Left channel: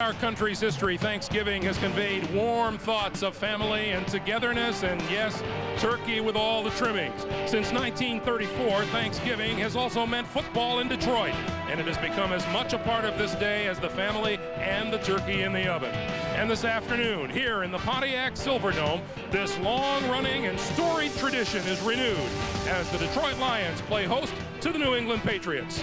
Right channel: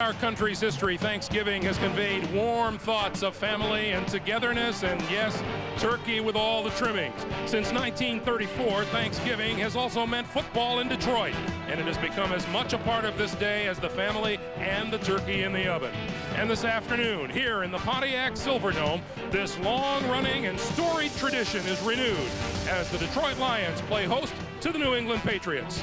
Our country's history, Thanksgiving has conveyed warm thoughts of family and togetherness, and yes, turkey with all the trimmings. Since 1934, Thanksgiving has also meant football in Detroit, and it has become as much a part of this day as the family and the turkey in the oven. And this afternoon, here in the Pontiac Silverdome, this long-running and storied tradition is renewed as the Detroit Lions play host to the New England Patriots.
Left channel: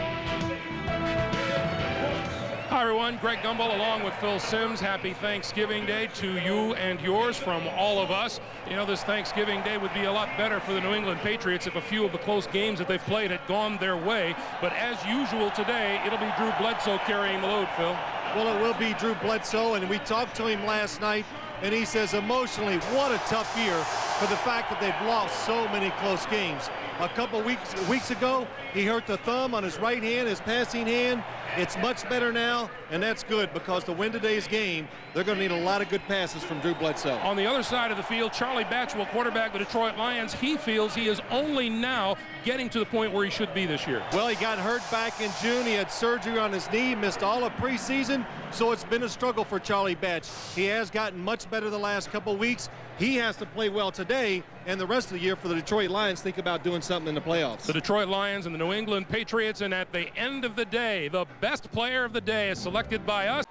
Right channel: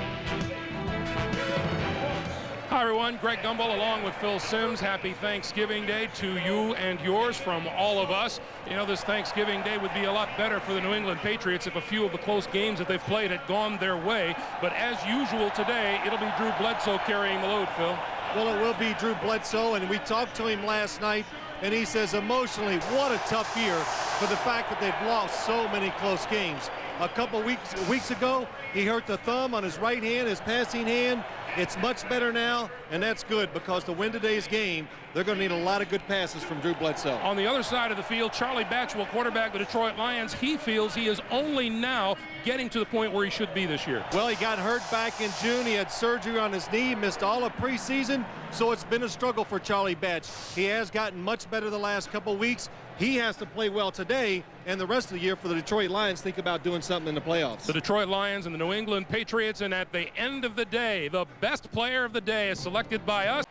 Hi everyone, Greg Gumbel along with Phil Simms. Happy Thanksgiving Day to you and yours from all of us. You know, this Thanksgiving Day would be a lot better for the New England Patriots if a few of the close games that they've played had gone their way. But as usual today, it'll be Drew Bledsoe carrying the load, Phil. Well, it will be Drew Bledsoe, and we talked to him last night, and he says emotionally, what a tough year for the fact that they've lost so many close games. A couple weeks ago, he hurt the thumb on his right hand, his passing hand. It's much better now, and that's good because to win today's game, they're going to need a lot of good passes from Drew Bledsoe. On the other side of the field, Charlie Batch will quarterback the Detroit Lions. He feels he is only now getting to the point where he should be this year. Well, he got hurt back in June. He had surgery on his knee, missed all of preseason, so it's been a struggle for Charlie Batch. He has gotten much better the last couple weeks. He has to play well today and the rest of the year for the Detroit Lions. Think about doing something in the playoffs. The Detroit Lions and the New England Patriots, and at the end of the day, the best player of the day is selected by us.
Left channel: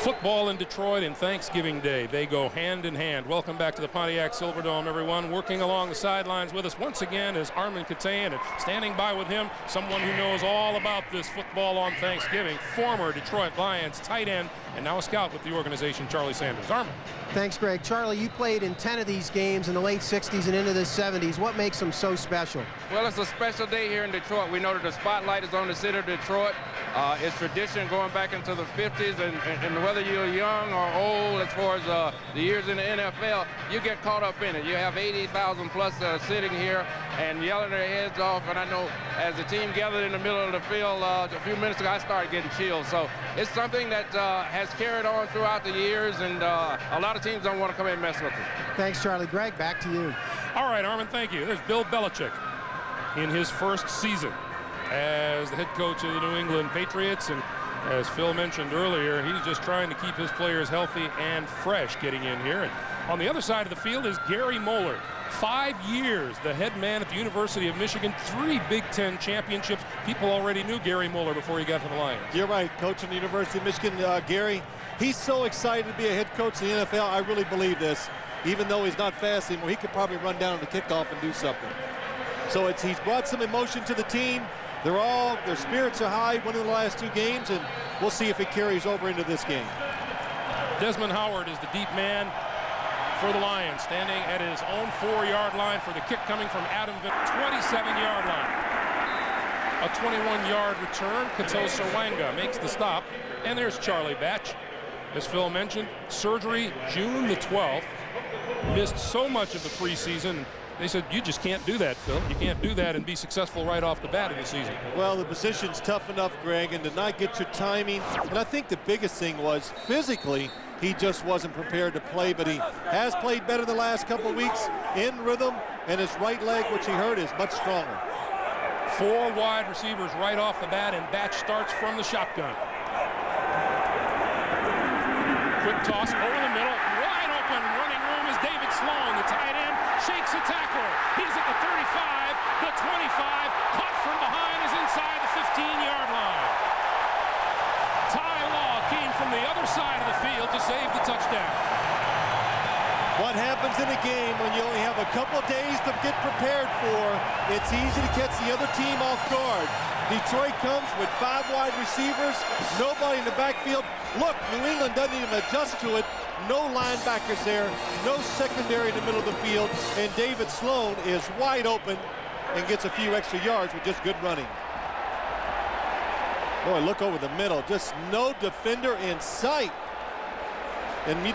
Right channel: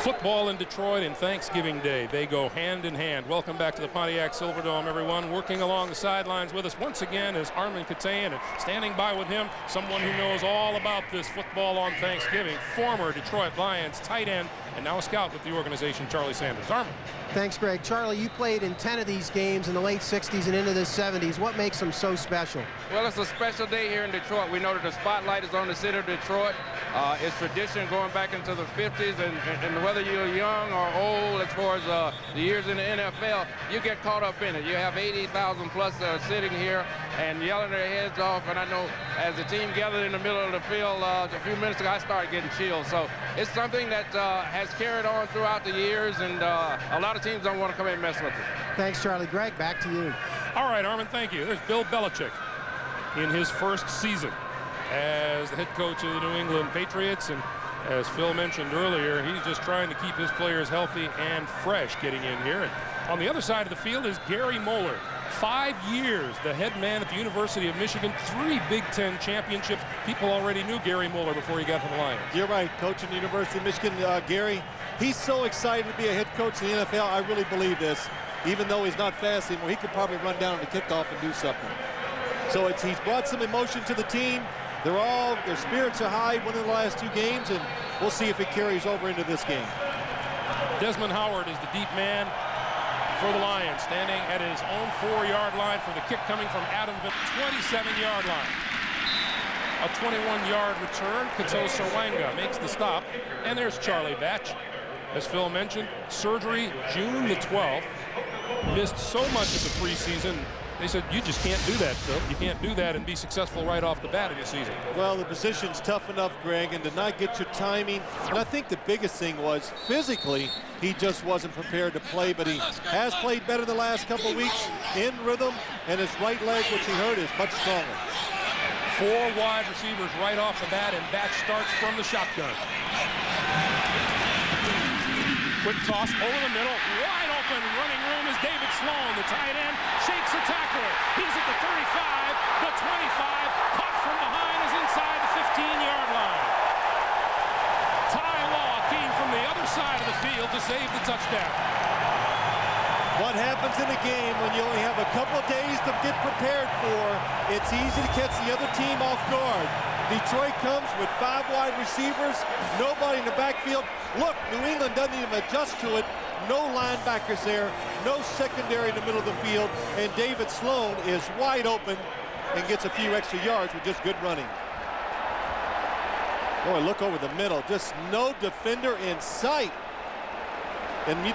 Football in Detroit and Thanksgiving Day, they go hand in hand. Welcome back to the Pontiac Silverdome, everyone. Working along the sidelines with us once again is Armin Katayan, and standing by with him, someone who knows all about this football on Thanksgiving, former Detroit Lions tight end, and now a scout with the organization, Charlie Sanders. Armin. Thanks, Greg. Charlie, you played in 10 of these games in the late 60s and into the 70s. What makes them so special? Well, it's a special day here in Detroit. We know that the spotlight is on the city of Detroit. It's tradition going back into the 50s, and whether you're young or old, as far as the years in the NFL, you get caught up in it. You have 80,000 plus sitting here and yelling their heads off, and I know as the team gathered in the middle of the field a few minutes ago, I started getting chills. So it's something that has carried on throughout the years, and a lot of teams don't want to come in and mess with it. Thanks, Charlie. Greg, back to you. All right, Armin, thank you. There's Bill Belichick in his first season as the head coach of the New England Patriots, and as Phil mentioned earlier, he's just trying to keep his players healthy and fresh getting in here. And on the other side of the field is Gary Moeller. 5 years, the head man at the University of Michigan, 3 Big Ten championships. People already knew Gary Moeller before he got to the Lions. You're right, coaching the University of Michigan, Gary. He's so excited to be a head coach in the NFL. I really believe this. Even though he's not fast anymore, he could probably run down on the kickoff and do something. So he's brought some emotion to the team. Their spirits are high, winning the last 2 games, and we'll see if it carries over into this game. Desmond Howard is the deep man for the Lions, standing at his own 4-yard line for the kick coming from Adam, 27-yard line. A 21-yard return. Kato Serwanga makes the stop, and there's Charlie Batch. As Phil mentioned, surgery June the 12th. Missed so much of the preseason. They said, you just can't do that, Phil. You can't do that and be successful right off the bat in the season. Well, the position's tough enough, Greg, and to not get your timing. And I think the biggest thing was physically, he just wasn't prepared to play, but he has played better the last couple of weeks in rhythm, and his right leg, which he hurt, is much stronger. 4 wide receivers right off the bat, and Batch starts from the shotgun. Quick toss over the middle, wide open, running room is David Sloan, the tight end, shakes a tackler. He's at the 35, the 25, caught from behind, is inside the 15-yard line. Ty Law came from the other side of the field to save the touchdown. What happens in a game when you only have a couple of days to get prepared for, it's easy to catch the other team off guard. Detroit comes with 5 wide receivers, nobody in the backfield. Look, New England doesn't even adjust to it. No linebackers there, no secondary in the middle of the field, and David Sloan is wide open and gets a few extra yards with just good running. Boy, look over the middle, just no defender in sight. And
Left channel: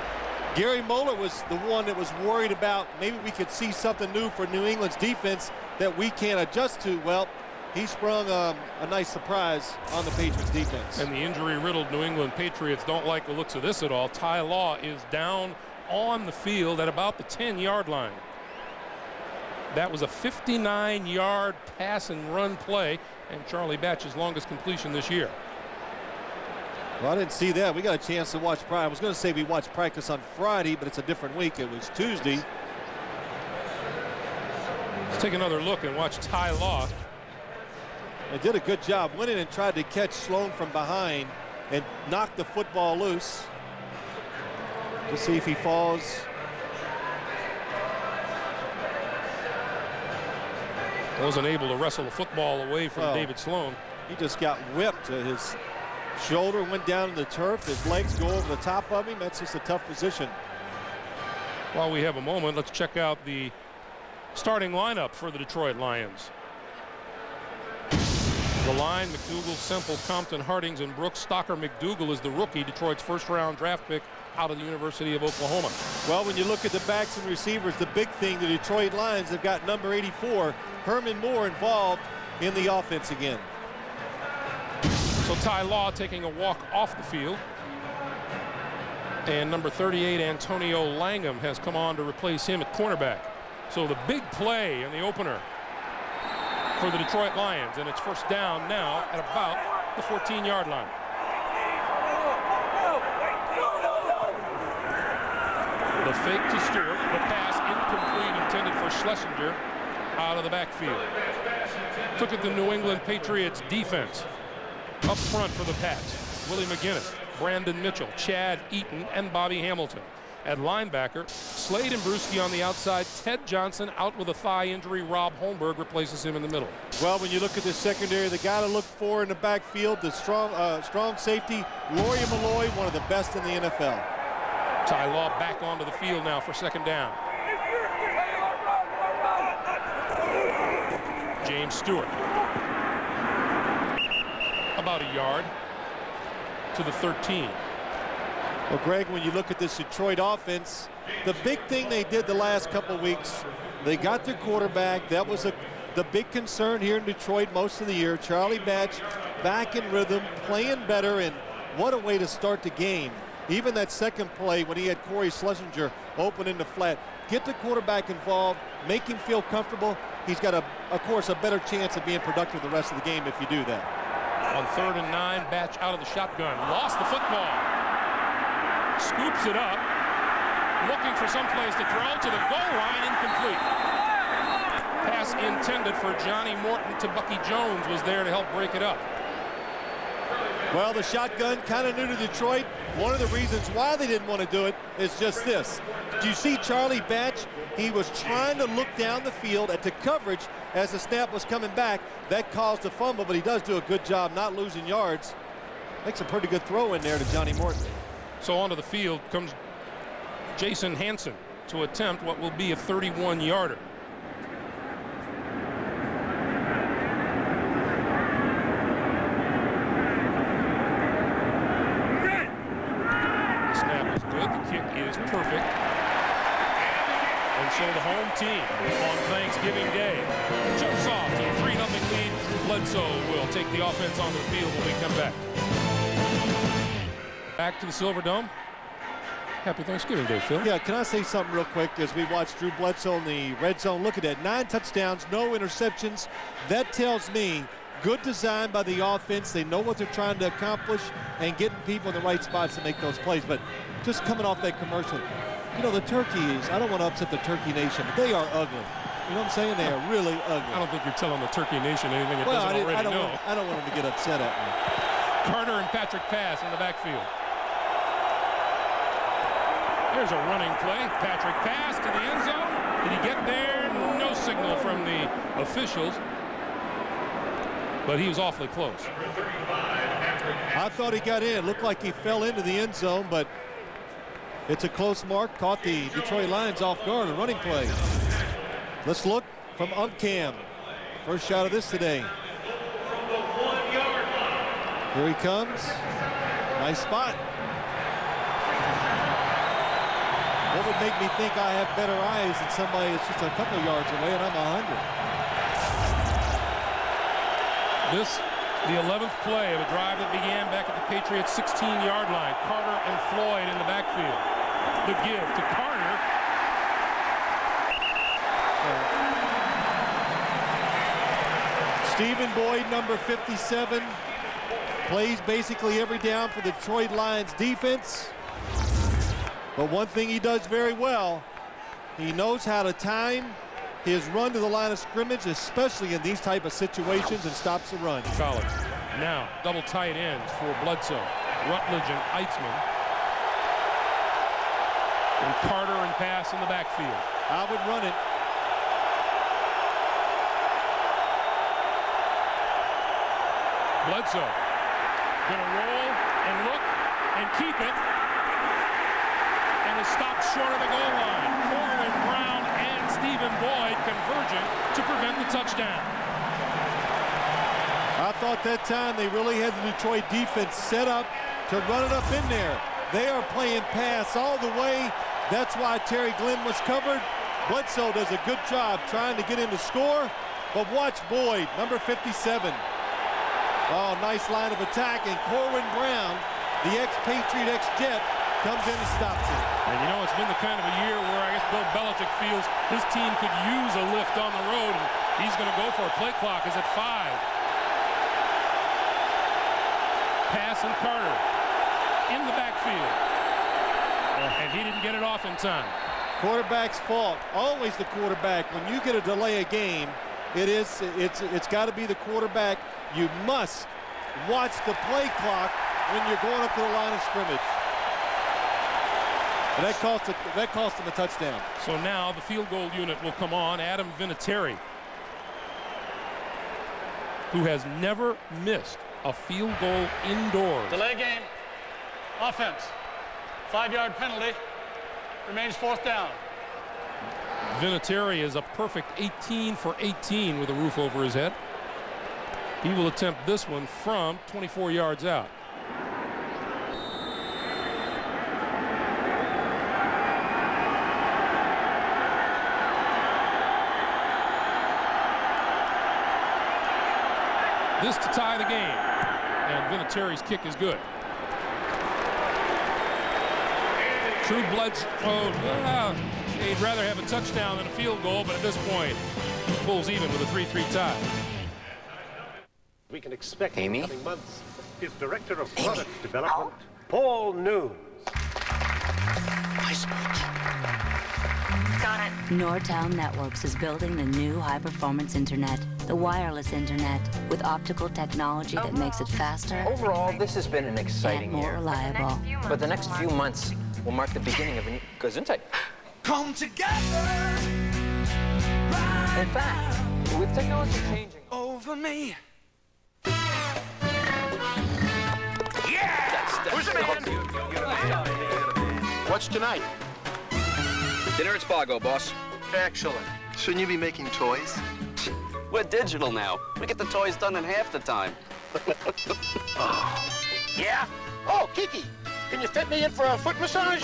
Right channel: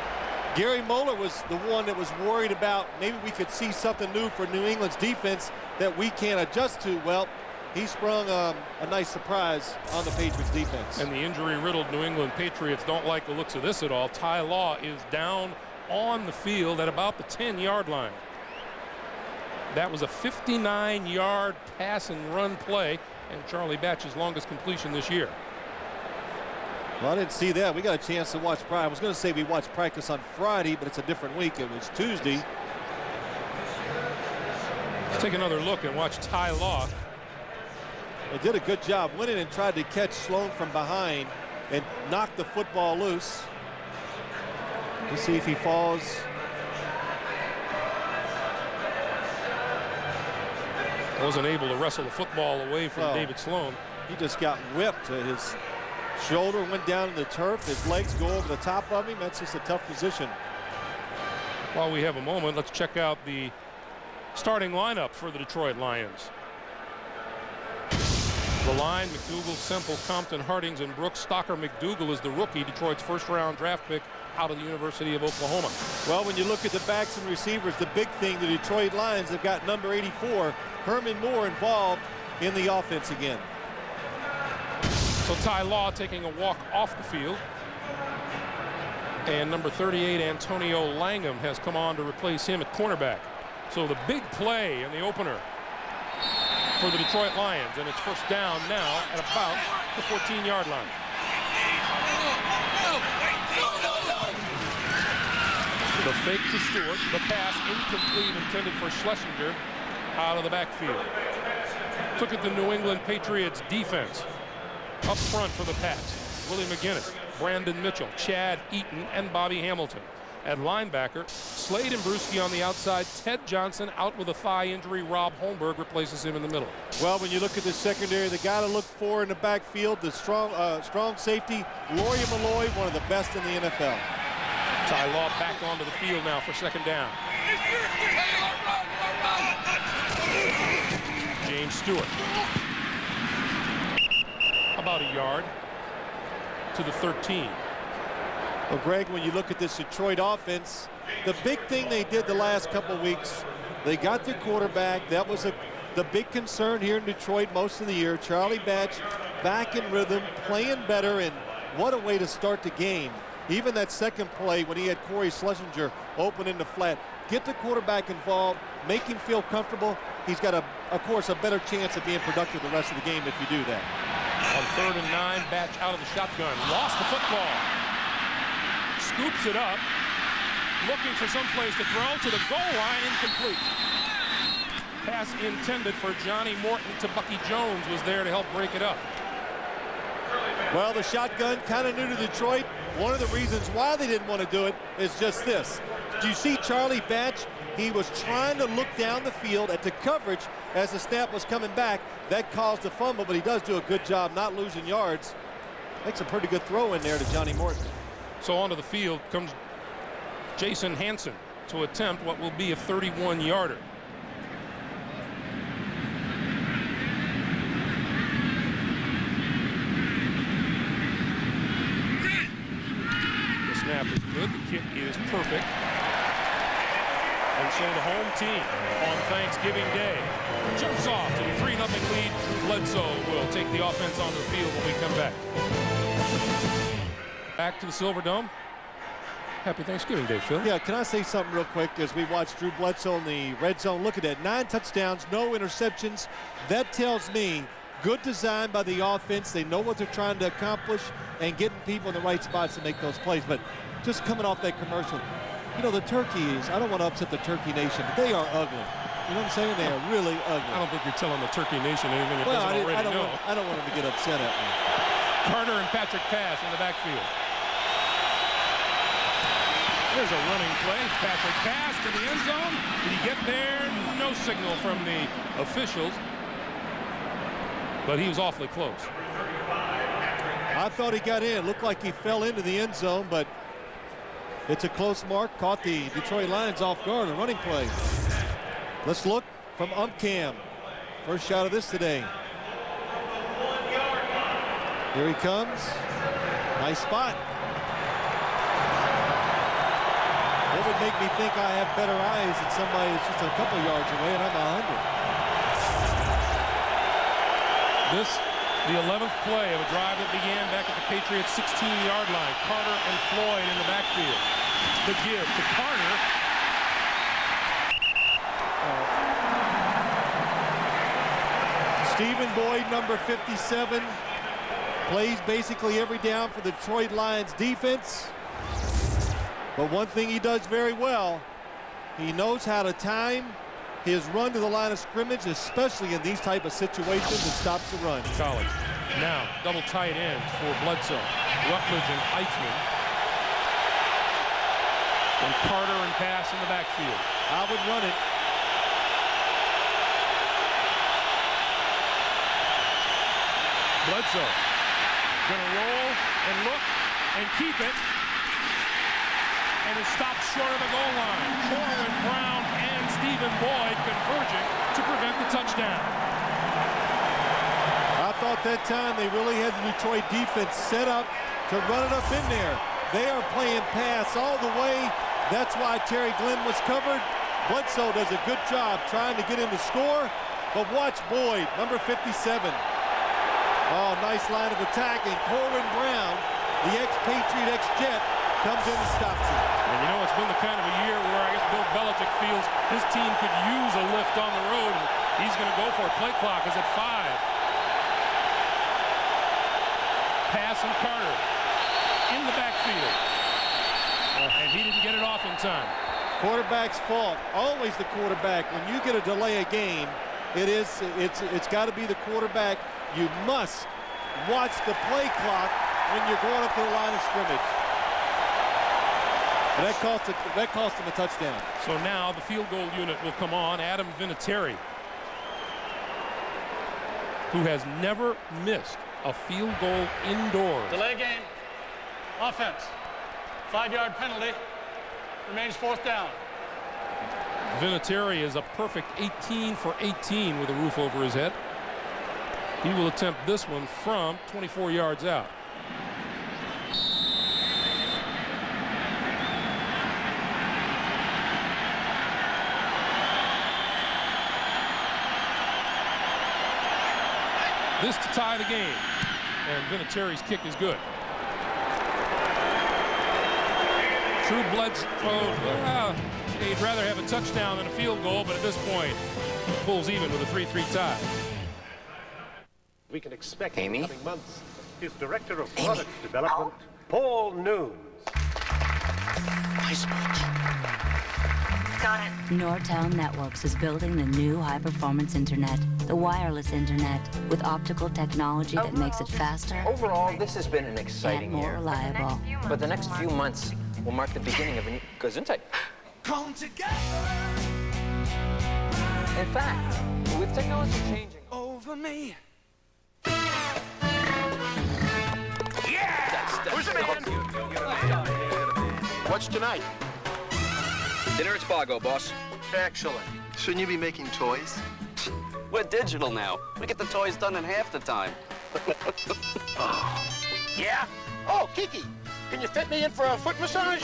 Gary Moeller was the one that was worried about maybe we could see something new for New England's defense that we can't adjust to. Well, he sprung a nice surprise on the Patriots defense. And the injury-riddled New England Patriots don't like the looks of this at all. Ty Law is down on the field at about the 10-yard line. That was a 59-yard pass and run play, and Charlie Batch's longest completion this year. Well, I didn't see that. We got a chance to watch practice. I was going to say we watched practice on Friday, but it's a different week. It was Tuesday. Let's take another look and watch Ty Law. They did a good job. Went in and tried to catch Sloan from behind and knock the football loose. Just see if he falls. Wasn't able to wrestle the football away from David Sloan. He just got whipped. His shoulder went down to the turf. His legs go over the top of him. That's just a tough position. While we have a moment, let's check out the starting lineup for the Detroit Lions. The line: McDougal, Semple, Compton, Hardings, and Brooks. Stocker McDougal is the rookie, Detroit's first-round draft pick out of the University of Oklahoma. Well, when you look at the backs and receivers, the big thing, the Detroit Lions have got number 84, Herman Moore, involved in the offense again. So Ty Law taking a walk off the field. And number 38, Antonio Langham, has come on to replace him at cornerback. So the big play in the opener for the Detroit Lions, and it's first down now at about the 14-yard line. The fake to Stewart, the pass incomplete, intended for Schlesinger out of the backfield. Took it the New England Patriots defense. Up front for the Pats: Willie McGinnis, Brandon Mitchell, Chad Eaton, and Bobby Hamilton. At linebacker, Slade and Brewski on the outside. Ted Johnson out with a thigh injury. Rob Holmberg replaces him in the middle. Well, when you look at the secondary, the guy to look for in the backfield, the strong safety, Laurie Malloy, one of the best in the NFL. Ty Law back onto the field now for second down. James Stewart. About a yard to the 13. Well, Greg, when you look at this Detroit offense, the big thing they did the last couple of weeks, they got their quarterback. That was the big concern here in Detroit most of the year. Charlie Batch back in rhythm, playing better, and what a way to start the game. Even that second play when he had Corey Schlesinger open in the flat. Get the quarterback involved, make him feel comfortable. He's got, of course, a better chance of being productive the rest of the game if you do that. On 3rd and 9, Batch out of the shotgun. Lost the football. Scoops it up. Looking for some place to throw to the goal line. Incomplete. Pass intended for Johnny Morton to Bucky Jones was there to help break it up. Well, the shotgun, kind of new to Detroit. One of the reasons why they didn't want to do it is just this. Do you see Charlie Batch? He was trying to look down the field at the coverage as the snap was coming back. That caused the fumble, but he does do a good job not losing yards. Makes a pretty good throw in there to Johnny Morton. So onto the field comes Jason Hansen to attempt what will be a 31-yarder. The snap is good. The kick is perfect. And so the home team on Thanksgiving Day jumps off to the 3-0 lead. Drew Bledsoe will take the offense onto the field when we come back. Back to the Silver Dome. Happy Thanksgiving Day, Phil. Yeah, can I say something real quick as we watch Drew Bledsoe in the red zone? Look at that, 9 touchdowns, no interceptions. That tells me good design by the offense. They know what they're trying to accomplish and getting people in the right spots to make those plays. But just coming off that commercial, you know, the turkeys, I don't want to upset the Turkey Nation, but they are ugly. You know what I'm saying? They are really ugly. I don't think you're telling the Turkey Nation anything it doesn't already know. I don't want them to get upset at me. Carter and Patrick pass in the backfield. There's a running play. Patrick pass to the end zone. Did he get there? No signal from the officials. But he was awfully close. I thought he got in. Looked like he fell into the end zone, but it's a close mark. Caught the Detroit Lions off guard. A running play. Let's look from UmpCam. First shot of this today. Here he comes. Nice spot. What would make me think I have better eyes than somebody that's just a couple yards away and I'm 100? This, the 11th play of a drive that began back at the Patriots' 16-yard line. Carter and Floyd in the backfield. The give to Carter. Stephen Boyd, number 57. Plays basically every down for the Detroit Lions defense. But one thing he does very well, he knows how to time his run to the line of scrimmage, especially in these type of situations, and stops the run. College. Now, double tight ends for Bledsoe. Rutledge and Eitzman. And Carter and pass in the backfield. I would run it. Bledsoe gonna roll and look and keep it, and is stopped short of the goal line. Corwin Brown and Stephen Boyd converging to prevent the touchdown. I thought that time they really had the Detroit defense set up to run it up in there. They are playing pass all the way. That's why Terry Glenn was covered. Bledsoe does a good job trying to get him to score, but watch Boyd, number 57. Oh, nice line of attack, and Corwin Brown, the ex-Patriot, ex-Jet, comes in and stops it. And you know, it's been the kind of a year where I guess Bill Belichick feels his team could use a lift on the road, and he's going to go for it. Play clock is at 5. Pass and Carter in the backfield. And he didn't get it off in time. Quarterback's fault. Always the quarterback. When you get a delay a game, it's got to be the quarterback. You must watch the play clock when you're going up to the line of scrimmage. And that cost him a touchdown. So now the field goal unit will come on. Adam Vinatieri, who has never missed a field goal indoors. Delay game. Offense. 5-yard penalty. Remains 4th down. Vinatieri is a perfect 18 for 18 with a roof over his head. He will attempt this one from 24 yards out. This to tie the game. And Vinatieri's kick is good. Drew Bledsoe, he'd rather have a touchdown than a field goal, but at this point, he pulls even with a 3-3 tie. We can expect in the coming months. His Director of Product Development, Paul Noons. Got it. Nortel Networks is building the new high-performance internet, the wireless internet, with optical technology that makes it faster. Overall, this has been an exciting and more year. reliable. But the next few months will mark the beginning of a new Gesundheit. Come together. In fact, with technology changing over me. Who's the man? What's tonight? Dinner at Spago, boss. Excellent. Shouldn't you be making toys? We're digital now. We get the toys done in half the time. Oh. Yeah? Oh, Kiki, can you fit me in for a foot massage?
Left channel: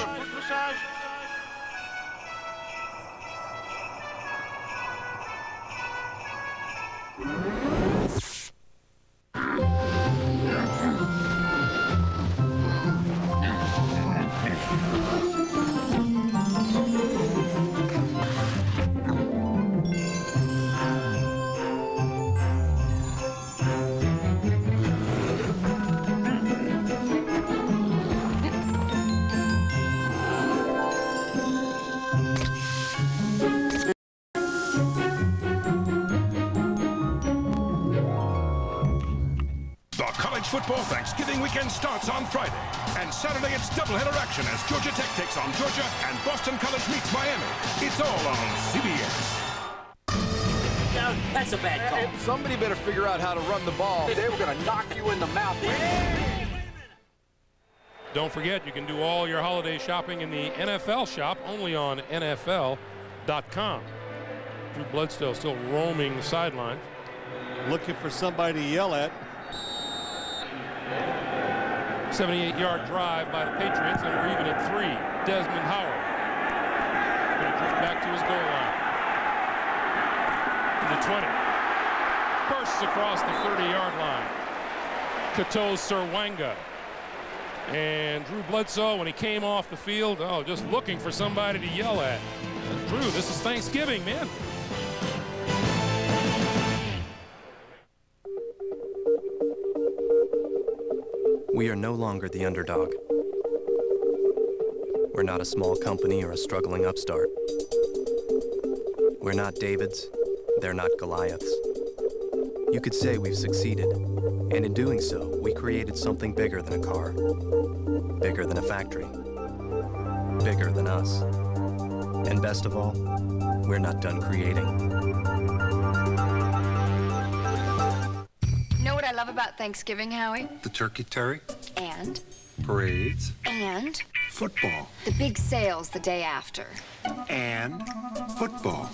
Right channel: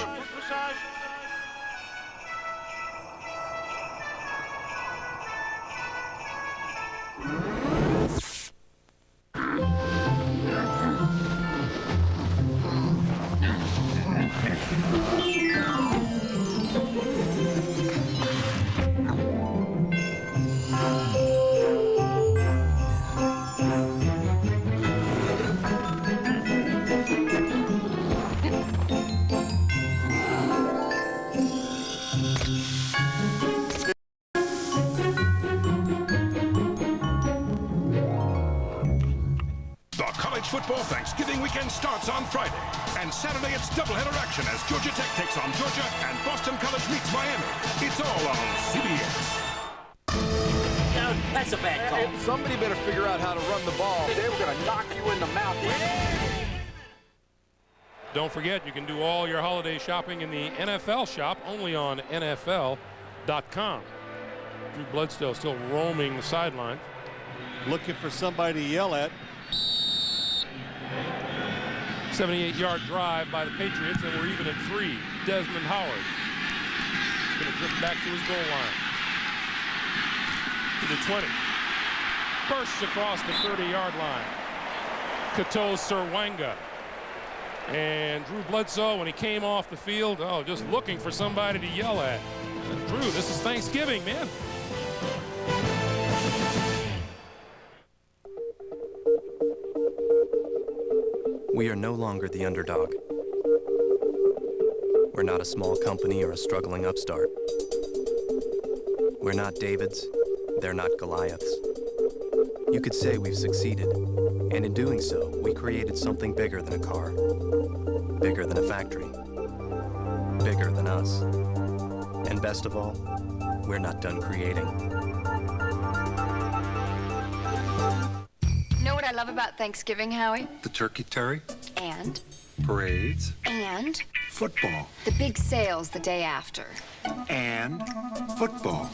Football Thanksgiving weekend starts on Friday, and Saturday it's doubleheader action as Georgia Tech takes on Georgia and Boston College meets Miami. It's all on CBS. No, that's a bad call. Somebody better figure out how to run the ball. They were going to knock you in the mouth. Don't forget, you can do all your holiday shopping in the NFL shop, only on NFL.com. Drew Bledsoe still roaming the sideline. Looking for somebody to yell at. 78-yard drive by the Patriots, and we're even at 3. Desmond Howard going to drift back to his goal line. To the 20. Bursts across the 30-yard line. Kato Serwanga. And Drew Bledsoe, when he came off the field, just looking for somebody to yell at. Drew, this is Thanksgiving, man. We are no longer the underdog. We're not a small company or a struggling upstart. We're not Davids, they're not Goliaths. You could say we've succeeded, and in doing so, we created something bigger than a car, bigger than a factory, bigger than us. And best of all, we're not done creating. You know what I love about Thanksgiving, Howie? The turkey terry. And? Parades. And? Football. The big sales the day after. And football.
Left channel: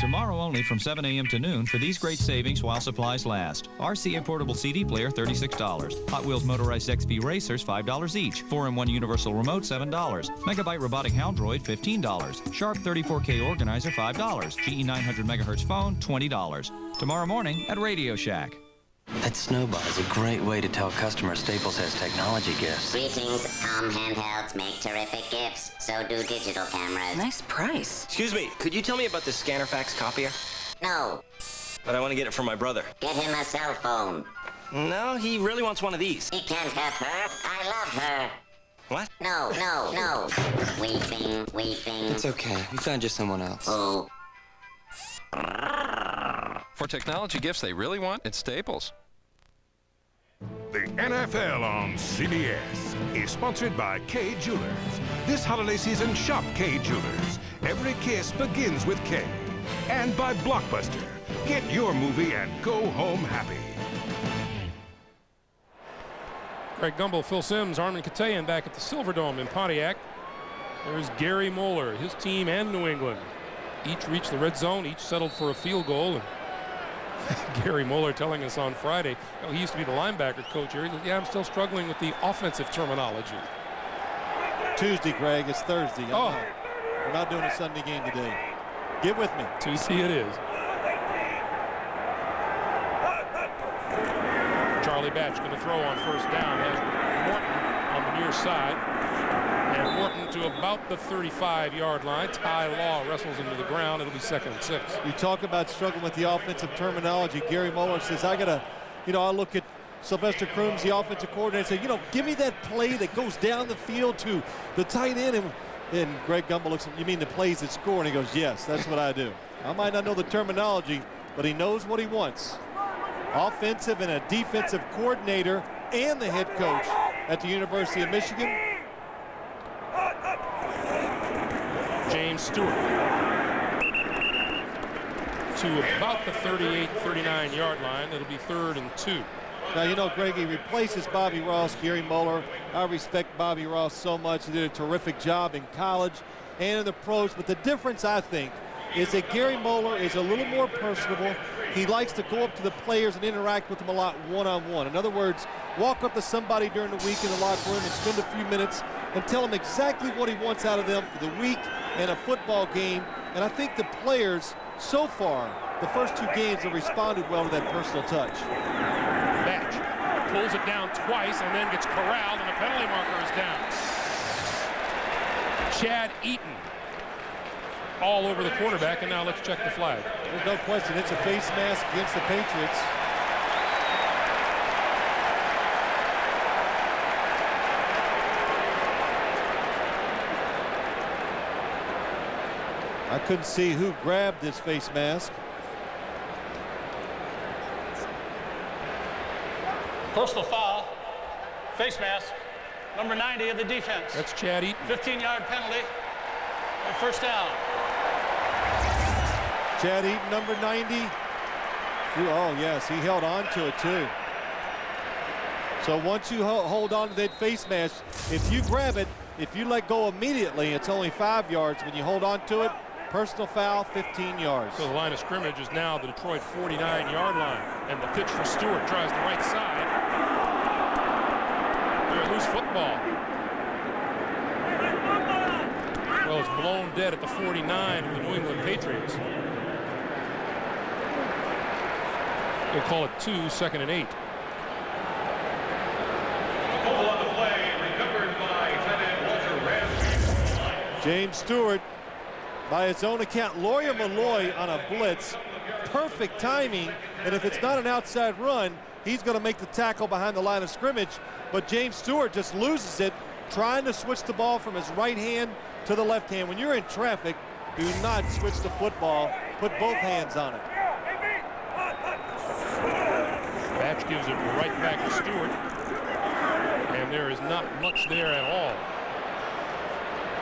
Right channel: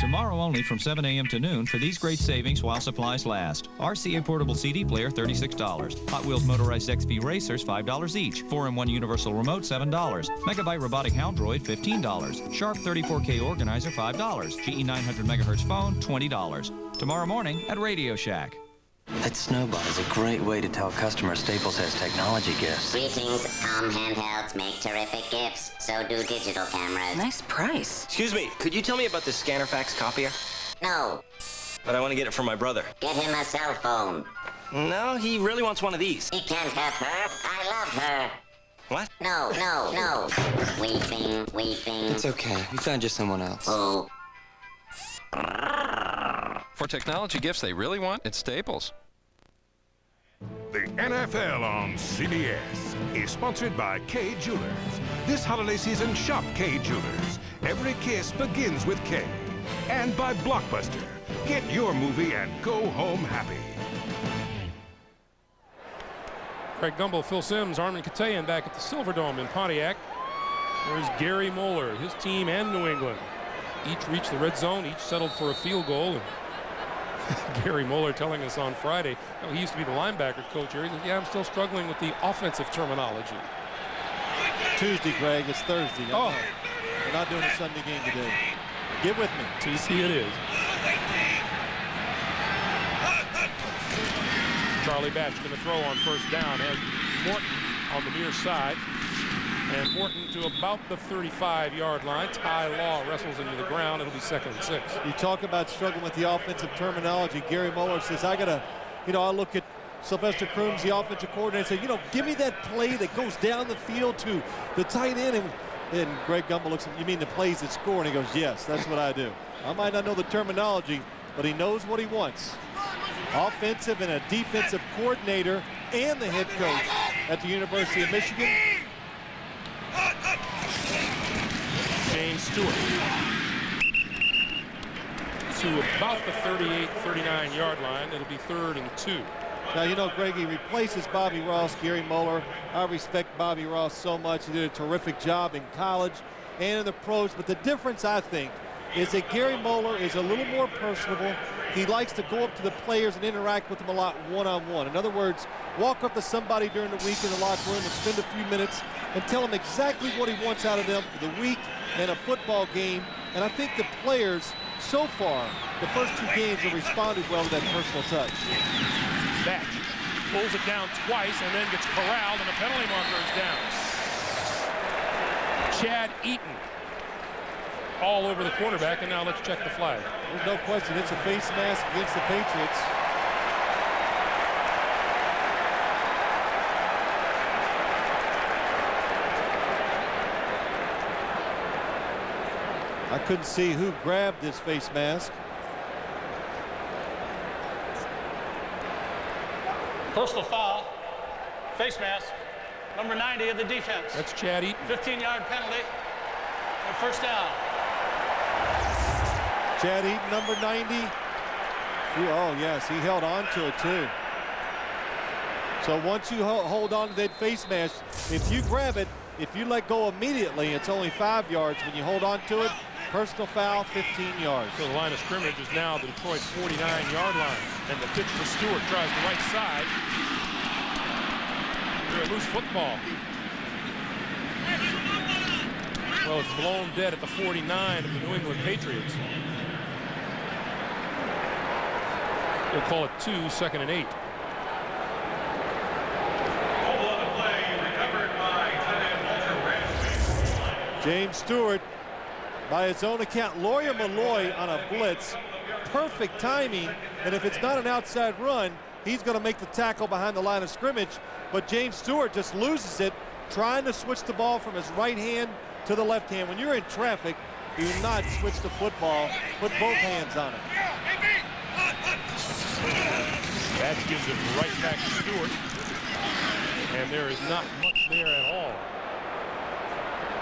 Tomorrow only from 7 a.m. to noon for these great savings while supplies last. RCA portable CD player, $36. Hot Wheels motorized XP racers, $5 each. 4-in-1 universal remote, $7. Megabyte robotic Houndroid, $15. Sharp 34K organizer, $5. GE 900 megahertz phone, $20. Tomorrow morning at Radio Shack. That snowball is a great way to tell customers Staples has technology gifts. Greetings, Tom handhelds make terrific gifts. So do digital cameras. Nice price. Excuse me, could you tell me about the scanner fax copier? No. But I want to get it for my brother. Get him a cell phone. No, he really wants one of these. He can't have her. I love her. What? No. Weeping. It's okay. We found you someone else. Oh. For technology gifts they really want, it's Staples. The NFL on CBS is sponsored by K Jewelers. This holiday season, shop K Jewelers. Every kiss begins with K. And by Blockbuster. Get your movie and go home happy. Greg Gumbel, Phil Simms, Armin Katayan back at the Silverdome in Pontiac. There's Gary Moeller, his team and New England. Each reached the red zone, each settled for a field goal. And Gary Moeller telling us on Friday, he used to be the linebacker coach here. He said, yeah, I'm still struggling with the offensive terminology. Tuesday, Greg. It's Thursday. Oh. We're not doing a Sunday game today. Get with me. TC it is. Charlie Batch going to throw on first down as Morton on the near side. And Morton to about the 35-yard line. Ty Law wrestles into the ground. It'll be 2nd and 6. You talk about struggling with the offensive terminology. Gary Moeller says, I look at Sylvester Crooms, the offensive coordinator, and say, give me that play that goes down the field to the tight end. And Greg Gumbel looks at him, you mean the plays that score? And he goes, yes, that's what I do. I might not know the terminology, but he knows what he wants. Offensive and a defensive coordinator and the head coach at the University of Michigan. James Stewart to about the 39-yard line. It'll be 3rd and 2. Now, Greg, he replaces Bobby Ross, Gary Moeller. I respect Bobby Ross so much. He did a terrific job in college and in the pros. But the difference, I think, is that Gary Moeller is a little more personable. He likes to go up to the players and interact with them a lot one-on-one. In other words, walk up to somebody during the week in the locker room and spend a few minutes and tell them exactly what he wants out of them for the week and a football game. And I think the players, so far, the first 2 games have responded well to that personal touch. Batch pulls it down twice and then gets corralled, and a penalty marker is down. Chad Eaton all over the quarterback, and now let's check the flag. There's no question. It's a face mask against the Patriots. I couldn't see who grabbed this face mask. Personal foul, face mask, number 90 of the defense. That's Chad Eaton. 15-yard penalty, and first down. Chad Eaton, number 90. Oh, yes, he held on to it, too. So once you hold on to that face mask, if you grab it, if you let go immediately, it's only 5 yards. When you hold on to it, personal foul, 15 yards. So the line of scrimmage is now the Detroit 49-yard line. And the pitch for Stewart tries the right side. They're a loose football. Well, it's blown dead at the 49 of the New England Patriots. They'll call it 2, 2nd and 8. James Stewart, by his own account, Lawyer Malloy on a blitz. Perfect timing, and if it's not an outside run, he's going to make the tackle behind the line of scrimmage, but James Stewart just loses it trying to switch the ball from his right hand to the left hand. When you're in traffic, do not switch the football. Put both hands on it. Batch gives it right back to Stewart. And there is not much there at all.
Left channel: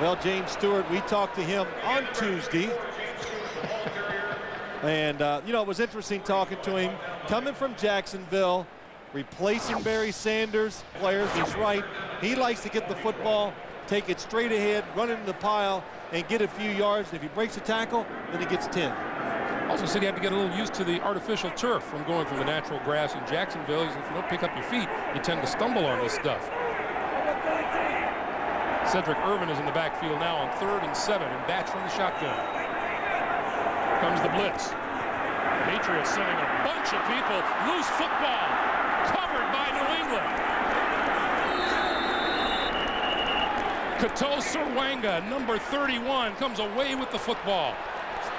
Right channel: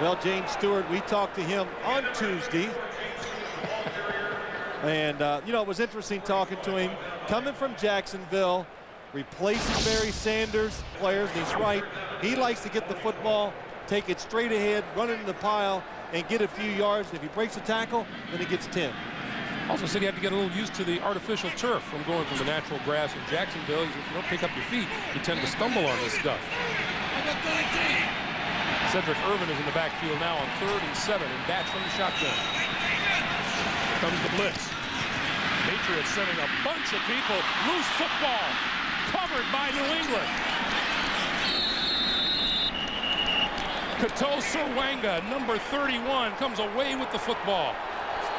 Well, James Stewart, we talked to him on Tuesday. And, you know, it was interesting talking to him. Coming from Jacksonville, replacing Barry Sanders players, he's right. He likes to get the football, take it straight ahead, run it in the pile, and get a few yards. If he breaks a tackle, then he gets 10. Also said he had to get a little used to the artificial turf from going from the natural grass in Jacksonville. He said, if you don't pick up your feet, you tend to stumble on this stuff. Cedric Irvin is in the backfield now on 3rd and 7, and Batch from the shotgun. Here comes the blitz. Patriots sending a bunch of people. Loose football. Covered by New England. Kato Serwanga, number 31, comes away with the football.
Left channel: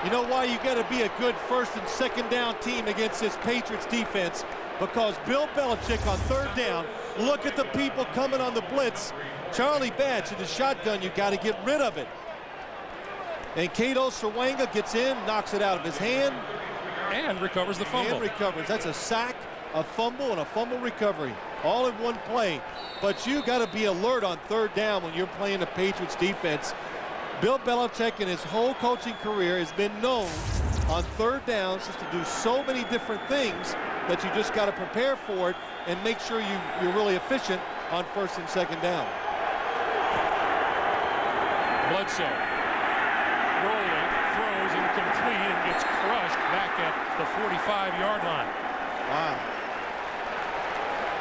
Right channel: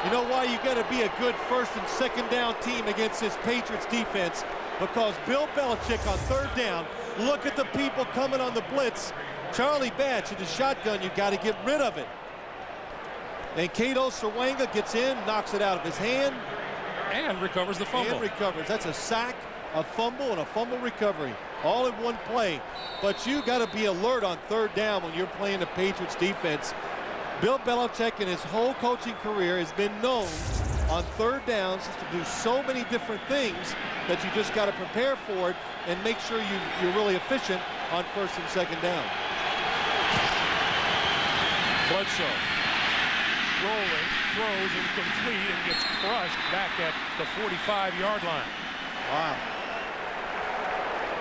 You know why you got to be a good 1st and 2nd down team against this Patriots defense? Because Bill Belichick on 3rd down, look at the people coming on the blitz. Charlie Batch in the shotgun, you got to get rid of it. And Kato Serwanga gets in, knocks it out of his hand. And recovers the fumble. And recovers. That's a sack, a fumble, and a fumble recovery. All in one play. But you got to be alert on 3rd down when you're playing the Patriots defense. Bill Belichick in his whole coaching career has been known on 3rd downs just to do so many different things that you just got to prepare for it and make sure you're really efficient on 1st and 2nd down. Bledsoe rolling, throws incomplete, and gets crushed back at the 45-yard line. Wow.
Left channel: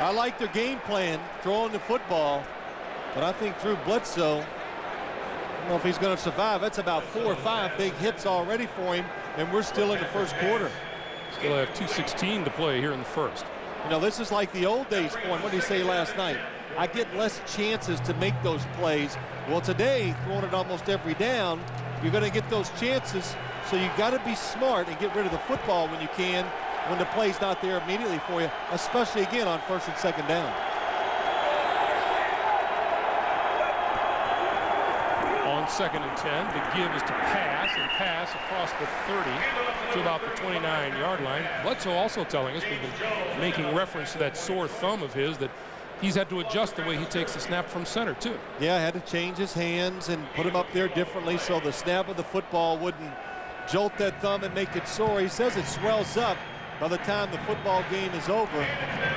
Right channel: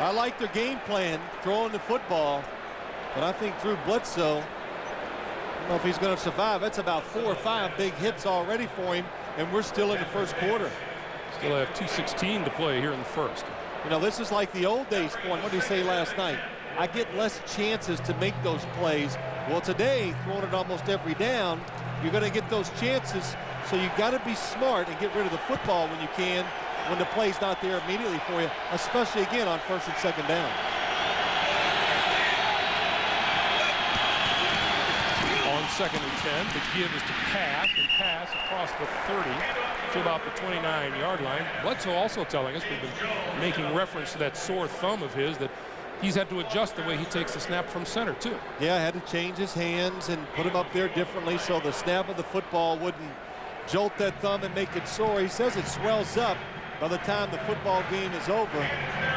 I like their game plan, throwing the football, but I think Drew Bledsoe, I don't know if he's going to survive. That's about 4 or 5 big hits already for him, and we're still in the 1st quarter. Still have 2:16 to play here in the 1st. You know, this is like the old days for him. What did he say last night? I get less chances to make those plays. Well, today, throwing it almost every down, you're going to get those chances, so you got to be smart and get rid of the football when you can, when the play's not there immediately for you, especially again on 1st and 2nd down. On 2nd and 10, the give is to pass across the 30 to about the 29-yard line. Bledsoe also telling us, we've been making reference to that sore thumb of his, that he's had to adjust the way he takes the snap from center too. Yeah, had to change his hands and put him up there differently so the snap of the football wouldn't jolt that thumb and make it sore. He says it swells up by the time the football game is over.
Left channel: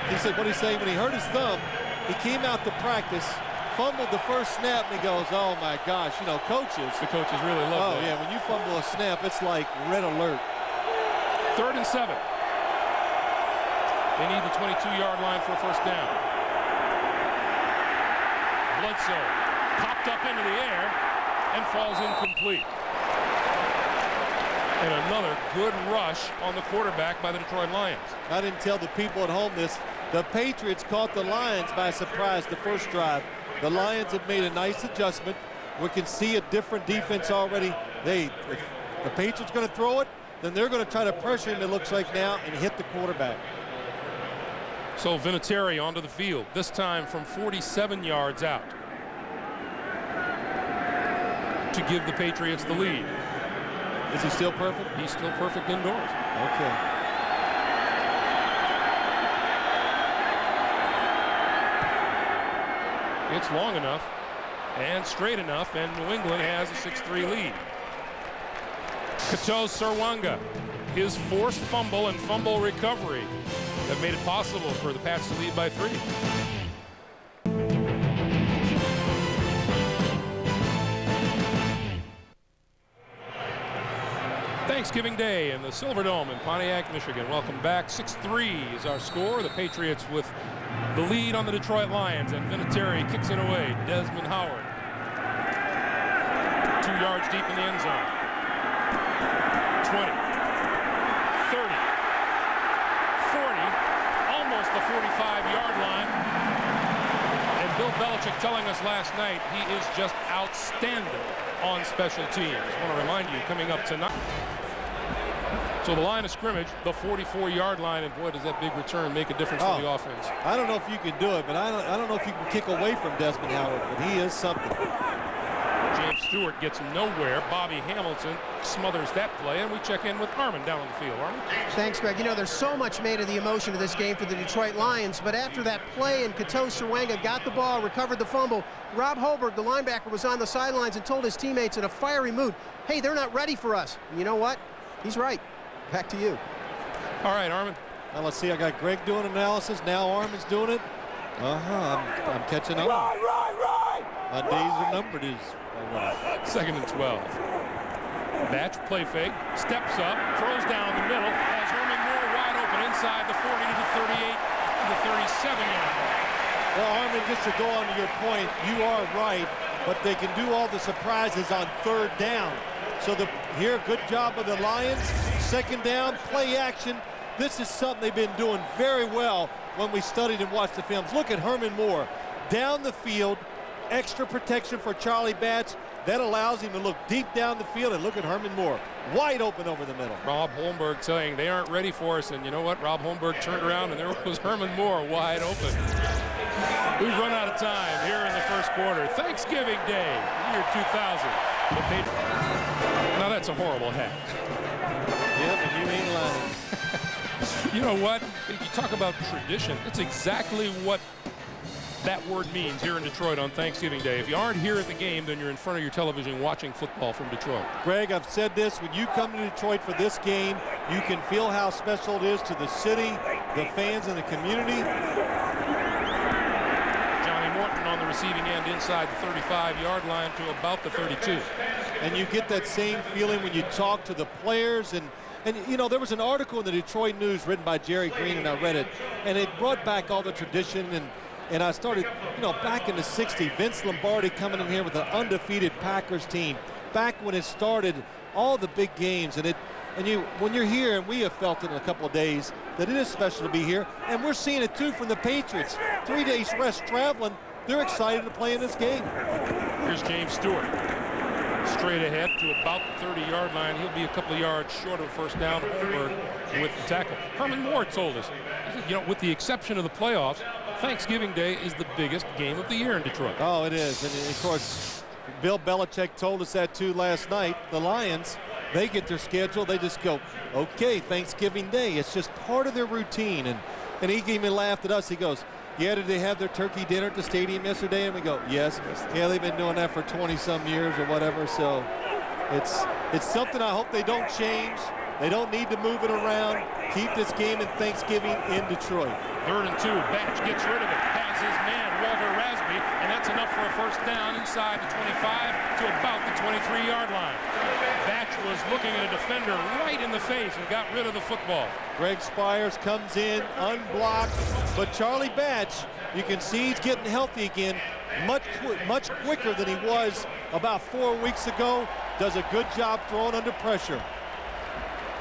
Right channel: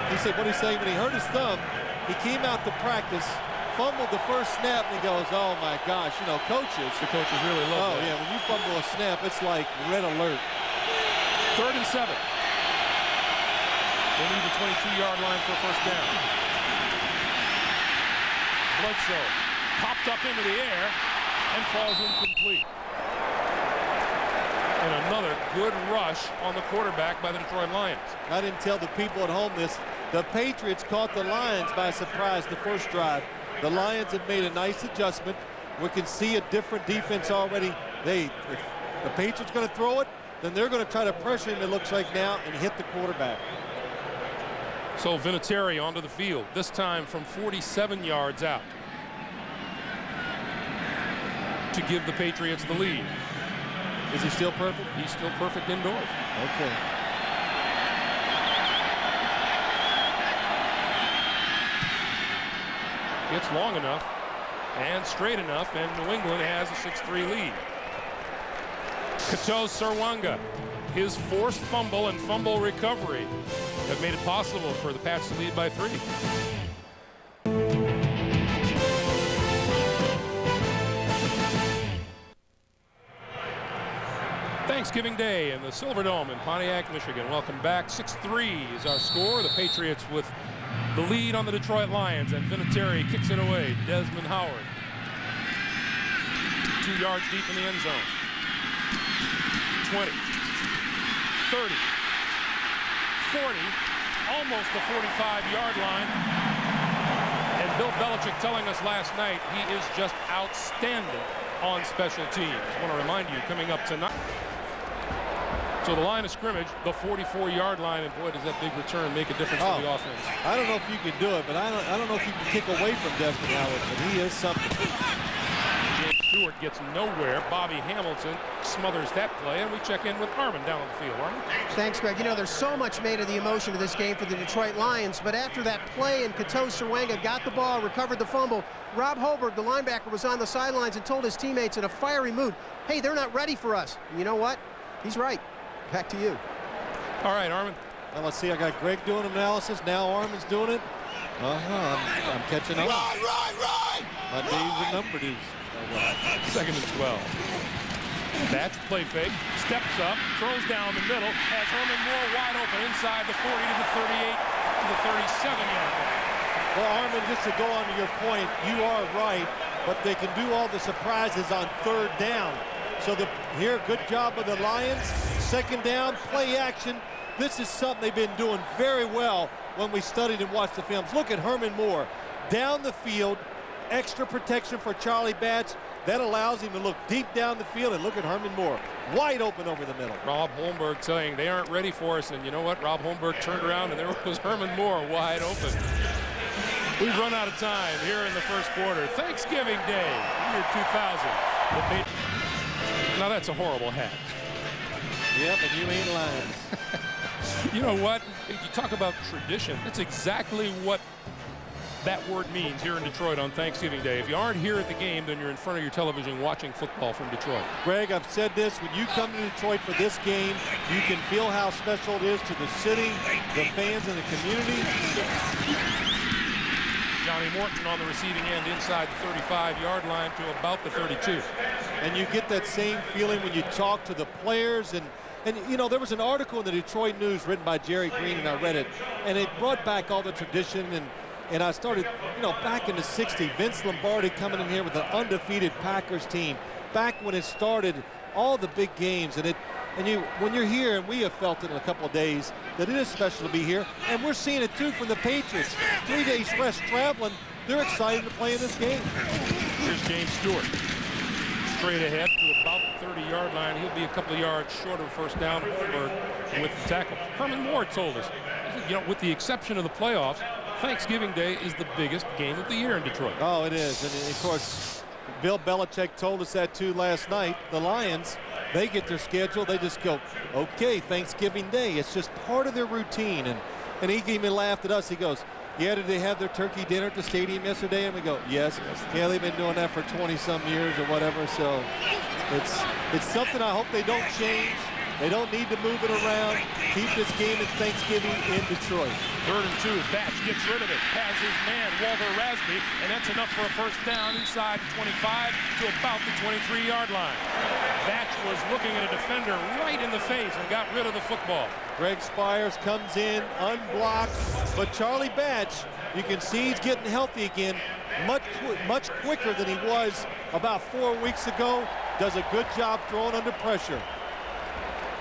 He said what he's saying, when he hurt his thumb, he came out to practice, fumbled the first snap, and he goes, oh my gosh, you know, coaches. The coaches really love that. Oh yeah, when you fumble a snap, it's like red alert. 3rd and 7. They need the 22-yard line for a 1st down. Bledsoe popped up into the air and falls incomplete. And another good rush on the quarterback by the Detroit Lions. I didn't tell the people at home this. The Patriots caught the Lions by surprise the first drive. The Lions have made a nice adjustment. We can see a different defense already. If the Patriots going to throw it, then they're going to try to pressure him, it looks like now, and hit the quarterback. So Vinatieri onto the field, this time from 47 yards out, to give the Patriots the lead. Is he still perfect? He's still perfect indoors. Okay. It's long enough and straight enough, and New England has a 6-3 lead. Kato Serwanga, his forced fumble and fumble recovery have made it possible for the Pats to lead by 3. Thanksgiving Day in the Silverdome in Pontiac, Michigan. Welcome back. 6-3 is our score. The Patriots with the lead on the Detroit Lions, and Vinatieri kicks it away. Desmond Howard, 2 yards deep in the end zone. 20, 30, 40, almost the 45-yard line. And Bill Belichick telling us last night he is just outstanding on special teams. I want to remind you, coming up tonight. So the line of scrimmage, the 44-yard line, and boy, does that big return make a difference for the offense. I don't know if you can do it, but I don't know if you can kick away from Desmond Howard, but he is something. James Stewart gets nowhere. Bobby Hamilton smothers that play, and we check in with Armin down on the field. Armin? Thanks, Greg. You know, there's so much made of the emotion of this game for the Detroit Lions, but after that play and Kato Serwanga got the ball, recovered the fumble, Rob Holberg, the linebacker, was on the sidelines and told his teammates in a fiery mood, hey, they're not ready for us. And you know what? He's right. Back to you. All right, Armin. Well, let's see. I got Greg doing analysis. Now Armin's doing it. I'm catching up. Right. My days are numbered. Second and 12. Batch play fake, steps up, throws down the middle, has Herman Moore wide open inside the 40 to the 38 to the 37-yard line. Well, Armin, just to go on to your point, you are right, but they can do all the surprises on third down. So here, good job of the Lions. Second down, play action. This is something they've been doing very well when we studied and watched the films. Look at Herman Moore down the field, extra protection for Charlie Batch. That allows him to look deep down the field, and look at Herman Moore wide open over the middle. Rob Holmberg saying they aren't ready for us, and you know what? Rob Holmberg turned around, and there was Herman Moore wide open. We've run out of time here in the first quarter. Thanksgiving Day, year 2000. The Patriots. Now that's a horrible hat. Yep, and you ain't lying. You know what? You talk about tradition. That's exactly what that word means here in Detroit on Thanksgiving Day. If you aren't here at the game, then you're in front of your television watching football from Detroit. Greg, I've said this, when you come to Detroit for this game, you can feel how special it is to the city, the fans, and the community. Johnny Morton on the receiving end inside the 35-yard line to about the 32. And you get that same feeling when you talk to the players. And you know, there was an article in the Detroit News written by Jerry Green, and I read it, and it brought back all the tradition. And I started, you know, back in the 60s, Vince Lombardi coming in here with an undefeated Packers team. Back when it started, all the big games. When you're here, and we have felt it in a couple of days, that it is special to be here. And we're seeing it, too, from the Patriots. 3 days rest traveling. They're excited to play in this game. Here's James Stewart. Straight ahead to about the 30-yard line. He'll be a couple of yards short of a first down. Holmberg with the tackle. Herman Moore told us, he said, you know, with the exception of the playoffs, Thanksgiving Day is the biggest game of the year in Detroit. Oh, it is. And, of course, Bill Belichick told us that, too, last night. The Lions, they get their schedule. They just go, okay, Thanksgiving Day. It's just part of their routine. And he even laughed at us. He goes, yeah, did they have their turkey dinner at the stadium yesterday? And we go, yes. Yeah, they've been doing that for 20-some years or whatever. So it's something I hope they don't change. They don't need to move it around. Keep this game in Thanksgiving in Detroit. 3rd and 2. Batch gets rid of it. Has his man, Walter Rasby, and that's enough for a first down inside the 25 to about the 23-yard line. Batch was looking at a defender right in the face and got rid of the football. Greg Spires comes in unblocked, but Charlie Batch, you can see he's getting healthy again, much quicker than he was about 4 weeks ago. Does a good job throwing under pressure.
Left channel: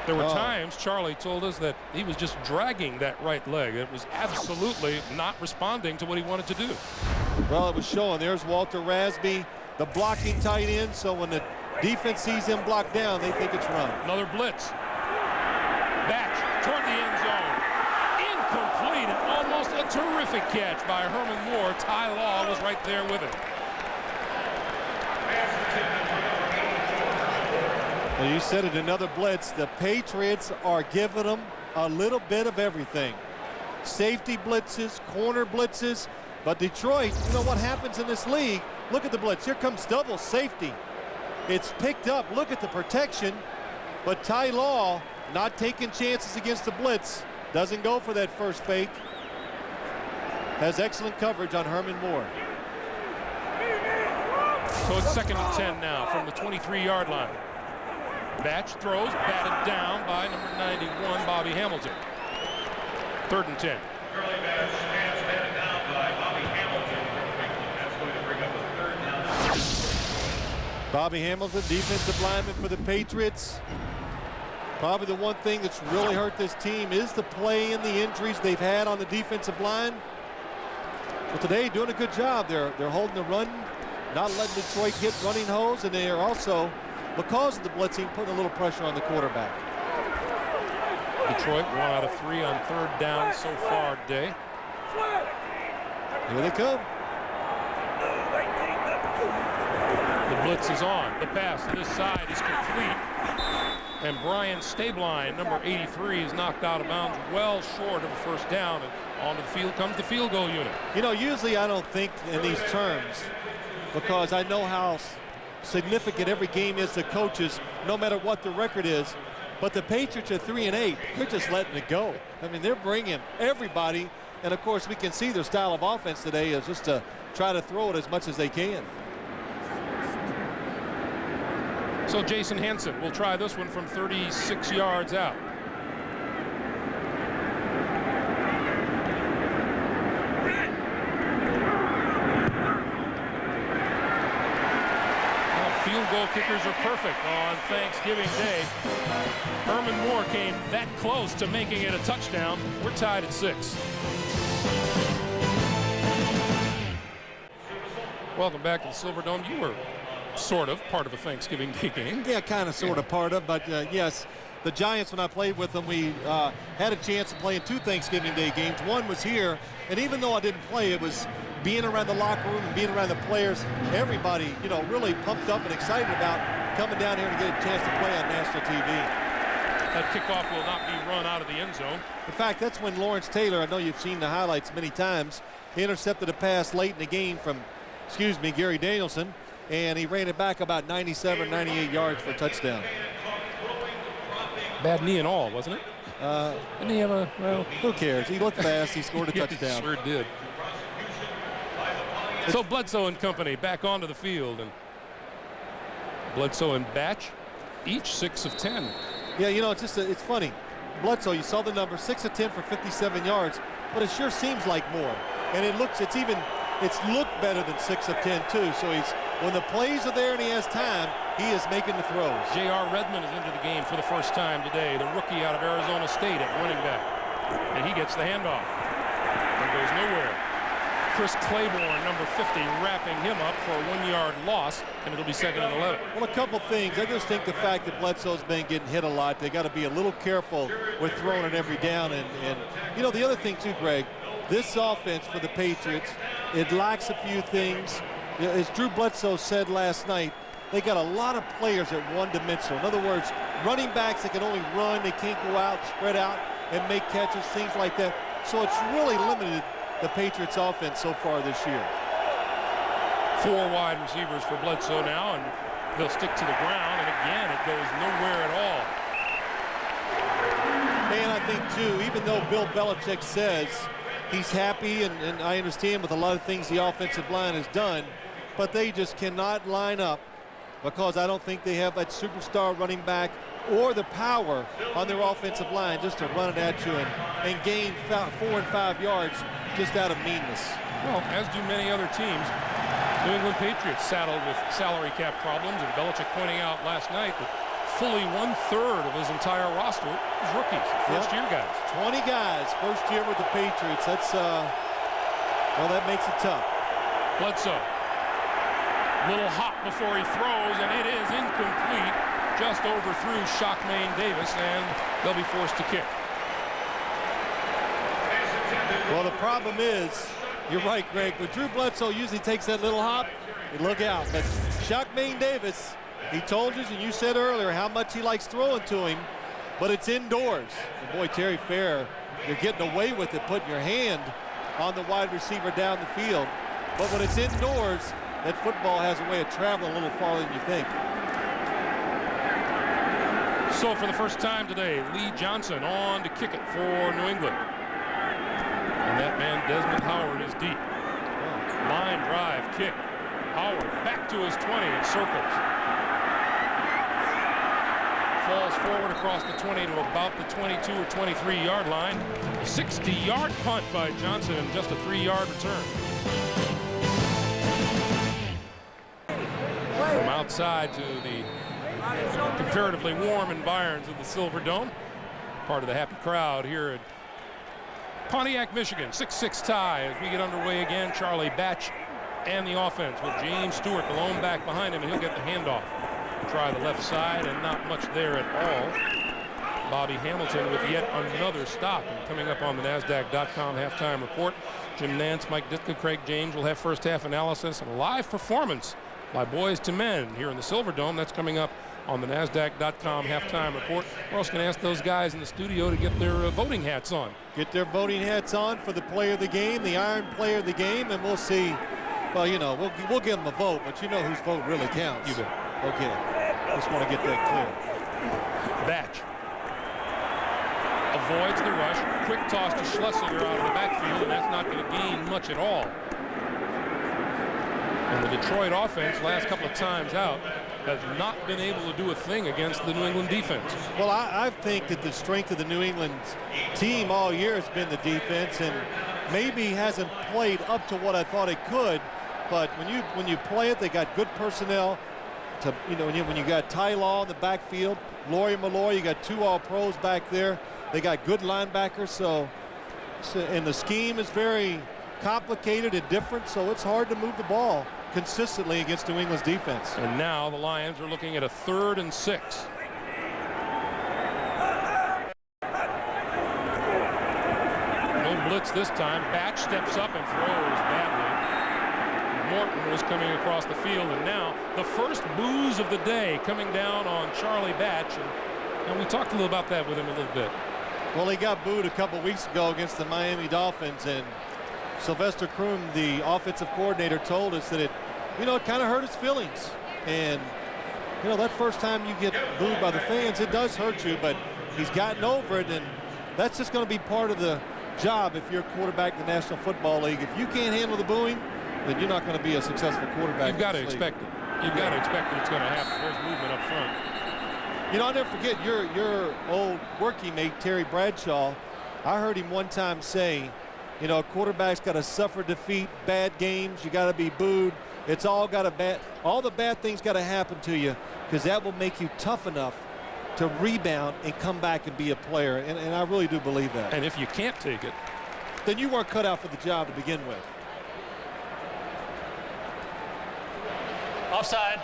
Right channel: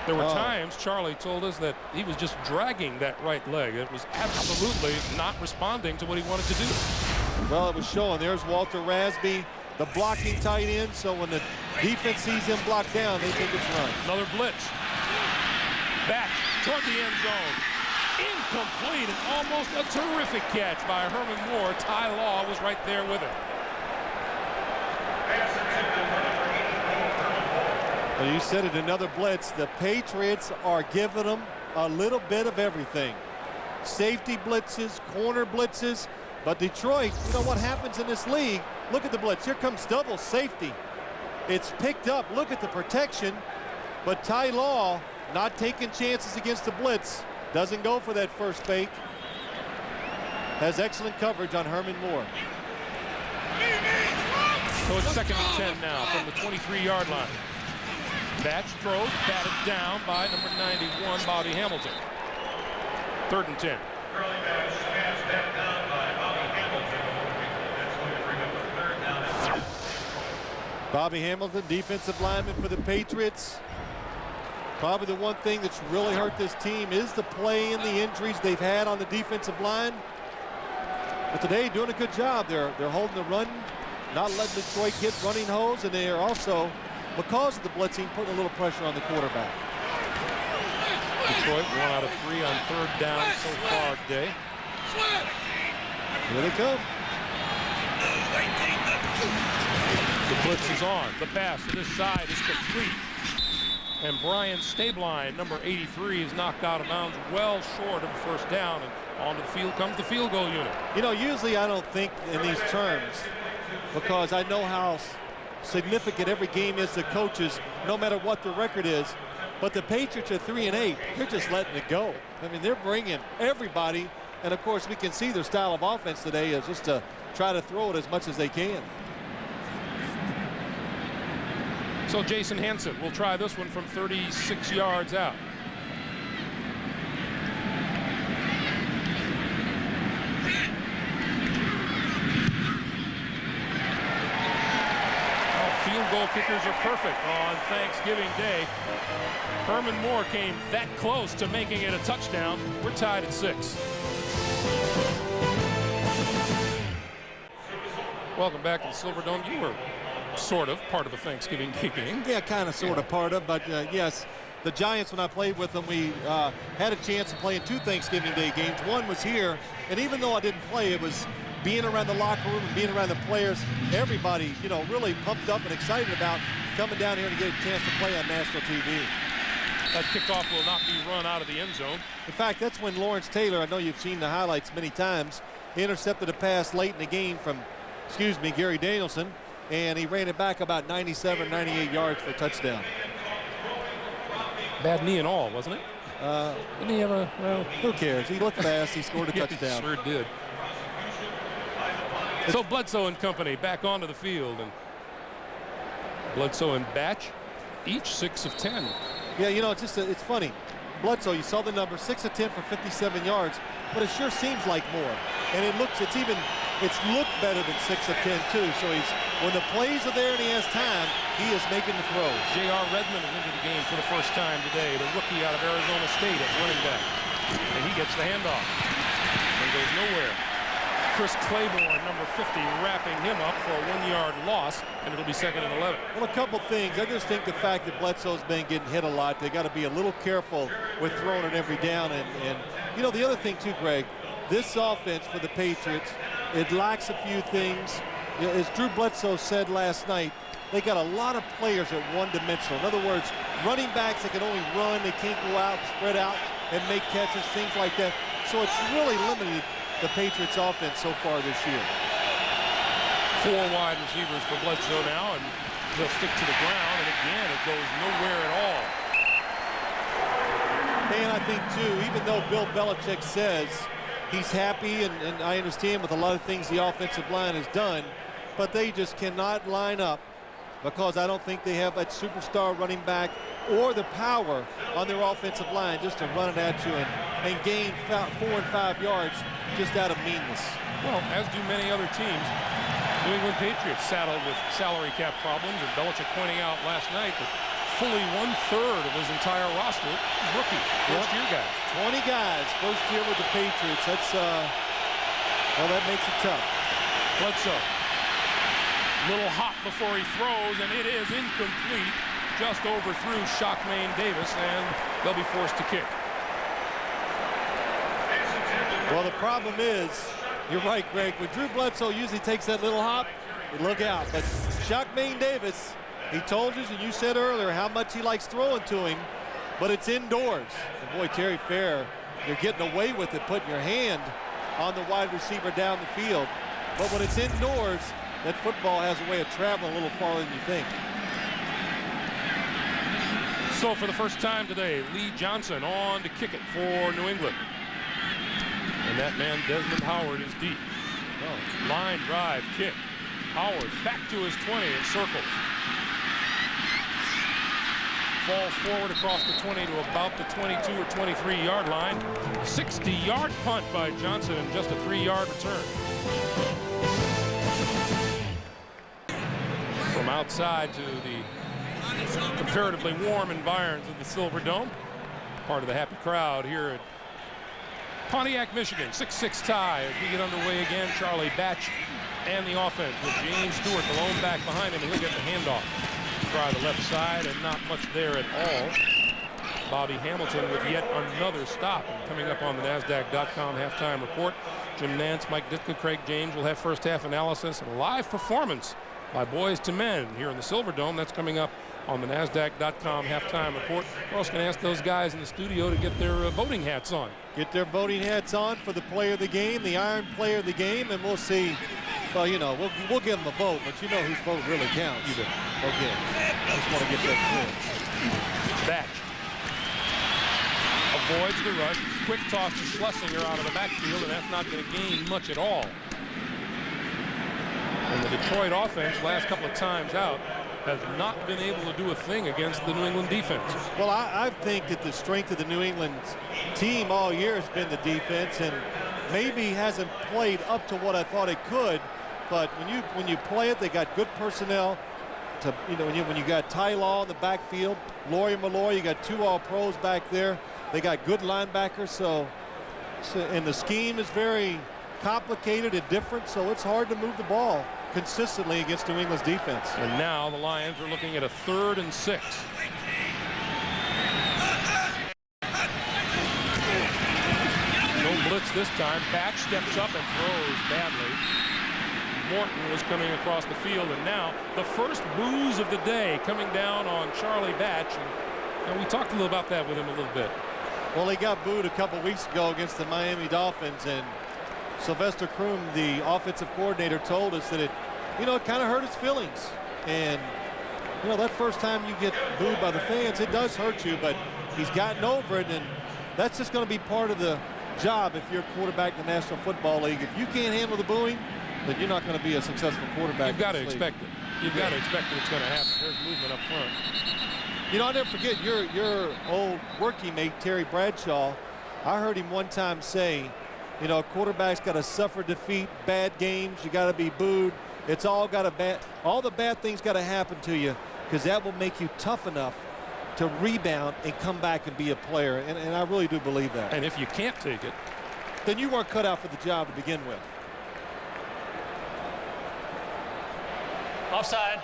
There were times, Charlie told us, that he was just dragging that right leg. It was absolutely not responding to what he wanted to do. Well, it was showing. There's Walter Rasby, the blocking tight end, so when the defense sees him blocked down, they think it's run. Another blitz. Batch toward the end zone. Incomplete, and almost a terrific catch by Herman Moore. Ty Law was right there with him. Well, you said it, another blitz. The Patriots are giving them a little bit of everything. Safety blitzes, corner blitzes. But Detroit, you know what happens in this league? Look at the blitz. Here comes double safety. It's picked up. Look at the protection. But Ty Law not taking chances against the blitz. Doesn't go for that first fake. Has excellent coverage on Herman Moore. So it's 2nd and 10 now from the 23-yard line. Batch throws, batted down by number 91, Bobby Hamilton. 3rd and 10. Bobby Hamilton, defensive lineman for the Patriots. Probably the one thing that's really hurt this team is the play and the injuries they've had on the defensive line. But today, doing a good job. They're holding the run, not letting Detroit get running holes, and they are also, because of the blitzing, putting a little pressure on the quarterback. Detroit 1 out of 3 on 3rd down so far today. Here they come. The blitz is on. The pass to this side is complete. And Brian Stabline, number 83, is knocked out of bounds well short of a first down. And onto the field comes the field goal unit. You know, usually I don't think in these terms because I know how significant every game is to coaches, no matter what the record is. But the Patriots are 3-8. They're just letting it go. I mean, they're bringing everybody. And, of course, we can see their style of offense today is just to try to throw it as much as they can. So Jason Hansen will try this one from 36 yards out. Field goal kickers are perfect on Thanksgiving Day. Herman Moore came that close to making it a touchdown. We're tied at 6. Welcome back to the Silverdome. You were sort of part of a Thanksgiving Day game. Yeah, kind of sort of part of, but yes, the Giants, when I played with them, we had a chance to play in 2 Thanksgiving Day games. One was here, and even though I didn't play, it was being around the locker room and being around the players, everybody, you know, really pumped up and excited about coming down here to get a chance to play on national TV. That kickoff will not be run out of the end zone. In fact, that's when Lawrence Taylor, I know you've seen the highlights many times, he intercepted a pass late in the game from, Gary Danielson, and he ran it back about 97, 98 yards for a touchdown. Bad knee and all, wasn't it? Didn't he have a, well, who cares? He looked fast. He scored a touchdown. He sure did. So Bledsoe and company back onto the field, and Bledsoe and Batch each 6 of 10. Yeah, you know, it's just it's funny. Bledsoe, you saw the number 6 of 10 for 57 yards, but it sure seems like more. And it's looked better than 6 of 10 too. So when the plays are there and he has time, he is making the throws. J.R. Redmond is into the game for the first time today, the rookie out of Arizona State at running back, and he gets the handoff and goes nowhere. Chris Claiborne, number 50, wrapping him up for a 1-yard loss, and it'll be 2nd and 11. Well, a couple things. I just think the fact that Bledsoe's been getting hit a lot, they got to be a little careful with throwing it every down. And you know, the other thing too, Greg, this offense for the Patriots, it lacks a few things. As Drew Bledsoe said last night, they got a lot of players at one-dimensional. In other words, running backs that can only run, they can't go out, spread out, and make catches, things like that. So it's really limited the Patriots offense so far this year. 4 wide receivers for Bledsoe now, and they'll stick to the ground, and again it goes nowhere at all. And I think too, even though Bill Belichick says he's happy, and I understand with a lot of things the offensive line has done, but they just cannot line up because I don't think they have that superstar running back or the power on their offensive line just to run it at you and gain 4 and 5 yards just out of meanness. Well, as do many other teams. New England Patriots saddled with salary cap problems, and Belichick pointing out last night that fully 1/3 of his entire roster is rookies, first-year guys. 20 guys, first year with the Patriots. That's, well, that makes it tough. Bledsoe, little hop before he throws, and it is incomplete. Just overthrew Shockmain Davis, and they'll be forced to kick. Well, the problem is, you're right, Greg, when Drew Bledsoe usually takes that little hop, you look out. But Shockmain Davis, he told us, and you said earlier, how much he likes throwing to him, but it's indoors. And boy, Terry Fair, you're getting away with it, putting your hand on the wide receiver down the field. But when it's indoors, that football has a way of traveling a little farther than you think. So for the first time today, Lee Johnson on to kick it for New England. And that man, Desmond Howard, is deep. Oh. Line drive kick. Howard back to his 20 and circles. Falls forward across the 20 to about the 22 or 23-yard line. 60-yard punt by Johnson and just a 3-yard return. From outside to the comparatively warm environs of the Silverdome. Part of the happy crowd here at Pontiac, Michigan. 6-6 tie as we get underway again. Charlie Batch and the offense with James Stewart, the lone back behind him, and he'll get the handoff. Try the left side, and not much there at all. Bobby Hamilton with yet another stop. And coming up on the NASDAQ.com halftime report, Jim Nantz, Mike Ditka, Craig James will have first half analysis and a live performance by Boys to Men here in the Silverdome. That's coming up on the NASDAQ.com halftime report. We're also going to ask those guys in the studio to get their voting hats on. Get their voting hats on for the player of the game, the Iron Player of the game, and we'll see. Well, you know, we'll give them a vote, but you know whose vote really counts. You bet. Okay. Just want to get that clear. Batch avoids the rush. Quick toss to Schlesinger out of the backfield, and that's not going to gain much at all. And the Detroit offense, last couple of times out, has not been able to do a thing against the New England defense. Well, I think that the strength of the New England team all year has been the defense, and maybe hasn't played up to what I thought it could. But when you play it, they got good personnel. To, you know, when you got Ty Law in the backfield, Laurie Malloy, you got 2 All-Pros back there. They got good linebackers, so and the scheme is very complicated and different, so it's hard to move the ball consistently against New England's defense. And now the Lions are looking at a 3rd and 6. No blitz this time. Batch steps up and throws badly. Morton was coming across the field, and now the first booze of the day coming down on Charlie Batch, and we talked a little about that with him a little bit. Well, he got booed a couple weeks ago against the Miami Dolphins, and Sylvester Croom, the offensive coordinator, told us that it kind of hurt his feelings. And, that first time you get booed by the fans, it does hurt you, but he's gotten over it, and that's just going to be part of the job if you're a quarterback in the National Football League. If you can't handle the booing, then you're not going to be a successful quarterback. You've got to expect it. You've got to expect that it's going to happen. There's movement up front. I'll never forget your old working mate, Terry Bradshaw. I heard him one time say, a quarterback's got to suffer defeat, bad games, you got to be booed. It's all the bad things got to happen to you, because that will make you tough enough to rebound and come back and be a player. And I really do believe that. And if you can't take it, then you weren't cut out for the job to begin with. Offside.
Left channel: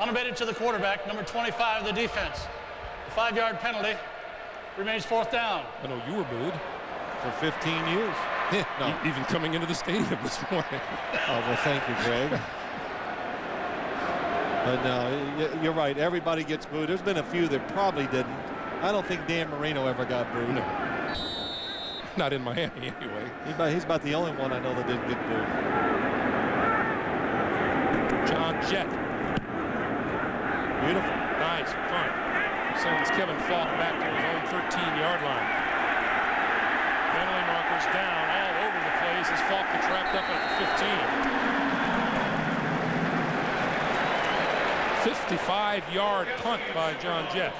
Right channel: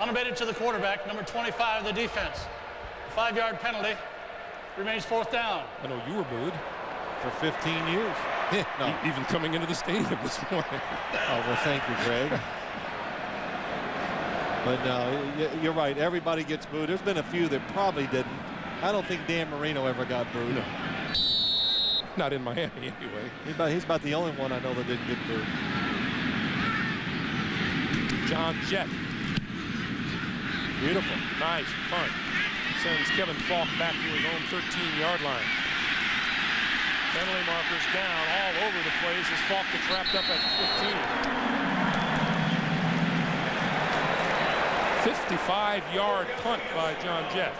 Unabated to the quarterback, number 25 of the defense. 5-yard penalty. Remains 4th down. I know you were booed. For 15 years. No. Even coming into the stadium this morning. Oh, well, thank you, Greg. But no, you're right. Everybody gets booed. There's been a few that probably didn't. I don't think Dan Marino ever got booed. No. Not in Miami, anyway. He's about the only one I know that didn't get booed. John Jett. Beautiful. Nice punt. Sends Kevin Falk back to his own 13-yard line. Penalty markers down all over the place as Falk gets wrapped up at the 15. 55-yard punt by John Jett.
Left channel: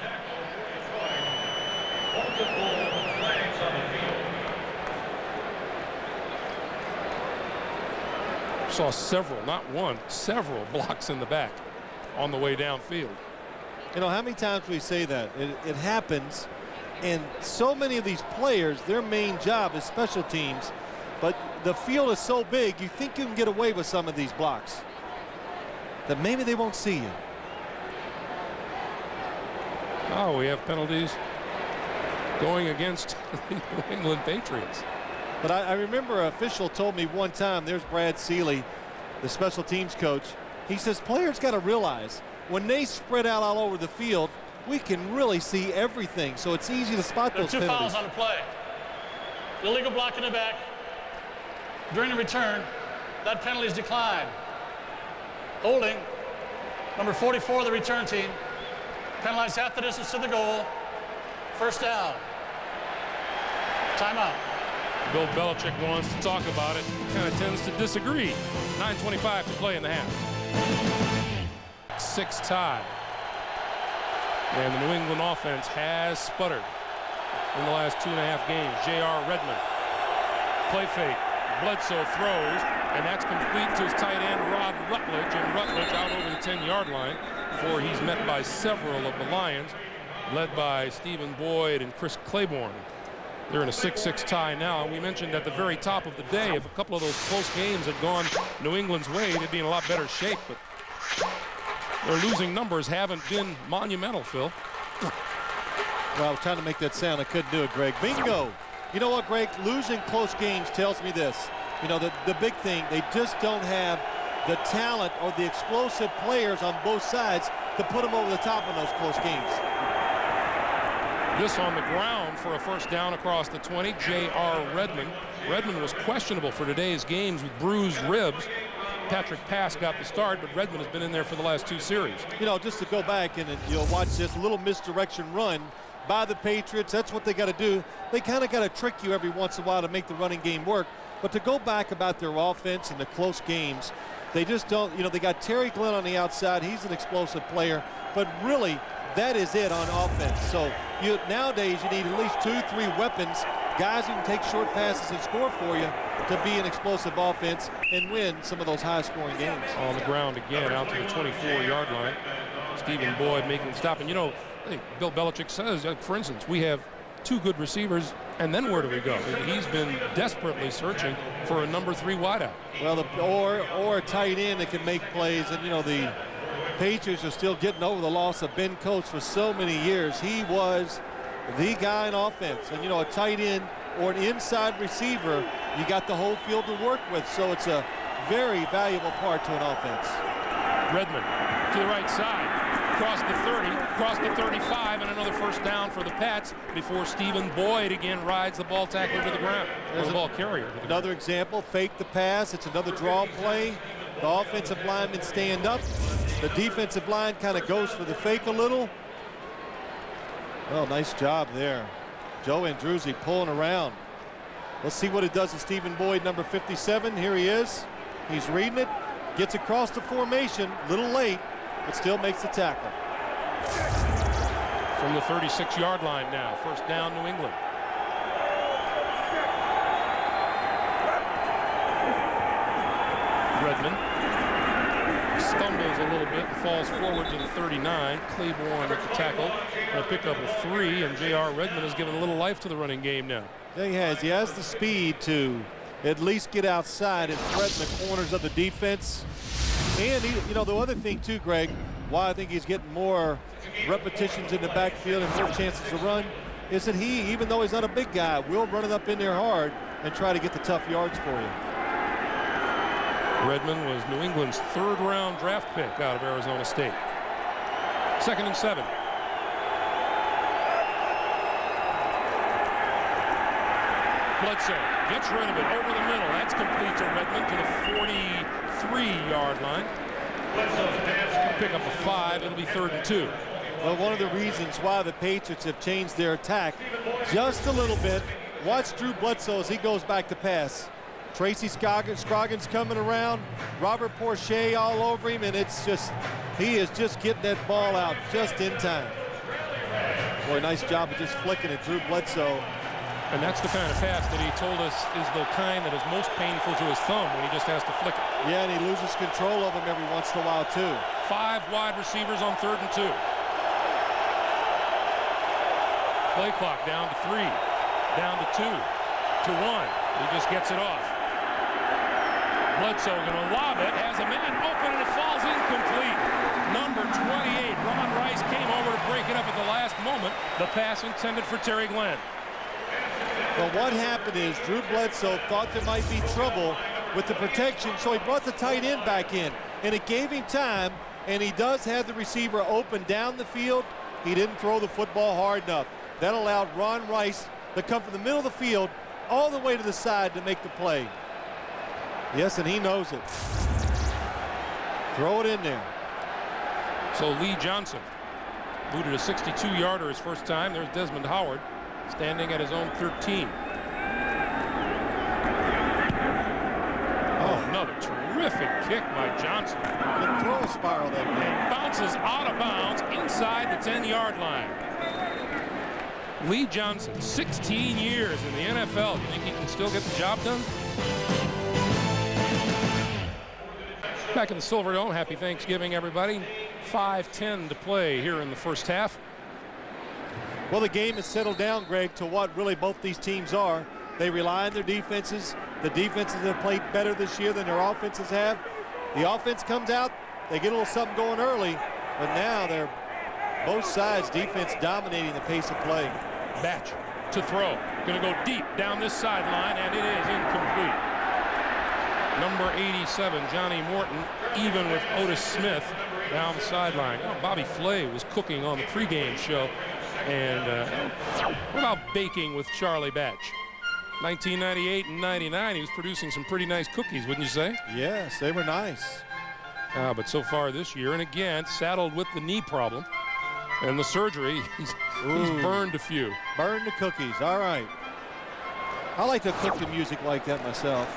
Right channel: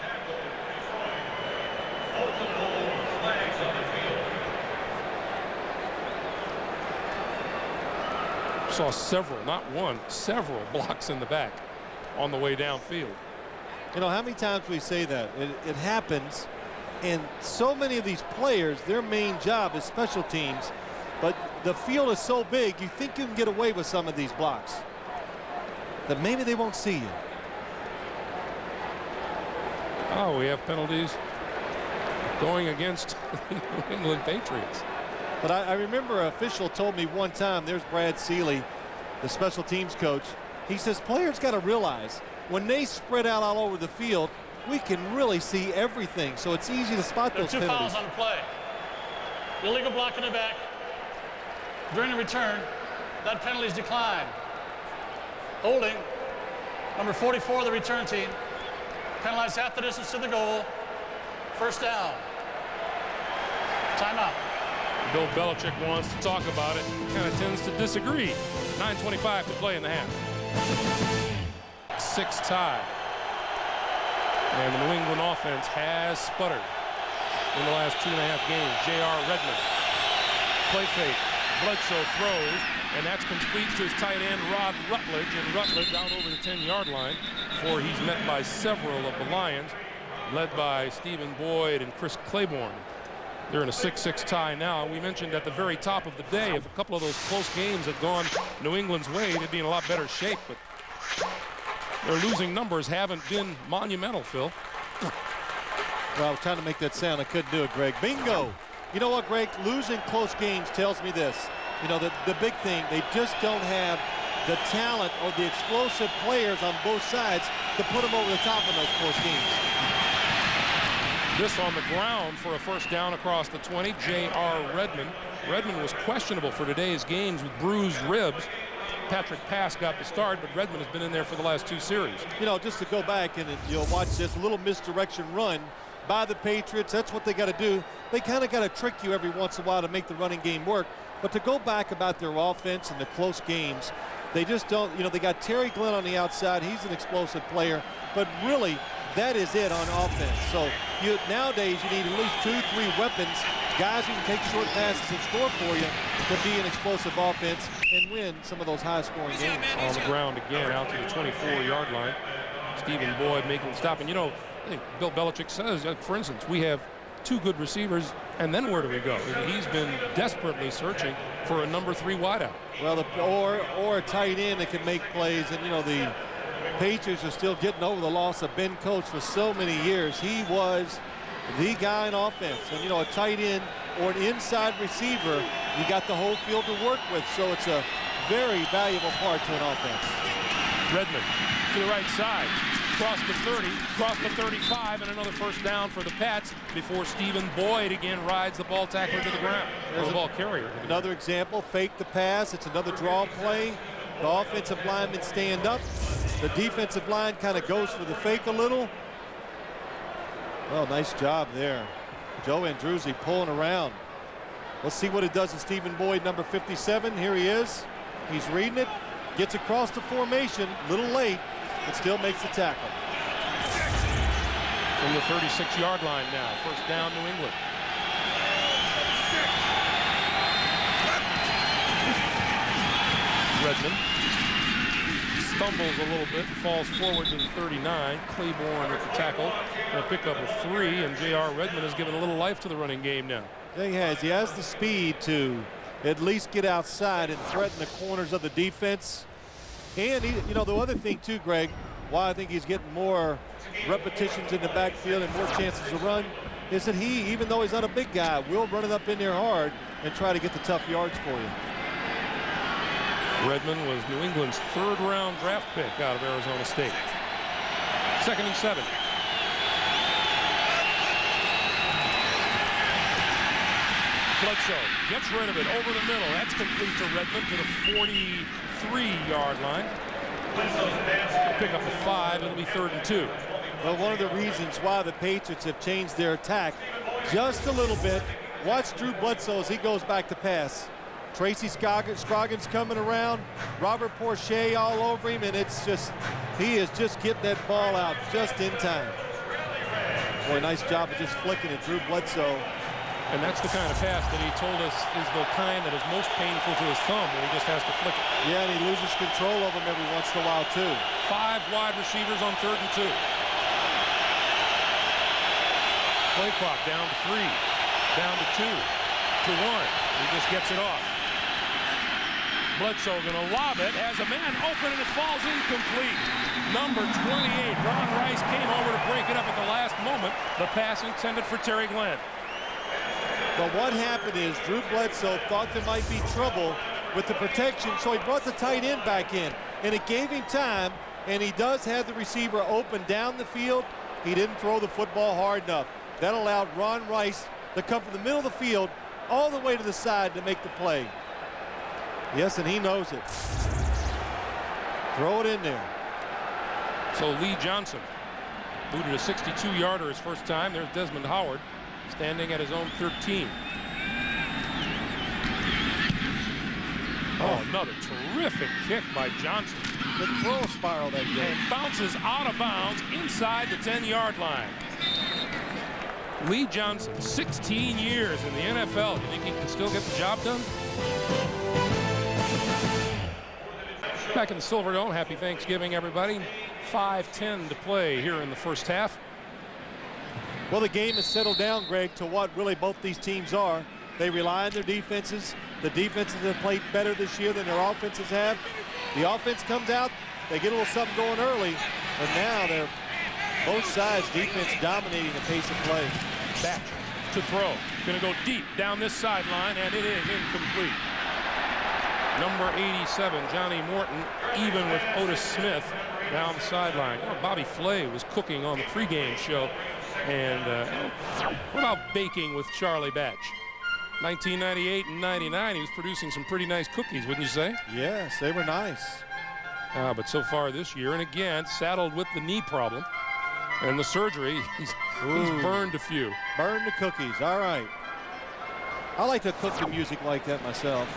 Saw several, not one, several blocks in the back on the way downfield. How many times we say that? It happens, and so many of these players, their main job is special teams, but the field is so big, you think you can get away with some of these blocks, that maybe they won't see you. Oh, we have penalties going against the New England Patriots. But I remember an official told me one time, there's Brad Seeley, the special teams coach. He says players got to realize when they spread out all over the field, we can really see everything. So it's easy to spot those penalties. There are 2 fouls on the play. Illegal block in the back. During the return, that penalty is declined. Holding, number 44 of the return team. Penalized half the distance to the goal. 1st down. Timeout. Bill Belichick wants to talk about it, kind of tends to disagree. 9:25 to play in the half. 6 tie. And the New England offense has sputtered in the last 2.5 games. J.R. Redmond. Play fake. Bledsoe throws, and that's complete to his tight end, Rod Rutledge. And Rutledge out over the 10-yard line before he's met by several of the Lions, led by Stephen Boyd and Chris Claiborne. They're in a 6-6 tie now. We mentioned at the very top of the day, if a couple of those close games had gone New England's way, they'd be in a lot better shape. But their losing numbers haven't been monumental, Phil. Well, I was trying to make that sound. I couldn't do it, Greg. Bingo. You know what, Greg? Losing close games tells me this. You know, the big thing, they just don't have the talent or the explosive players on both sides to put them over the top in those close games. This on the ground for a first down across the 20, J.R. Redmond. Redmond was questionable for today's games with bruised ribs. Patrick Pass got the start, but Redmond has been in there for the last 2 series. You know, just to go back and you'll watch this little misdirection run by the Patriots. That's what they got to do. They kind of got to trick you every once in a while to make the running game work. But to go back about their offense and the close games, they just don't, you know, they got Terry Glenn on the outside. He's an explosive player, but really that is it on offense. So nowadays you need at least 2-3 weapons, guys who can take short passes and score for you to be an explosive offense and win some of those high-scoring games. On the ground again, out to the 24-yard line. Stephen Boyd making the stop. And, you know, I think Bill Belichick says, for instance, we have 2 good receivers, and then where do we go? He's been desperately searching for a number 3 wideout. Well, or a tight end that can make plays. And, you know, the Patriots are still getting over the loss of Ben Coates for so many years. He was the guy in offense. And, you know, a tight end or an inside receiver, you got the whole field to work with. So it's a very valuable part to an offense. Redmond to the right side. Across the 30, across the 35, and another first down for the Pats before Stephen Boyd again rides the ball tackler to the ground. There's the ball carrier. Another example, fake the pass. It's another draw play. The offensive linemen stand up. The defensive line kind of goes for the fake a little. Well, nice job there. Joe Andruzzi pulling around. Let's see what it does to Stephen Boyd, number 57. Here he is. He's reading it. Gets across the formation, a little late, but still makes the tackle. From the 36-yard line now, first down, New England. Redmond stumbles a little bit and falls forward to the 39. Claiborne at the tackle. A pickup of 3, and J.R. Redmond has given a little life to the running game now. Yeah, he has. He has the speed to at least get outside and threaten the corners of the defense. And, you know, the other thing, too, Greg, why I think he's getting more repetitions in the backfield and more chances to run is that he, even though he's not a big guy, will run it up in there hard and try to get the tough yards for you. Redmond was New England's 3rd-round draft pick out of Arizona State. 2nd and 7. Bledsoe gets rid of it over the middle. That's complete to Redmond to the 43-yard line. He'll pick up a 5. It'll be 3rd and 2. Well, one of the reasons why the Patriots have changed their attack just a little bit. Watch Drew Bledsoe as he goes back to pass. Tracy Scroggins coming around. Robert Porcher all over him, and it's just, he is just getting that ball out just in time. Boy, nice job of just flicking it, Drew Bledsoe. And that's the kind of pass that he told us is the kind that is most painful to his thumb when he just has to flick it. Yeah, and he loses control of him every once in a while, too. 5 wide receivers on 3rd and 2. Play clock down to 3, down to 2, to 1. He just gets it off. Bledsoe going to lob it, has a man open, and it falls incomplete. Number 28, Ron Rice came over to break it up at the last moment. The pass intended for Terry Glenn. But what happened is Drew Bledsoe thought there might be trouble with the protection, so he brought the tight end back in, and it gave him time, and he does have the receiver open down the field. He didn't throw the football hard enough. That allowed Ron Rice to come from the middle of the field all the way to the side to make the play. Yes, and he knows it. Throw it in there. So Lee Johnson booted a 62-yarder his first time. There's Desmond Howard standing at his own 13. Oh, another terrific kick by Johnson. The throw spiral that game. And bounces out of bounds inside the 10-yard line. Lee Johnson, 16 years in the NFL. You think he can still get the job done? Back in the Silverdome, happy Thanksgiving, everybody. 5:10 to play here in the first half. Well, the game has settled down, Greg, to what really both these teams are. They rely on their defenses. The defenses have played better this year than their offenses have. The offense comes out, they get a little something going early, but now they're Both sides, defense dominating the pace of play. Batch to throw. Going to go deep down this sideline, and it is incomplete. Number 87, Johnny Morton, even with Otis Smith down the sideline. You know, Bobby Flay was cooking on the pregame show. And what about baking with Charlie Batch? 1998 and 99, he was producing some pretty nice cookies, wouldn't you say? Yes, they were nice. But so far this year, and again, saddled with the knee problem and the surgery, he's burned a few. Burned the cookies, all right. I like to cook the music like that myself.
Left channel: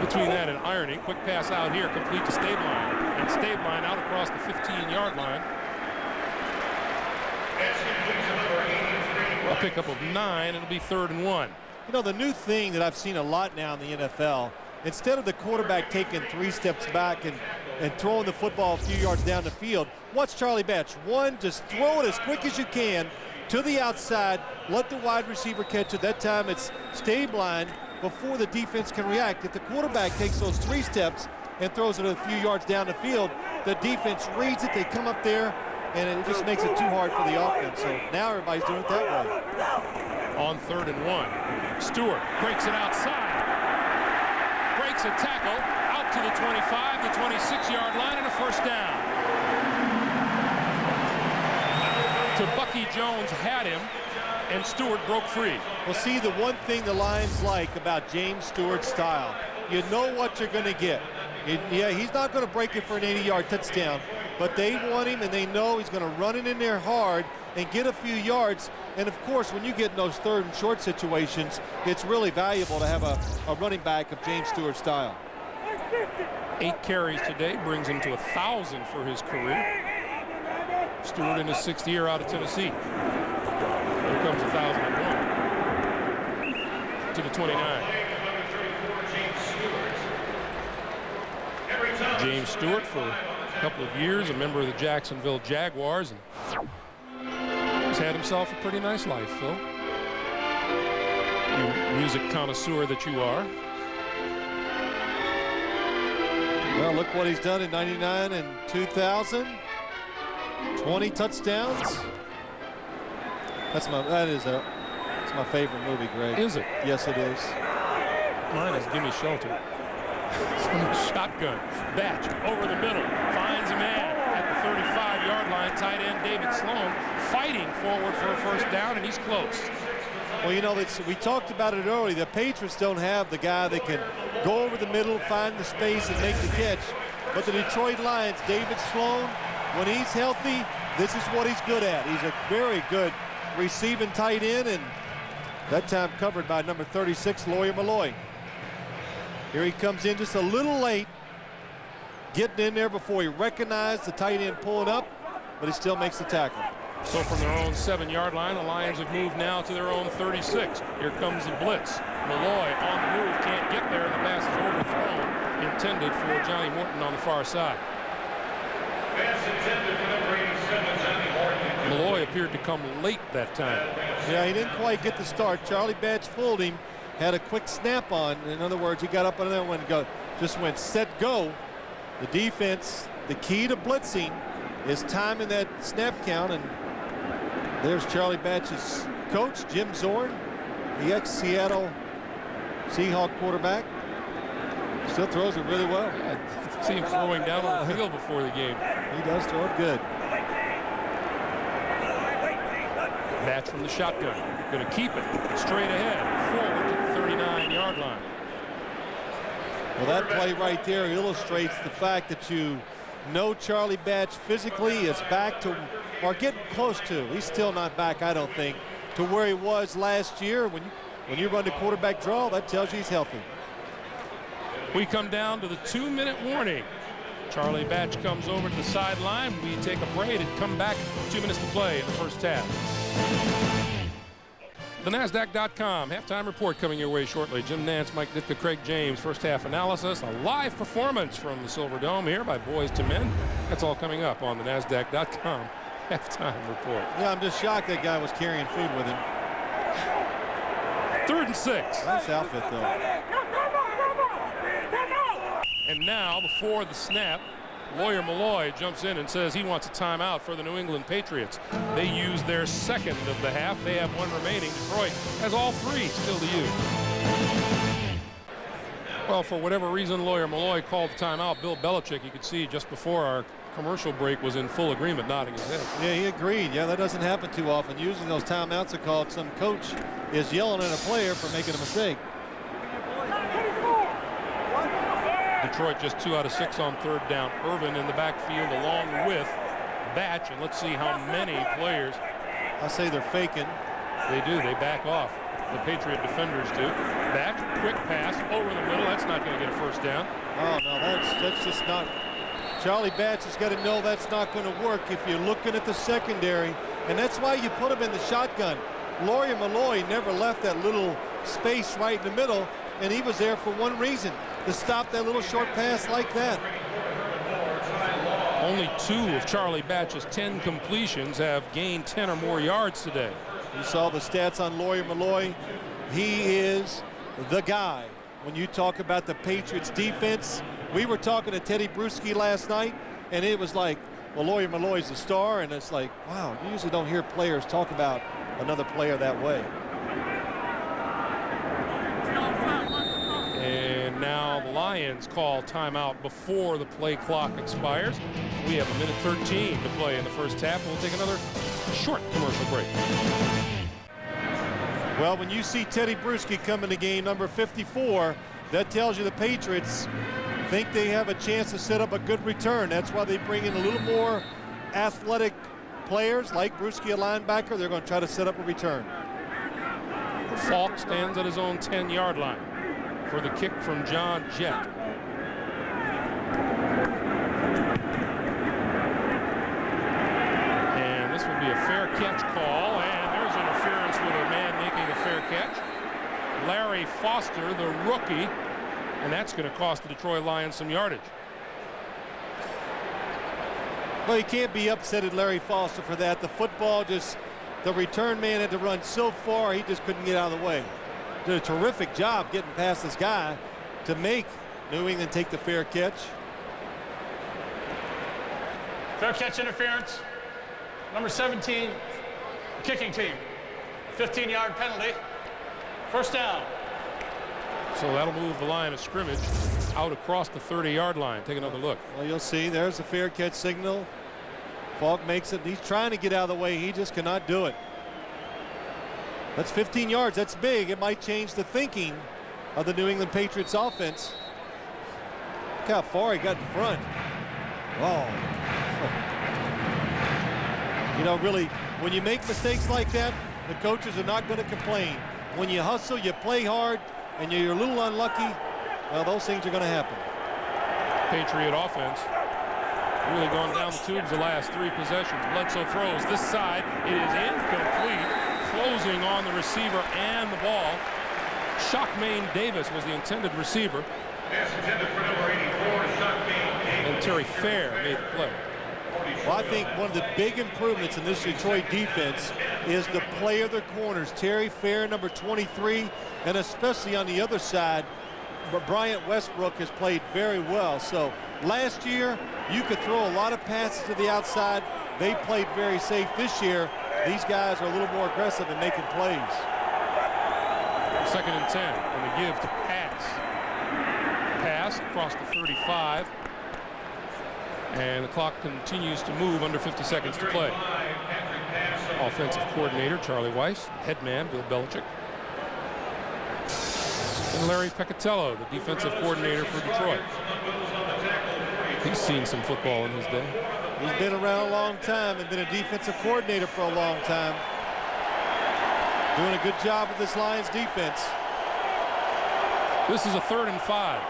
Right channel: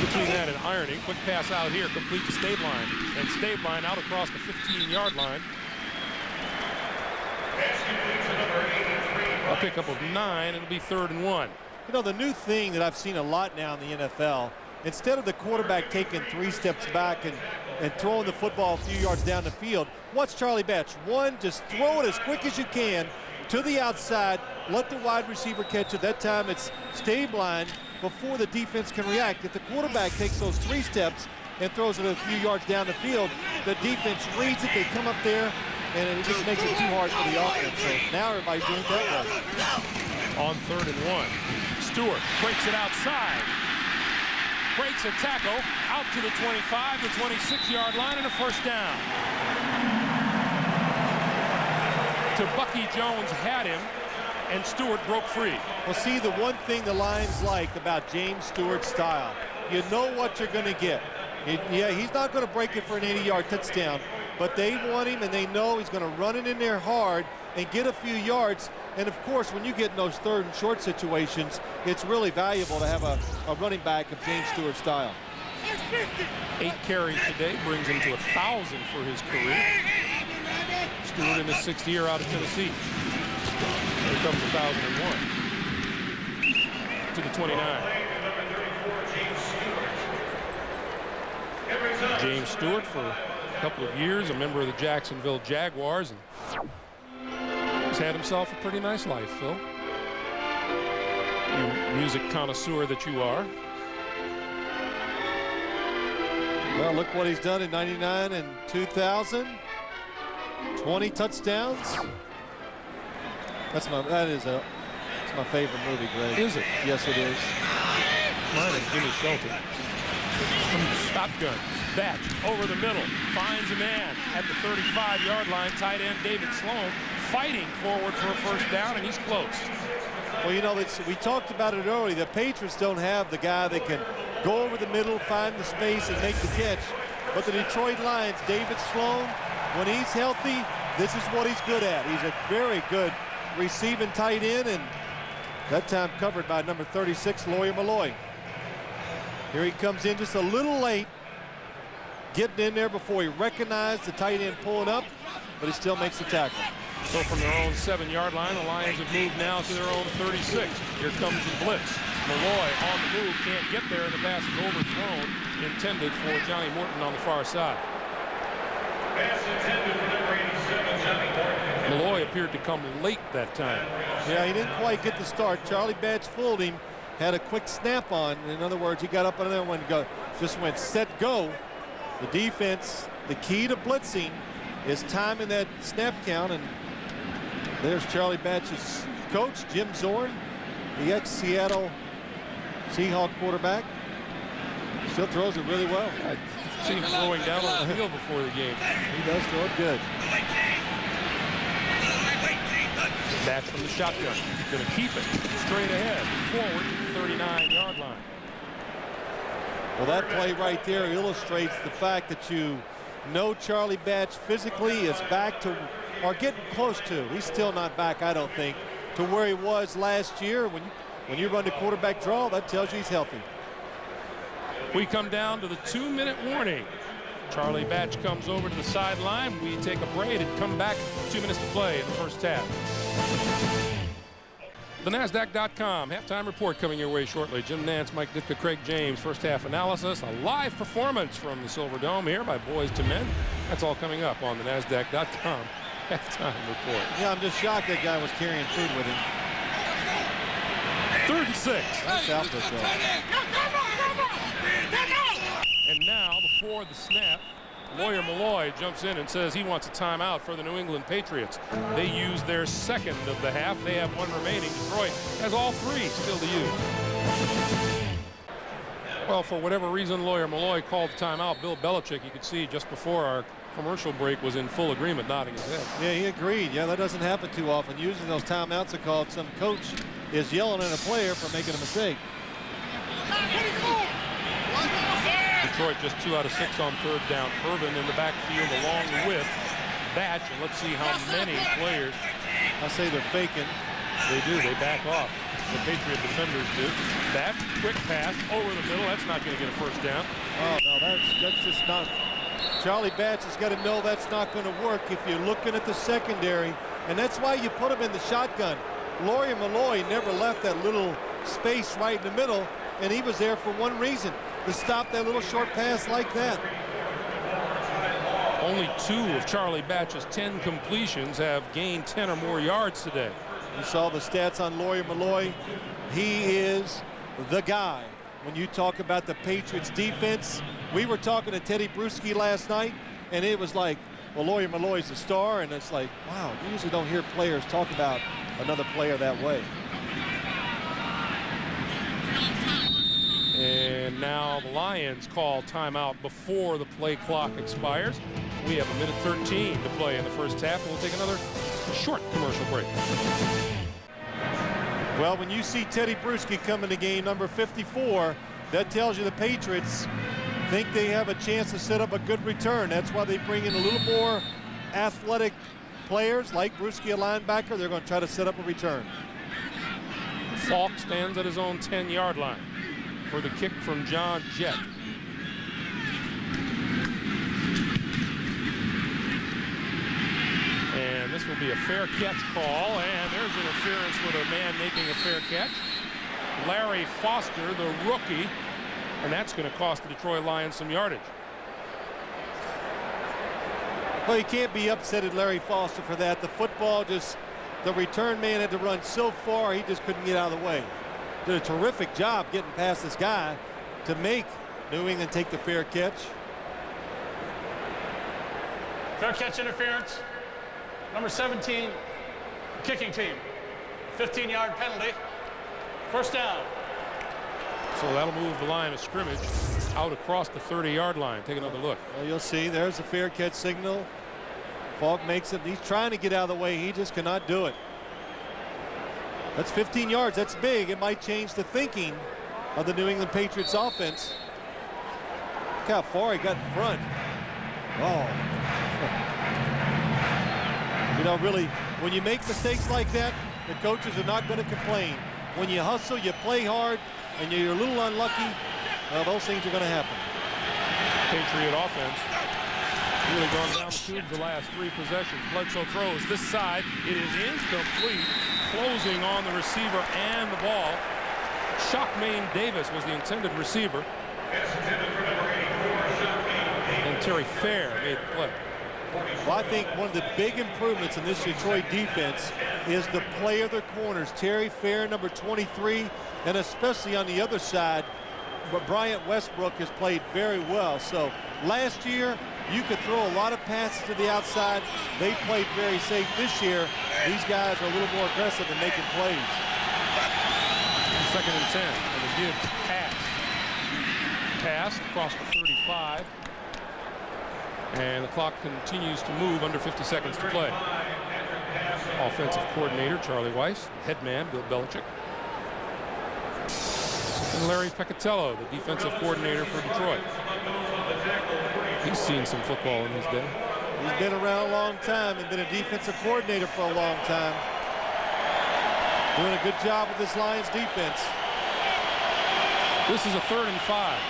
Between that and ironing, quick pass out here, complete to Stabline. And Stabline out across the 15-yard line. A pickup of 9, it'll be 3rd and 1. You know, the new thing that I've seen a lot now in the NFL, instead of the quarterback taking 3 steps back and throwing the football a few yards down the field, what's Charlie Batch? One, just throw it as quick as you can to the outside, let the wide receiver catch it. That time it's Stabline before the defense can react. If the quarterback takes those 3 steps and throws it a few yards down the field, the defense reads it, they come up there, and it just makes it too hard for the offense. So now everybody's doing it that way. On 3rd and 1, Stewart breaks it outside. Breaks a tackle out to the 25, the 26-yard line, and a 1st down. To Bucky Jones had him, and Stewart broke free. Well, see, the one thing the Lions like about James Stewart's style, you know what you're going to get. Yeah, he's not going to break it for an 80-yard touchdown, but they want him, and they know he's going to run it in there hard and get a few yards. And, of course, when you get in those 3rd and short situations, it's really valuable to have a running back of James Stewart's style. 8 carries today brings him to 1,000 for his career. Stewart in his 6th year out of Tennessee. Here comes 1,001 to the 29. James Stewart for a couple of years, a member of the Jacksonville Jaguars, and he's had himself a pretty nice life, Phil. You music connoisseur that you are. Well, look what he's done in 99 and 2000. 20 touchdowns. It's my favorite movie, Greg. Is it? Yes, it is. Mine is Gimme Shelter. Shotgun. Batch over the middle. Finds a man at the 35-yard line. Tight end David Sloan fighting forward for a 1st down, and he's close. Well, you know, we talked about it earlier. The Patriots don't have the guy that can go over the middle, find the space, and make the catch. But the Detroit Lions, David Sloan, when he's healthy, this is what he's good at. He's a very good receiving tight end, and that time covered by number 36, Lawyer Malloy. Here he comes in just a little late, getting in there before he recognized the tight end pulling up, but he still makes the tackle. So from their own 7-yard line, the Lions have moved now to their own 36. Here comes the blitz. Malloy on the move, can't get there, and the pass is overthrown, intended for Johnny Morton on the far side. Malloy appeared to come late that time. Yeah, he didn't quite get the start. Charlie Batch fooled him, had a quick snap on. In other words, he got up on that one, just went set, go. The defense, the key to blitzing is timing that snap count, and there's Charlie Batch's coach, Jim Zorn, the ex-Seattle Seahawk quarterback. Still throws it really well. I see him throwing down on the field before the game. He does throw it good. Batch from the shotgun. Going to keep it straight ahead, forward, 39-yard line. Well, that play right there illustrates the fact that you know Charlie Batch physically is back to, or getting close to. He's still not back, I don't think, to where he was last year. When you run the quarterback draw, that tells you he's healthy. We come down to the 2-minute warning. Charlie Batch comes over to the sideline. We take a break and come back. 2 minutes to play in the 1st half. The NASDAQ.com halftime report coming your way shortly. Jim Nantz, Mike Ditka, Craig James. 1st half analysis. A live performance from the Silver Dome here by Boys to Men. That's all coming up on the NASDAQ.com halftime report. Yeah, I'm just shocked that guy was carrying food with him. 3rd and 6. Nice outfit, though. And now, before the snap, Lawyer Malloy jumps in and says he wants a timeout for the New England Patriots. They use their second of the half. They have one remaining. Detroit has all three still to use. Well, for whatever reason, Lawyer Malloy called the timeout. Bill Belichick, you could see just before our commercial break, was in full agreement, nodding his head. Yeah, he agreed. Yeah, that doesn't happen too often. Usually those timeouts are called some coach is yelling at a player for making a mistake. Detroit just 2 out of 6 on third down. Irvin in the backfield along with Batch, and let's see how many players. I say they're faking. They do. They back off. The Patriot defenders do. Batch, quick pass over the middle. That's not going to get a first down. Oh no, that's just not. Charlie Batch has got to know that's not going to work if you're looking at the secondary, and that's why you put him in the shotgun. Lawyer Malloy never left that little space right in the middle, and he was there for one reason, to stop that little short pass like that. Only 2 of Charlie Batch's 10 completions have gained 10 or more yards today. You saw the stats on Lawyer Malloy. He is the guy. When you talk about the Patriots defense, we were talking to Teddy Bruschi last night, and it was like, well, Lawyer Malloy's the star, and it's like, wow, you usually don't hear players talk about another player that way. And now the Lions call timeout before the play clock expires. We have 1:13 to play in the first half. We'll take another short commercial break. Well, when you see Teddy Bruschi come in the game, number 54, that tells you the Patriots think they have a chance to set up a good return. That's why they bring in a little more athletic players like Bruschi, a linebacker. They're going to try to set up a return. Falk stands at his own 10-yard line for the kick from John Jett. And this will be a fair catch call, and there's interference with a man making a fair catch. Larry Foster, the rookie, and that's going to cost the Detroit Lions some yardage. Well, you can't be upset at Larry Foster for that. The football the return man had to run so far, he just couldn't get out of the way. Did a terrific job getting past this guy to make New England take the fair catch. Fair catch interference. Number 17, kicking team. 15-yard penalty. First down. So that'll move the line of scrimmage out across the 30-yard line. Take another look. Well, you'll see there's a fair catch signal. Falk makes it. He's trying to get out of the way. He just cannot do it. That's 15 yards. That's big. It might change the thinking of the New England Patriots offense. Look how far he got in front. Oh. You know, really, when you make mistakes like that, the coaches are not going to complain. When you hustle, you play hard, and you're a little unlucky, well, those things are going to happen. Patriot offense really gone down the tubes the last 3 possessions. Bledsoe throws this side. It is incomplete. Closing on the receiver and the ball. Shockmain Davis was the intended receiver. And Terry Fair made the play. Well, I think one of the big improvements in this Detroit defense is the play of their corners. Terry Fair, number 23, and especially on the other side, Bryant Westbrook has played very well. So last year, you could throw a lot of passes to the outside. They played very safe. This year, these guys are a little more aggressive in making plays. 2nd and 10, and the give to pass. Pass across the 35. And the clock continues to move, under 50 seconds to play. Offensive coordinator Charlie Weiss, head man Bill Belichick, and Larry Peccatello, the defensive coordinator for Detroit. He's seen some football in his day. He's been around a long time and been a defensive coordinator for a long time. Doing a good job with this Lions defense. This is a 3rd and 5.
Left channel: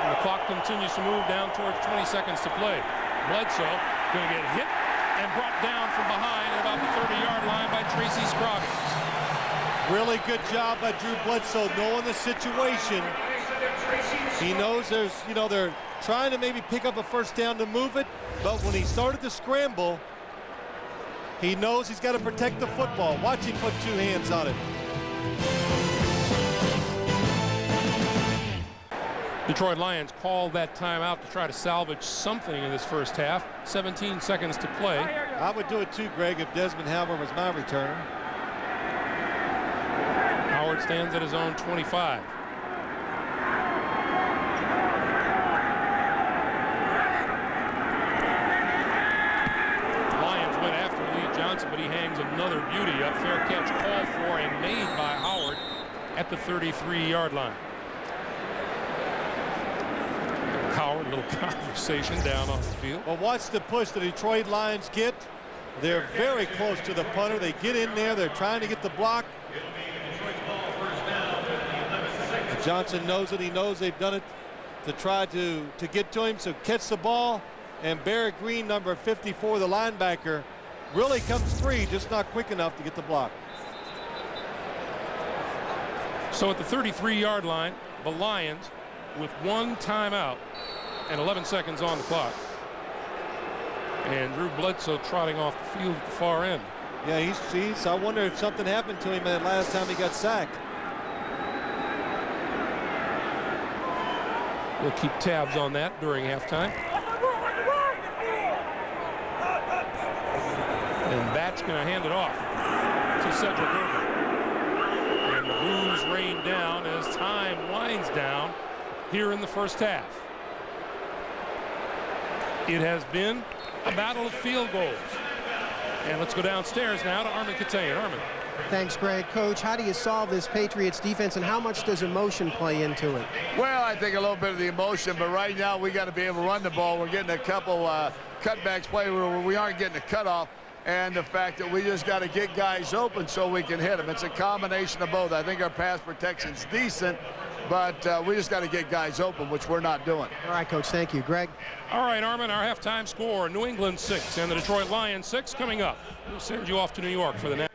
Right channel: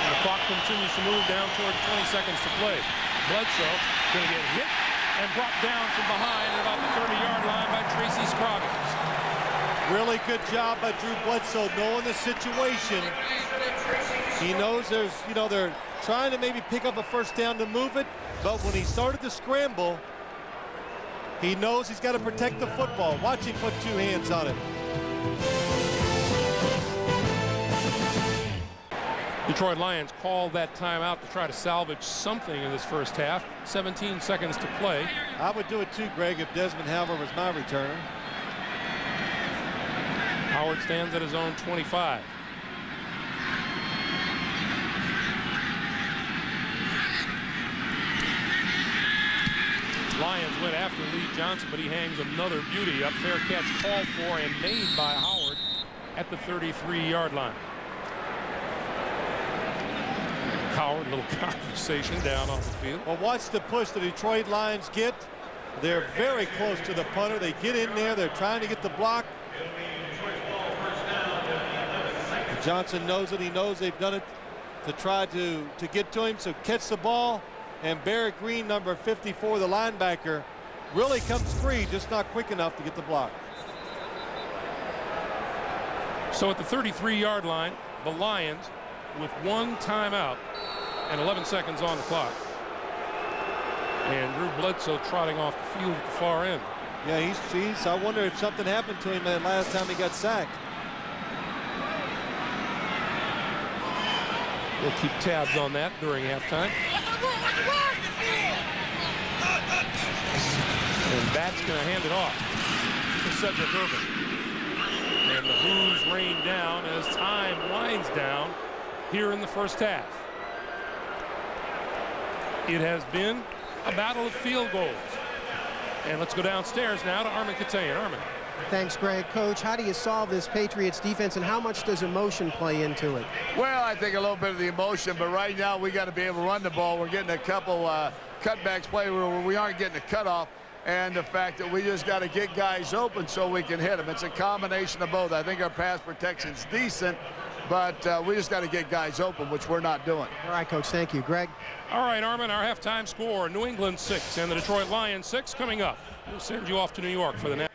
And the clock continues to move down toward 20 seconds to play. Bledsoe going to get hit and brought down from behind at about the 30-yard line by Tracy Scroggins. Really good job by Drew Bledsoe knowing the situation. He knows there's, you know, they're trying to maybe pick up a first down to move it, but when he started to scramble, he knows he's got to protect the football. Watch him put 2 hands on it. Detroit Lions called that timeout to try to salvage something in this first half. 17 seconds to play. I would do it too, Greg, if Desmond Howard was my returner. Howard stands at his own 25. Lions went after Lee Johnson, but he hangs another beauty up. Fair catch called for and made by Howard at the 33-yard line. Howard, a little conversation down on the field. Well, watch the push the Detroit Lions get. They're very close to the punter. They get in there. They're trying to get the block. Johnson knows it. He knows they've done it to try to get to him. So catch the ball. And Barrett Green, number 54, the linebacker, really comes free, just not quick enough to get the block. So at the 33-yard line, the Lions with one timeout and 11 seconds on the clock. And Drew Bledsoe trotting off the field at the far end. Yeah, he's I wonder if something happened to him that last time he got sacked. We'll keep tabs on that during halftime. And that's going to hand it off to Cedric Urban. And the boos rain down as time winds down here in the first half. It has been a battle of field goals. And let's go downstairs now to Armin Katayan. Armin. Thanks, Greg. Coach, how do you solve this Patriots defense, and how much does emotion play into it? Well, I think a little bit of the emotion, but right now we got to be able to run the ball. We're getting a couple cutbacks play where we aren't getting a cutoff, and the fact that we just got to get guys open so we can hit them. It's a combination of both. I think our pass protection's decent, but we just got to get guys open, which we're not doing. All right, Coach. Thank you. Greg? All right, Armin, our halftime score, New England 6 and the Detroit Lions 6 coming up. We'll send you off to New York for the next.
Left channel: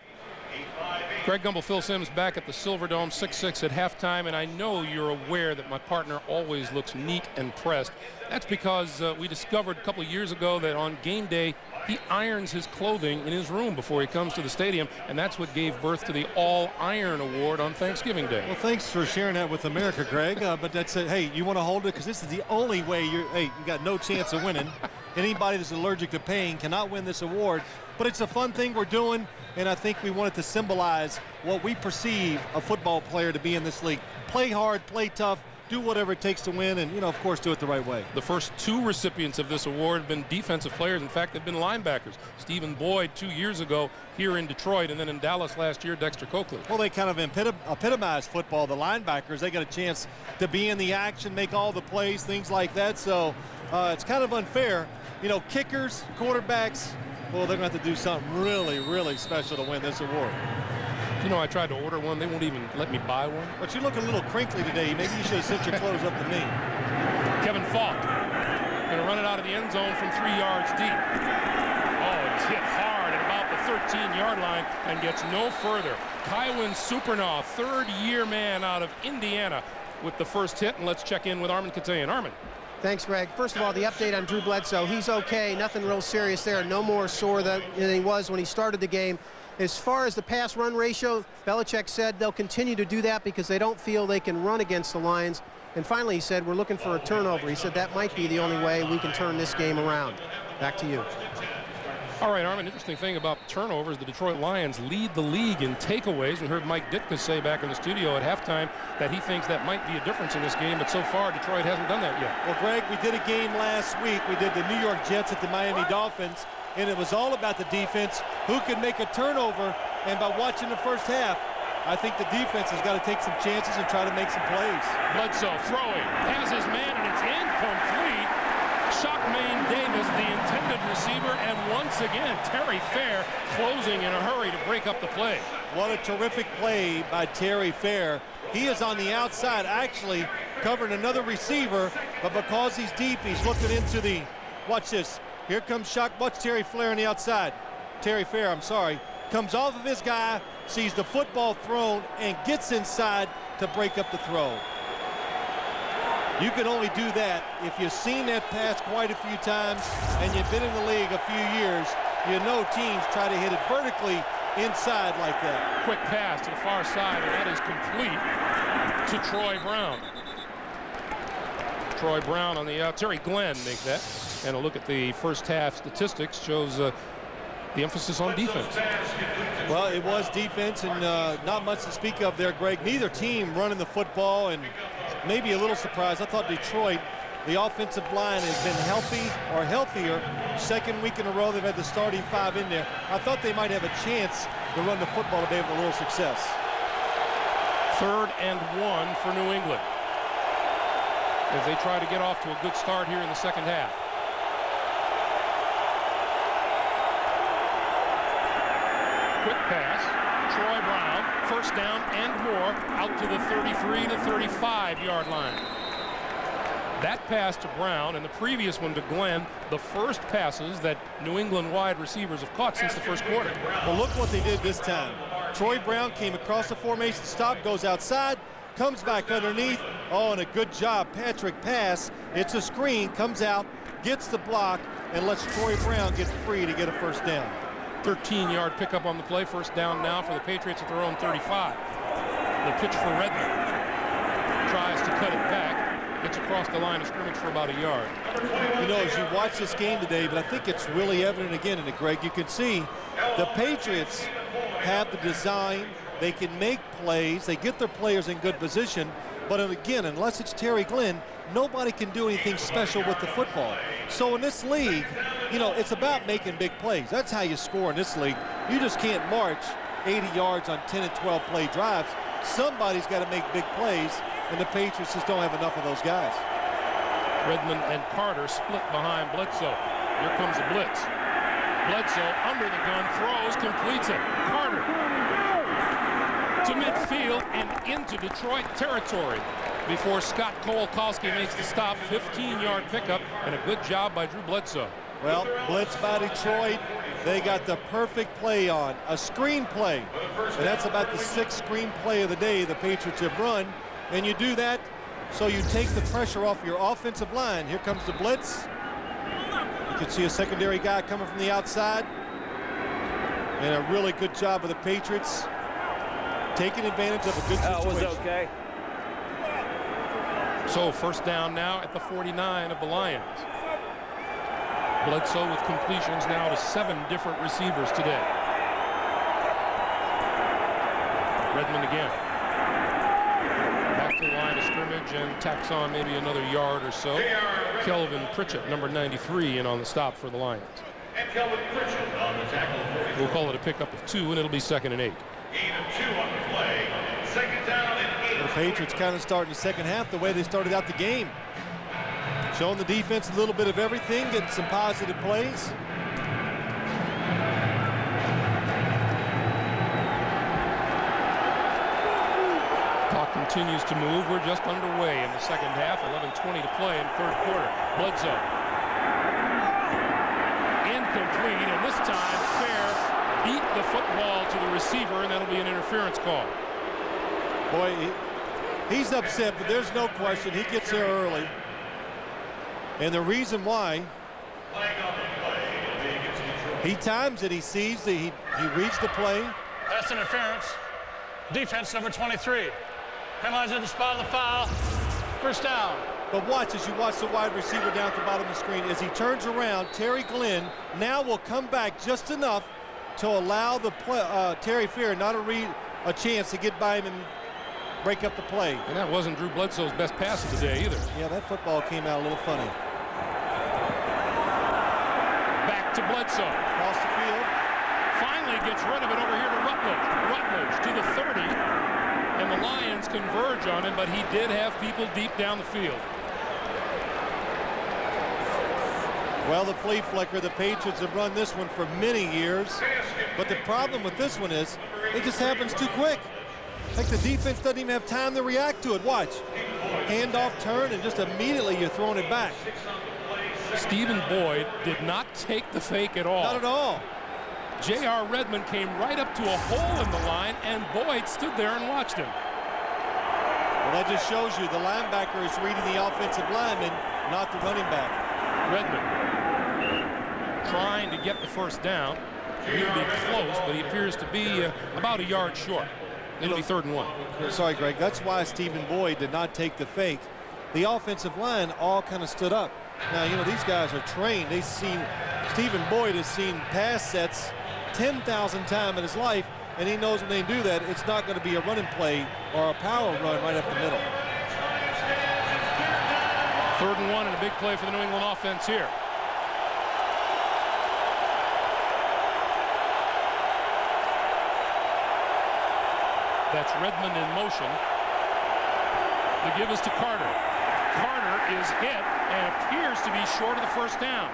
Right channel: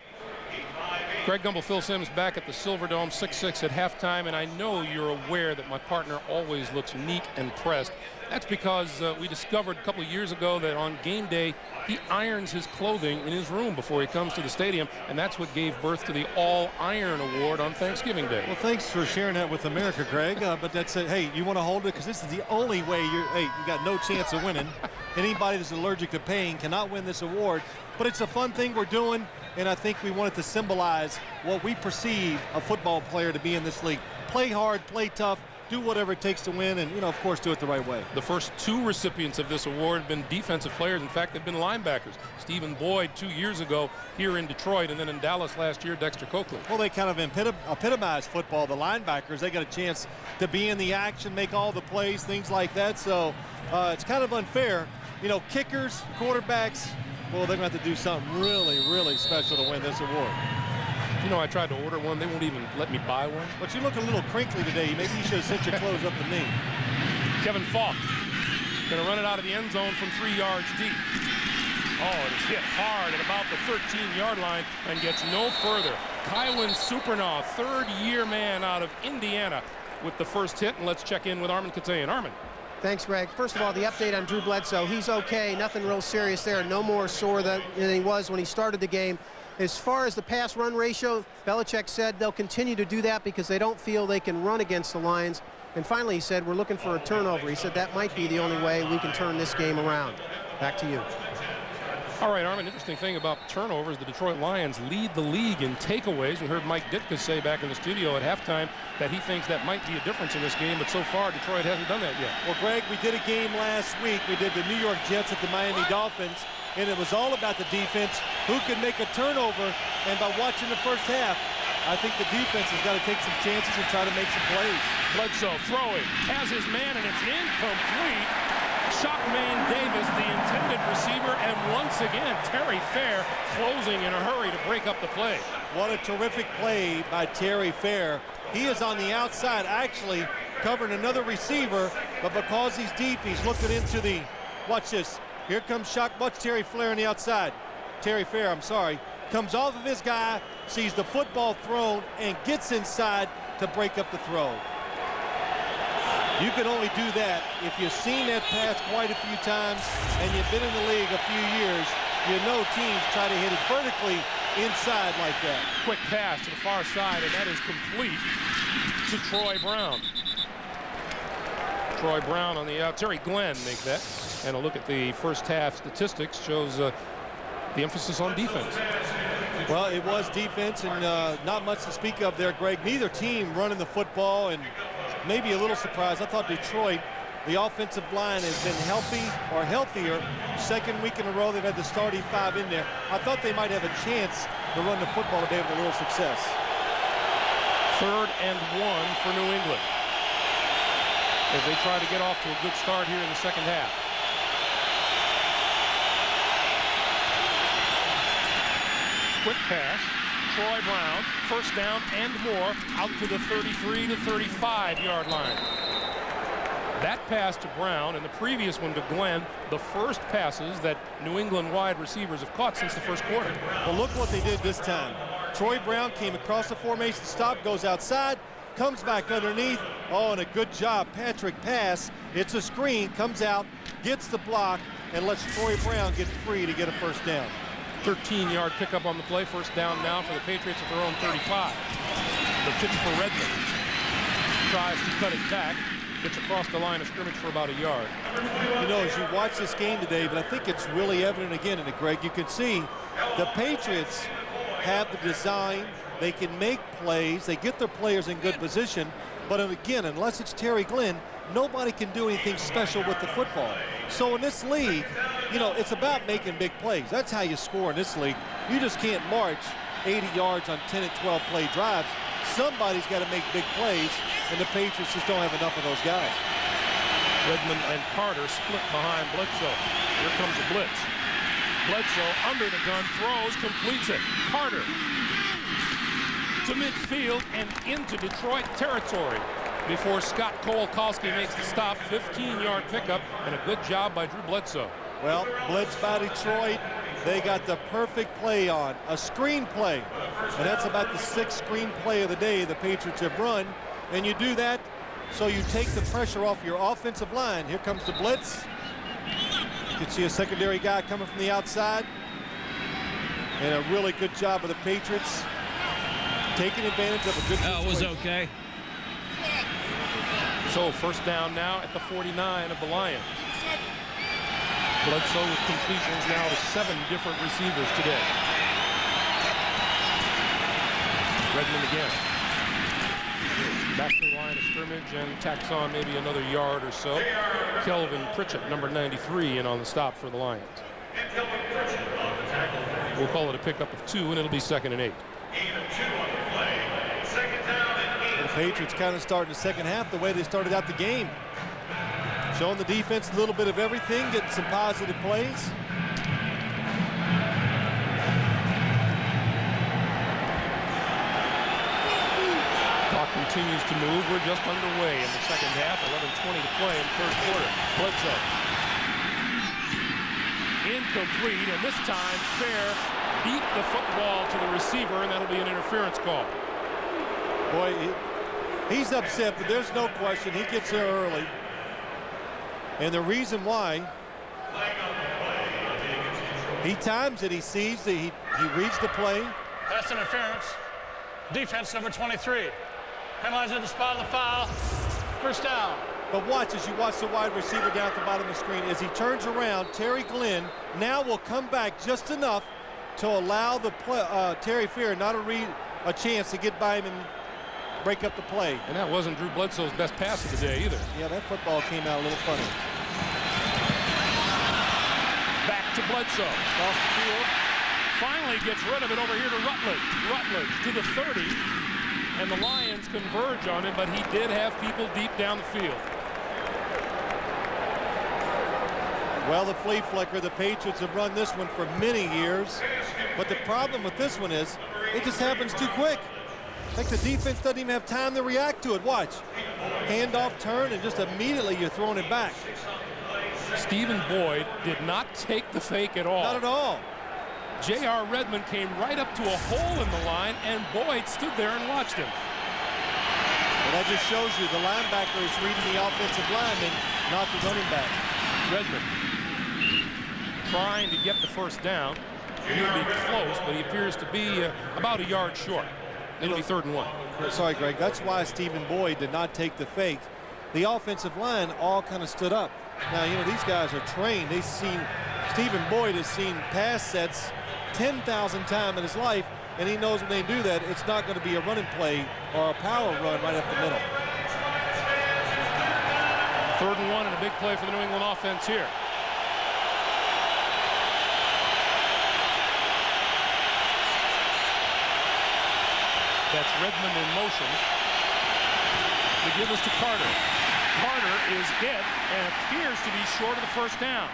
Greg Gumbel, Phil Simms back at the Silverdome, 6-6 at halftime, and I know you're aware that my partner always looks neat and pressed. That's because we discovered a couple of years ago that on game day, he irons his clothing in his room before he comes to the stadium, and that's what gave birth to the All-Iron Award on Thanksgiving Day. Well, thanks for sharing that with America, Greg, but that's it. Hey, you want to hold it? Because this is the only way you got no chance of winning. Anybody that's allergic to pain cannot win this award, but it's a fun thing we're doing. And I think we wanted to symbolize what we perceive a football player to be in this league. Play hard, play tough, do whatever it takes to win, and, of course, do it the right way. The first two recipients of this award have been defensive players. In fact, they've been linebackers. Stephen Boyd 2 years ago here in Detroit, and then in Dallas last year, Dexter Coakley. Well, they kind of epitomize football. The linebackers, they got a chance to be in the action, make all the plays, things like that. So it's kind of unfair. Kickers, quarterbacks, well, they're going to have to do something really, really special to win this award. I tried to order one. They won't even let me buy one. But you look a little crinkly today. Maybe you should have sent your clothes up to me. Kevin Falk going to run it out of the end zone from 3 yards deep. Oh, it's hit hard at about the 13-yard line and gets no further. Kywin Supernaw, third-year man out of Indiana with the first hit. And let's check in with Armin Katayan. Armin. Thanks, Greg. First of all, the update on Drew Bledsoe. He's okay. Nothing real serious there. No more sore than he was when he started the game. As far as the pass-run ratio, Belichick said they'll continue to do that because they don't feel they can run against the Lions. And finally, he said, we're looking for a turnover. He said that might be the only way we can turn this game around. Back to you. All right, Armin, interesting thing about turnovers, the Detroit Lions lead the league in takeaways. We heard Mike Ditka say back in the studio at halftime that he thinks that might be a difference in this game, but so far Detroit hasn't done that yet. Well, Greg, we did a game last week. We did the New York Jets at the Miami Dolphins, and it was all about the defense, who could make a turnover, and by watching the first half, I think the defense has got to take some chances and try to make some plays. Bledsoe throwing, has his man, and it's incomplete. Shockmain Davis, the intended receiver, and once again, Terry Fair closing in a hurry to break up the play. What a terrific play by Terry Fair. He is on the outside, actually covering another receiver, but because he's deep, he's looking into the, watch this. Here comes watch Terry Fair on the outside. Terry Fair, I'm sorry, comes off of his guy, sees the football thrown, and gets inside to break up the throw. You can only do that if you've seen that pass quite a few times and you've been in the league a few years. You know teams try to hit it vertically inside like that. Quick pass to the far side, and that is complete to Troy Brown. Troy Brown on the out. Terry Glenn make that. And a look at the first half statistics shows the emphasis on defense. Well, it was defense, and not much to speak of there, Greg. Neither team running the football, and maybe a little surprise. I thought Detroit, the offensive line has been healthy or healthier. Second week in a row, they've had the starting 5 in there. I thought they might have a chance to run the football today with a little success. 3rd and 1 for New England as they try to get off to a good start here in the second half. Quick pass. Troy Brown, first down and more, out to the 33 to 35-yard line. That pass to Brown and the previous one to Glenn, the first passes that New England wide receivers have caught since the first quarter. Well, look what they did this time. Troy Brown came across the formation, stop, goes outside, comes back underneath. Oh, and a good job. Patrick pass. It's a screen, comes out, gets the block, and lets Troy Brown get free to get a first down. 13-yard pickup on the play. First down now for the Patriots at their own 35. The pitch for Redmond. Tries to cut it back. Gets across the line of scrimmage for about a yard. You know, as you watch this game today, but I think it's really evident again in it, Greg, you can see the Patriots have the design. They can make plays. They get their players in good position. But again, unless it's Terry Glenn, nobody can do anything special with the football. So in this league, you know, it's about making big plays. That's how you score in this league. You just can't march 80 yards on 10 and 12 play drives. Somebody's got to make big plays, and the Patriots just don't have enough of those guys. Redmond and Carter split behind Bledsoe. Here comes the blitz. Bledsoe under the gun, throws, completes it. Carter to midfield and into Detroit territory before Scott Kowalkowski makes the stop. 15-yard pickup and a good job by Drew Bledsoe. Well, blitz by Detroit. They got the perfect play on, a screen play. And that's about the 6th screen play of the day the Patriots have run. And you do that so you take the pressure off your offensive line. Here comes the blitz. You can see a secondary guy coming from the outside. And a really good job of the Patriots taking advantage of a good situation. That was okay. So first down now at the 49 of the Lions. Bledsoe with completions now to 7 different receivers today. Redmond again. Back to the line of scrimmage and tacks on maybe another yard or so. Kelvin Pritchett, number 93, in on the stop for the Lions. We'll call it a pickup of 2, and it'll be 2nd and 8. The Patriots kind of starting the second half the way they started out the game. Showing the defense a little bit of everything, getting some positive plays. Clock continues to move. We're just underway in the second half. 11:20 to play in third quarter. Bledsoe. Incomplete, and this time Fair beat the football to the receiver, and that'll be an interference call. Boy, he's upset, but there's no question. He gets there early. And the reason why, he times it, he sees that he reads the play. Pass interference. Defense number 23. Penalized at the spot of the foul. First down. But watch as you watch the wide receiver down at the bottom of the screen. As he turns around, Terry Glenn now will come back just enough to allow the Terry Fair not a chance to get by him and break up the play. And that wasn't Drew Bledsoe's best pass of the day either. Yeah, that football came out a little funny. Back to Bledsoe. Across the field. Finally gets rid of it over here to Rutledge. Rutledge to the 30. And the Lions converge on him, but he did have people deep down the field. Well, the flea flicker, the Patriots have run this one for many years. But the problem with this one is it just happens too quick. Like the defense doesn't even have time to react to it. Watch. Handoff, turn, and just immediately you're throwing it back. Stephen Boyd did not take the fake at all. Not at all. J.R. Redmond came right up to a hole in the line, and Boyd stood there and watched him. Well, that just shows you the linebacker is reading the offensive lineman, not the running back. Redmond trying to get the first down. He'll be close, but he appears to be about a yard short. It'll be 3rd and 1. Sorry, Greg. That's why Stephen Boyd did not take the fake. the offensive line all kind of stood up. Now, you know, these guys are trained. They've seen, Stephen Boyd has seen pass sets 10,000 times in his life, and he knows when they do that, it's not going to be a running play or a power run right up the middle. 3rd and 1 and a big play for the New England offense here. That's Redmond in motion. The give is to Carter. Carter is hit and appears to be short of the first down.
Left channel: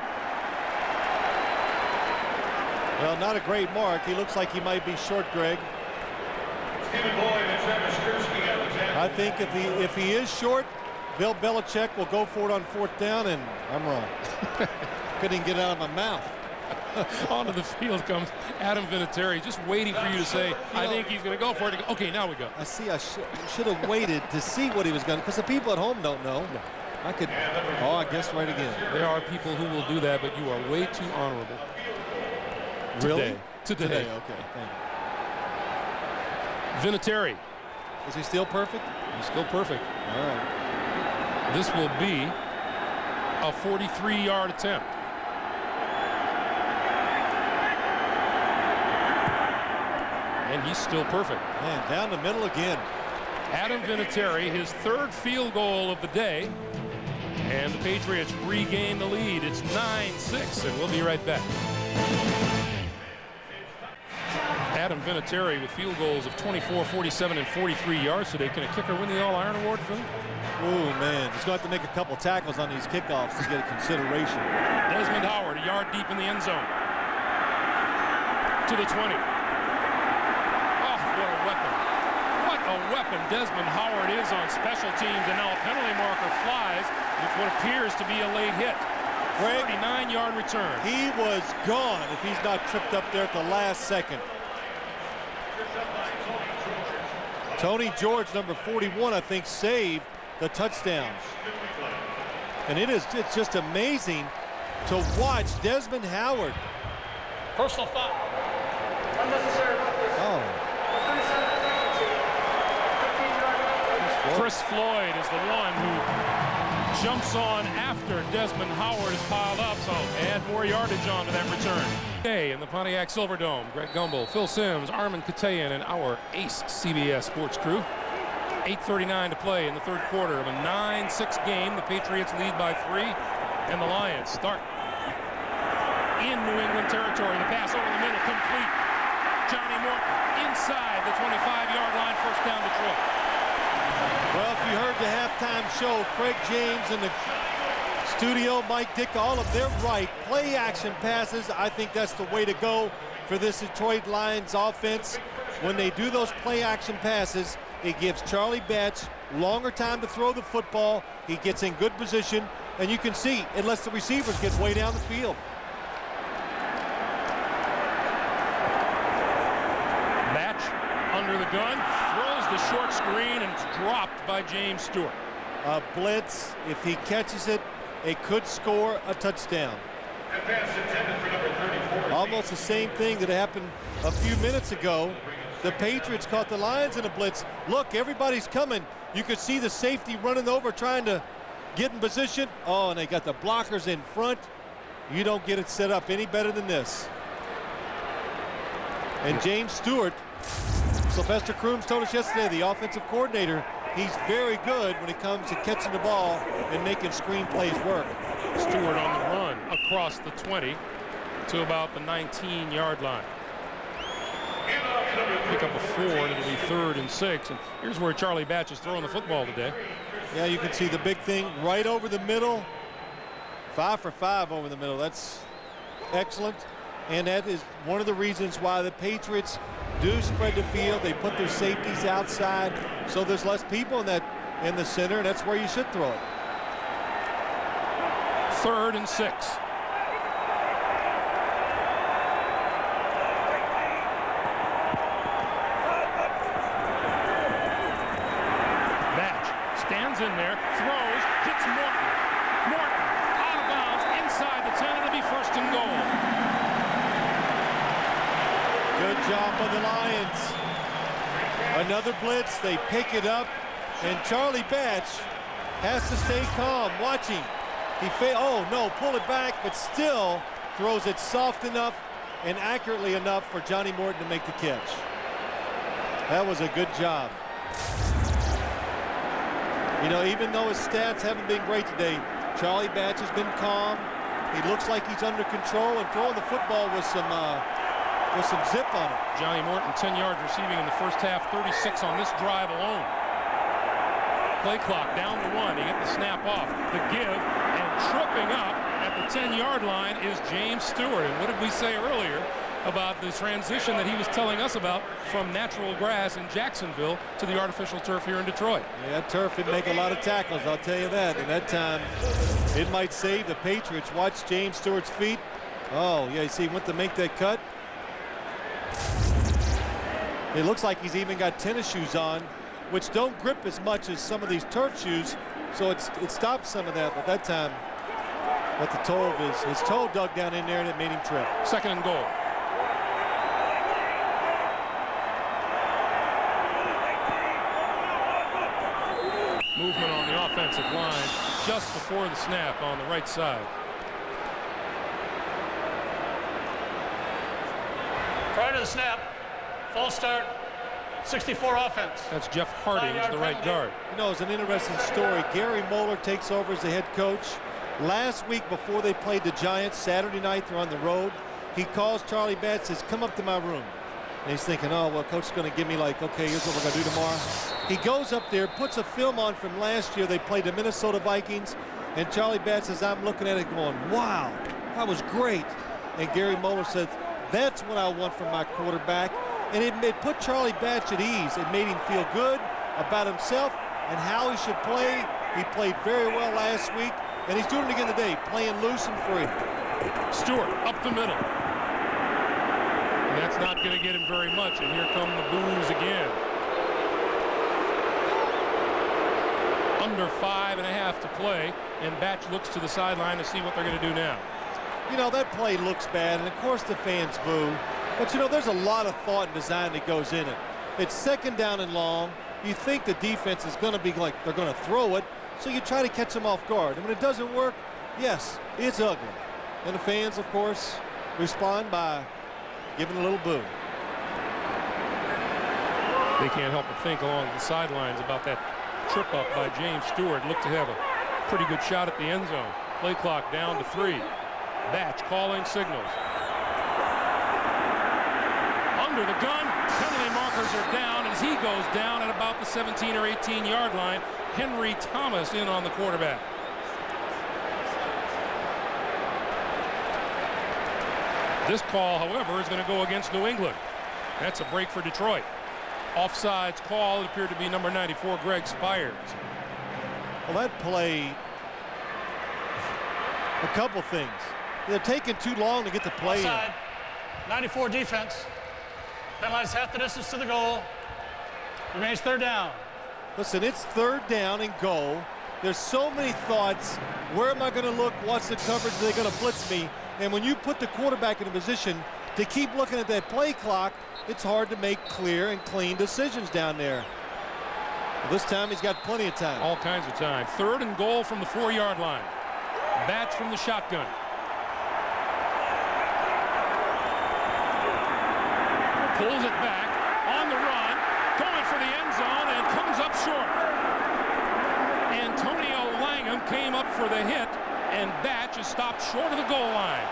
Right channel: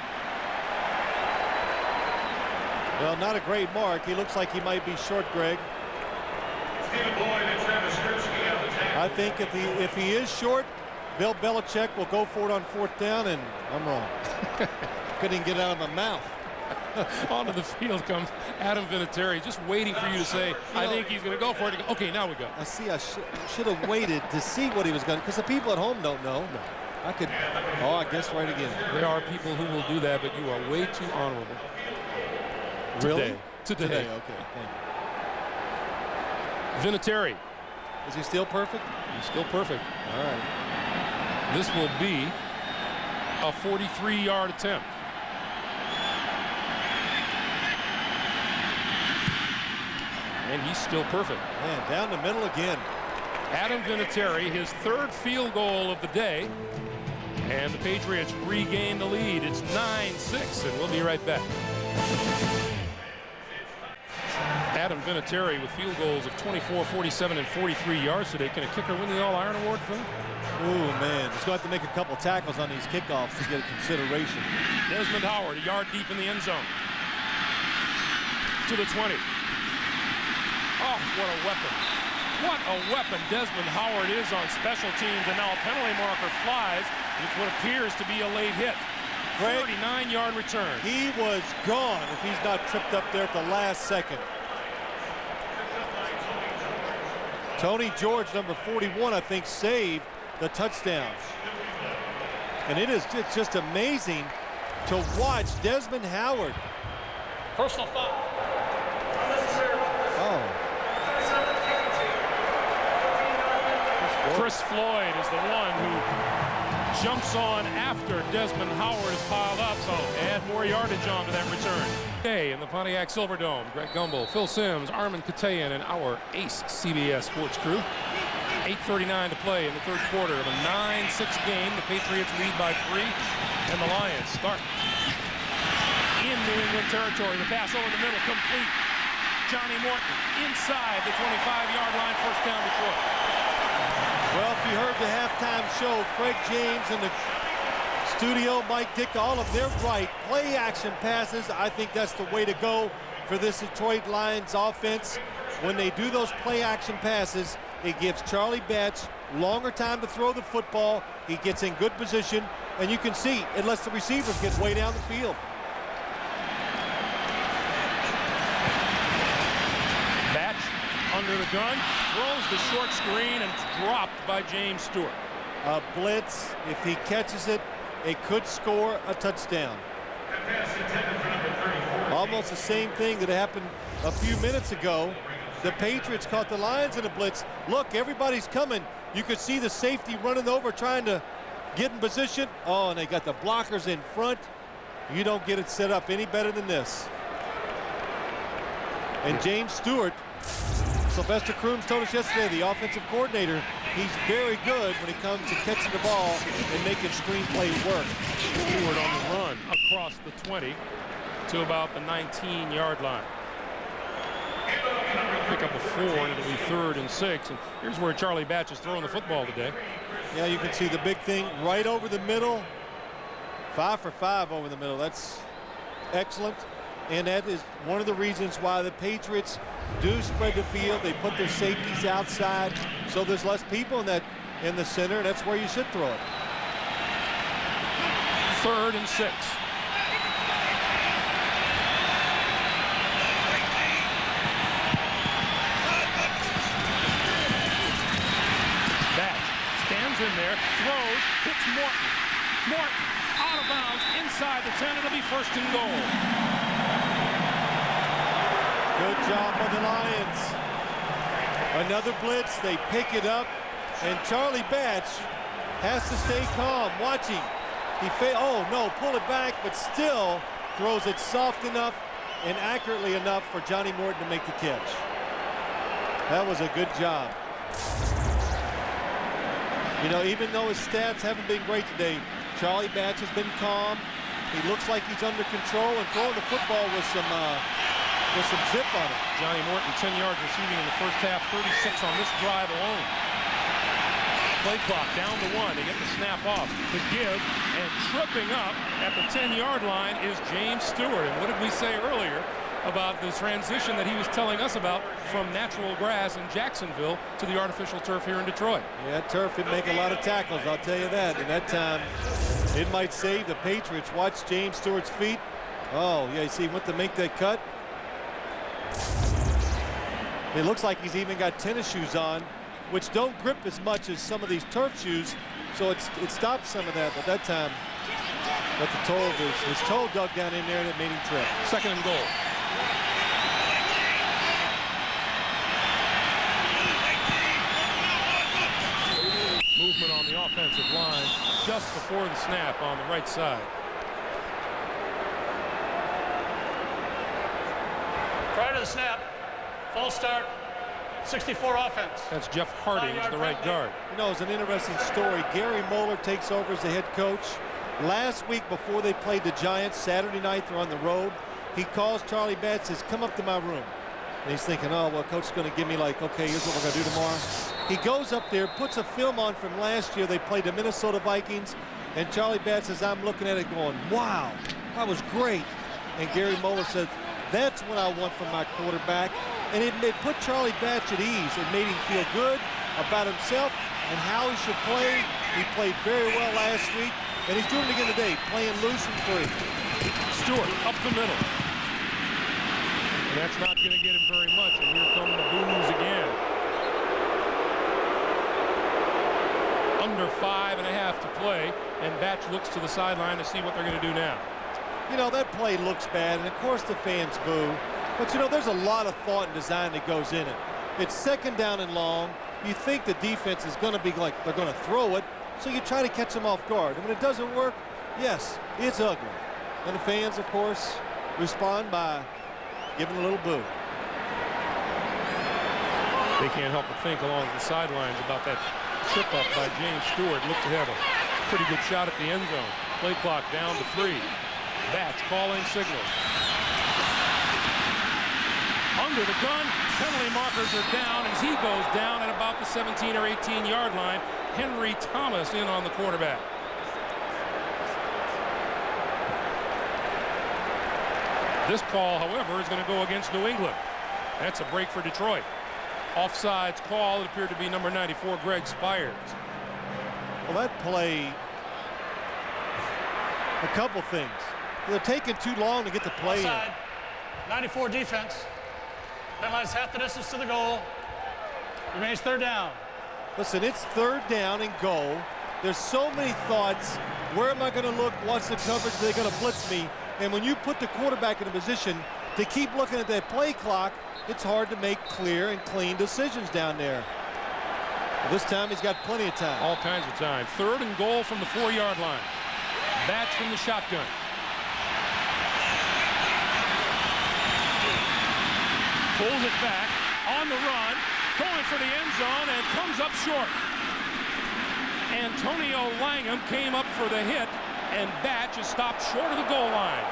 Well, not a great mark. He looks like he might be short, Greg. I think if he is short, Bill Belichick will go for it on 4th down, and I'm wrong. Couldn't even get it out of my mouth. Onto the field comes Adam Vinatieri, just waiting for you to say, I think he's going to go for it. Okay, now we go. I see. I should have waited to see what he was going to, because the people at home don't know. No. I could. Oh, I guessed right again. There are people who will do that, but you are way too honorable. Really? Today. Okay, thank you. Vinatieri. Is he still perfect? He's still perfect. All right. This will be a 43-yard attempt. And he's still perfect. Man, down the middle again. Adam Vinatieri, his 3rd field goal of the day. And the Patriots regain the lead. It's 9-6, and we'll be right back. Adam Vinatieri with field goals of 24, 47, and 43 yards today. Can a kicker win the All-Iron Award, Phil? Oh, man. He's going to have to make a couple tackles on these kickoffs to get a consideration. Desmond Howard, a yard deep in the end zone. To the 20. Oh, what a weapon. What a weapon Desmond Howard is on special teams. And now a penalty marker flies with what appears to be a late hit. 39-yard return. He was gone if he's not tripped up there at the last second. Tony George, number 41, I think, saved the touchdown. And it's just amazing to watch Desmond Howard. Personal foul. Oh. Chris Floyd is the one who jumps on after Desmond Howard is piled up, so add more yardage onto that return. Today in the Pontiac Silverdome, Greg Gumbel, Phil Simms, Armin Katayan, and our ace CBS Sports crew. 8:39 to play in the 3rd quarter of a 9-6 game. The Patriots lead by 3, and the Lions start in New England territory. The pass over the middle, complete. Johnny Morton inside the 25-yard line, first down Detroit. Well, if you heard the halftime show, Craig James and the studio, Mike Dick, all of their right. Play action passes, I think that's the way to go for this Detroit Lions offense. When they do those play action passes, it gives Charlie Batch longer time to throw the football. He gets in good position, and you can see it lets the receivers get way down the field. Batch under the gun, throws the short screen, and it's dropped by James Stewart. A blitz, if he catches it, it could score a touchdown. Almost the same thing that happened a few minutes ago. The Patriots caught the Lions in a blitz. Look, everybody's coming. You could see the safety running over, trying to get in position. Oh, and they got the blockers in front. You don't get it set up any better than this. And James Stewart, Sylvester Crooms told us yesterday, the offensive coordinator, he's very good when it comes to catching the ball and making screen plays work. Stewart on the run across the 20 to about the 19-yard line. Pick up a 4, and it'll be 3rd and 6. And here's where Charlie Batch is throwing the football today. Yeah, you can see the big thing right over the middle. 5 for 5 over the middle. That's excellent. And that is one of the reasons why the Patriots do spread the field. They put their safeties outside, so there's less people in the center, and that's where you should throw it. 3rd and 6. Stands in there, throws, hits Morton. Morton out of bounds inside the 10. It'll be 1st and goal. Good job by the Lions. Another blitz. They pick it up, and Charlie Batch has to stay calm, watching. Oh no, pull it back, but still throws it soft enough and accurately enough for Johnny Morton to make the catch. That was a good job. You know, even though his stats haven't been great today, Charlie Batch has been calm. He looks like he's under control and throwing the football with some zip on it. Johnny Morton, 10 yards receiving in the first half, 36 on this drive alone. Play clock down to 1. They get the snap off. The give, and tripping up at the 10-yard line is James Stewart. And what did we say earlier about the transition that he was telling us about from natural grass in Jacksonville to the artificial turf here in Detroit? Yeah, turf didn't make a lot of tackles, I'll tell you that. And that time, it might save the Patriots. Watch James Stewart's feet. Oh, yeah, you see, he went to make that cut. It looks like he's even got tennis shoes on, which don't grip as much as some of these turf shoes, so it stops some of that. But that time, got the toe of his toe dug down in there, and it made him trip. 2nd and goal. Movement on the offensive line just before the snap on the right side. Prior to the snap, false start, 64 offense. That's Jeff Harding, the right guard. You know, it's an interesting story. Gary Moeller takes over as the head coach. Last week before they played the Giants, Saturday night, they're on the road. He calls Charlie Batch, says, come up to my room. And he's thinking, oh, well, coach is going to give me like, okay, here's what we're going to do tomorrow. He goes up there, puts a film on from last year. They played the Minnesota Vikings. And Charlie Batch says, I'm looking at it going, wow, that was great. And Gary Moeller says, that's what I want from my quarterback. And it put Charlie Batch at ease. It made him feel good about himself and how he should play. He played very well last week, and he's doing it again today, playing loose and free. Stewart up the middle. And that's not going to get him very much, and here come the boos again. Under 5.5 to play, and Batch looks to the sideline to see what they're going to do now. You know, that play looks bad, and of course the fans boo. But, you know, there's a lot of thought and design that goes in it. It's 2nd down and long. You think the defense is going to be like they're going to throw it, so you try to catch them off guard. And when it doesn't work, yes, it's ugly. And the fans, of course, respond by giving a little boo. They can't help but think along the sidelines about that trip up by James Stewart. Looked to have a pretty good shot at the end zone. Play clock down to 3. Batch calling signals. Under the gun, penalty markers are down as he goes down at about the 17 or 18-yard line. Henry Thomas in on the quarterback. This call, however, is going to go against New England. That's a break for Detroit. Offsides call. It appeared to be number 94, Greg Spires. Well, that play, a couple things. They're taking too long to get the play Offside. in. 94 defense. Penalized half the distance to the goal. Remains 3rd down. Listen, it's 3rd down and goal. There's so many thoughts. Where am I going to look? What's the coverage? Are they going to blitz me? And when you put the quarterback in a position to keep looking at that play clock, it's hard to make clear and clean decisions down there. Well, this time he's got plenty of time. All kinds of time. 3rd and goal from the 4-yard line. Batch from the shotgun. Pulls it back on the run, going for the end zone, and comes up short. Antonio Langham came up for the hit, and Batch is stopped short of the goal line.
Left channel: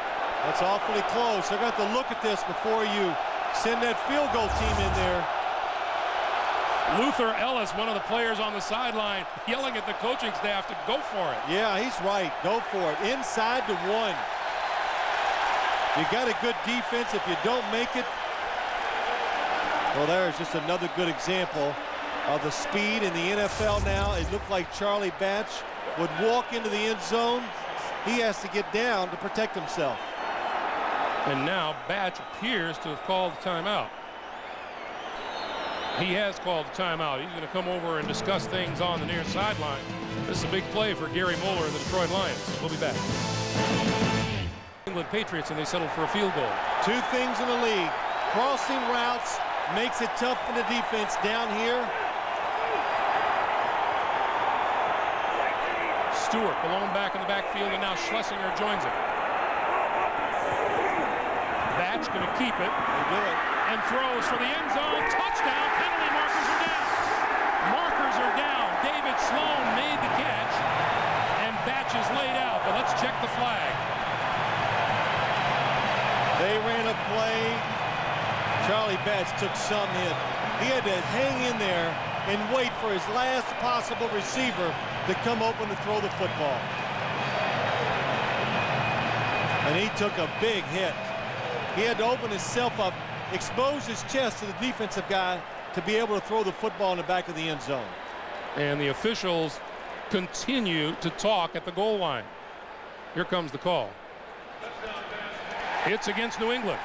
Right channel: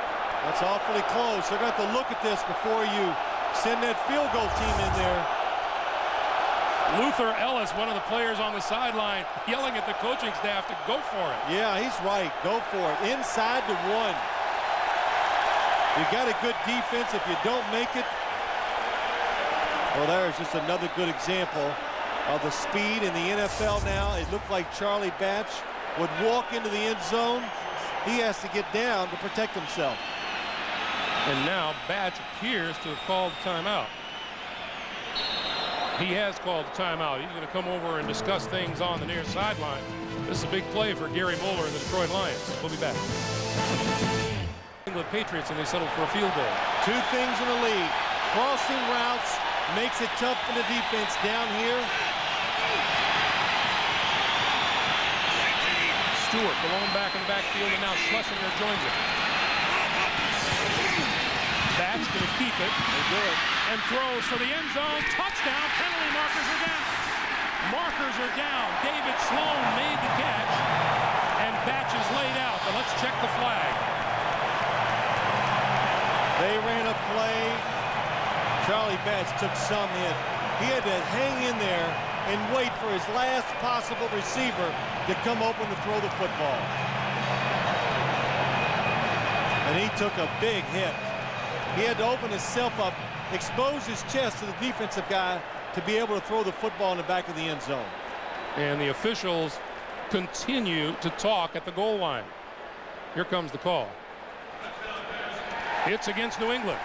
That's awfully close. They're going to have to look at this before you send that field goal team in there. Luther Ellis, one of the players on the sideline, yelling at the coaching staff to go for it. Yeah, he's right. Go for it. Inside to 1. You got a good defense. If you don't make it, well, there's just another good example of the speed in the NFL now. It looked like Charlie Batch would walk into the end zone. He has to get down to protect himself. And now Batch appears to have called a timeout. He has called a timeout. He's going to come over and discuss things on the near sideline. This is a big play for Gary Moeller and the Detroit Lions. We'll be back. England Patriots, and they settled for a field goal. 2 things in the league. Crossing routes makes it tough for the defense down here. Stewart, the lone back in the backfield, and now Schlesinger joins him. Batch going to keep it. They do it. And throws for the end zone. Touchdown. Penalty markers are down. Markers are down. David Sloan made the catch. And Batch is laid out. But let's check the flag. They ran a play. Charlie Batch took some hit. He had to hang in there and wait for his last possible receiver to come open to throw the football. And he took a big hit. He had to open himself up, expose his chest to the defensive guy to be able to throw the football in the back of the end zone. And the officials continue to talk at the goal line. Here comes the call. It's against New England.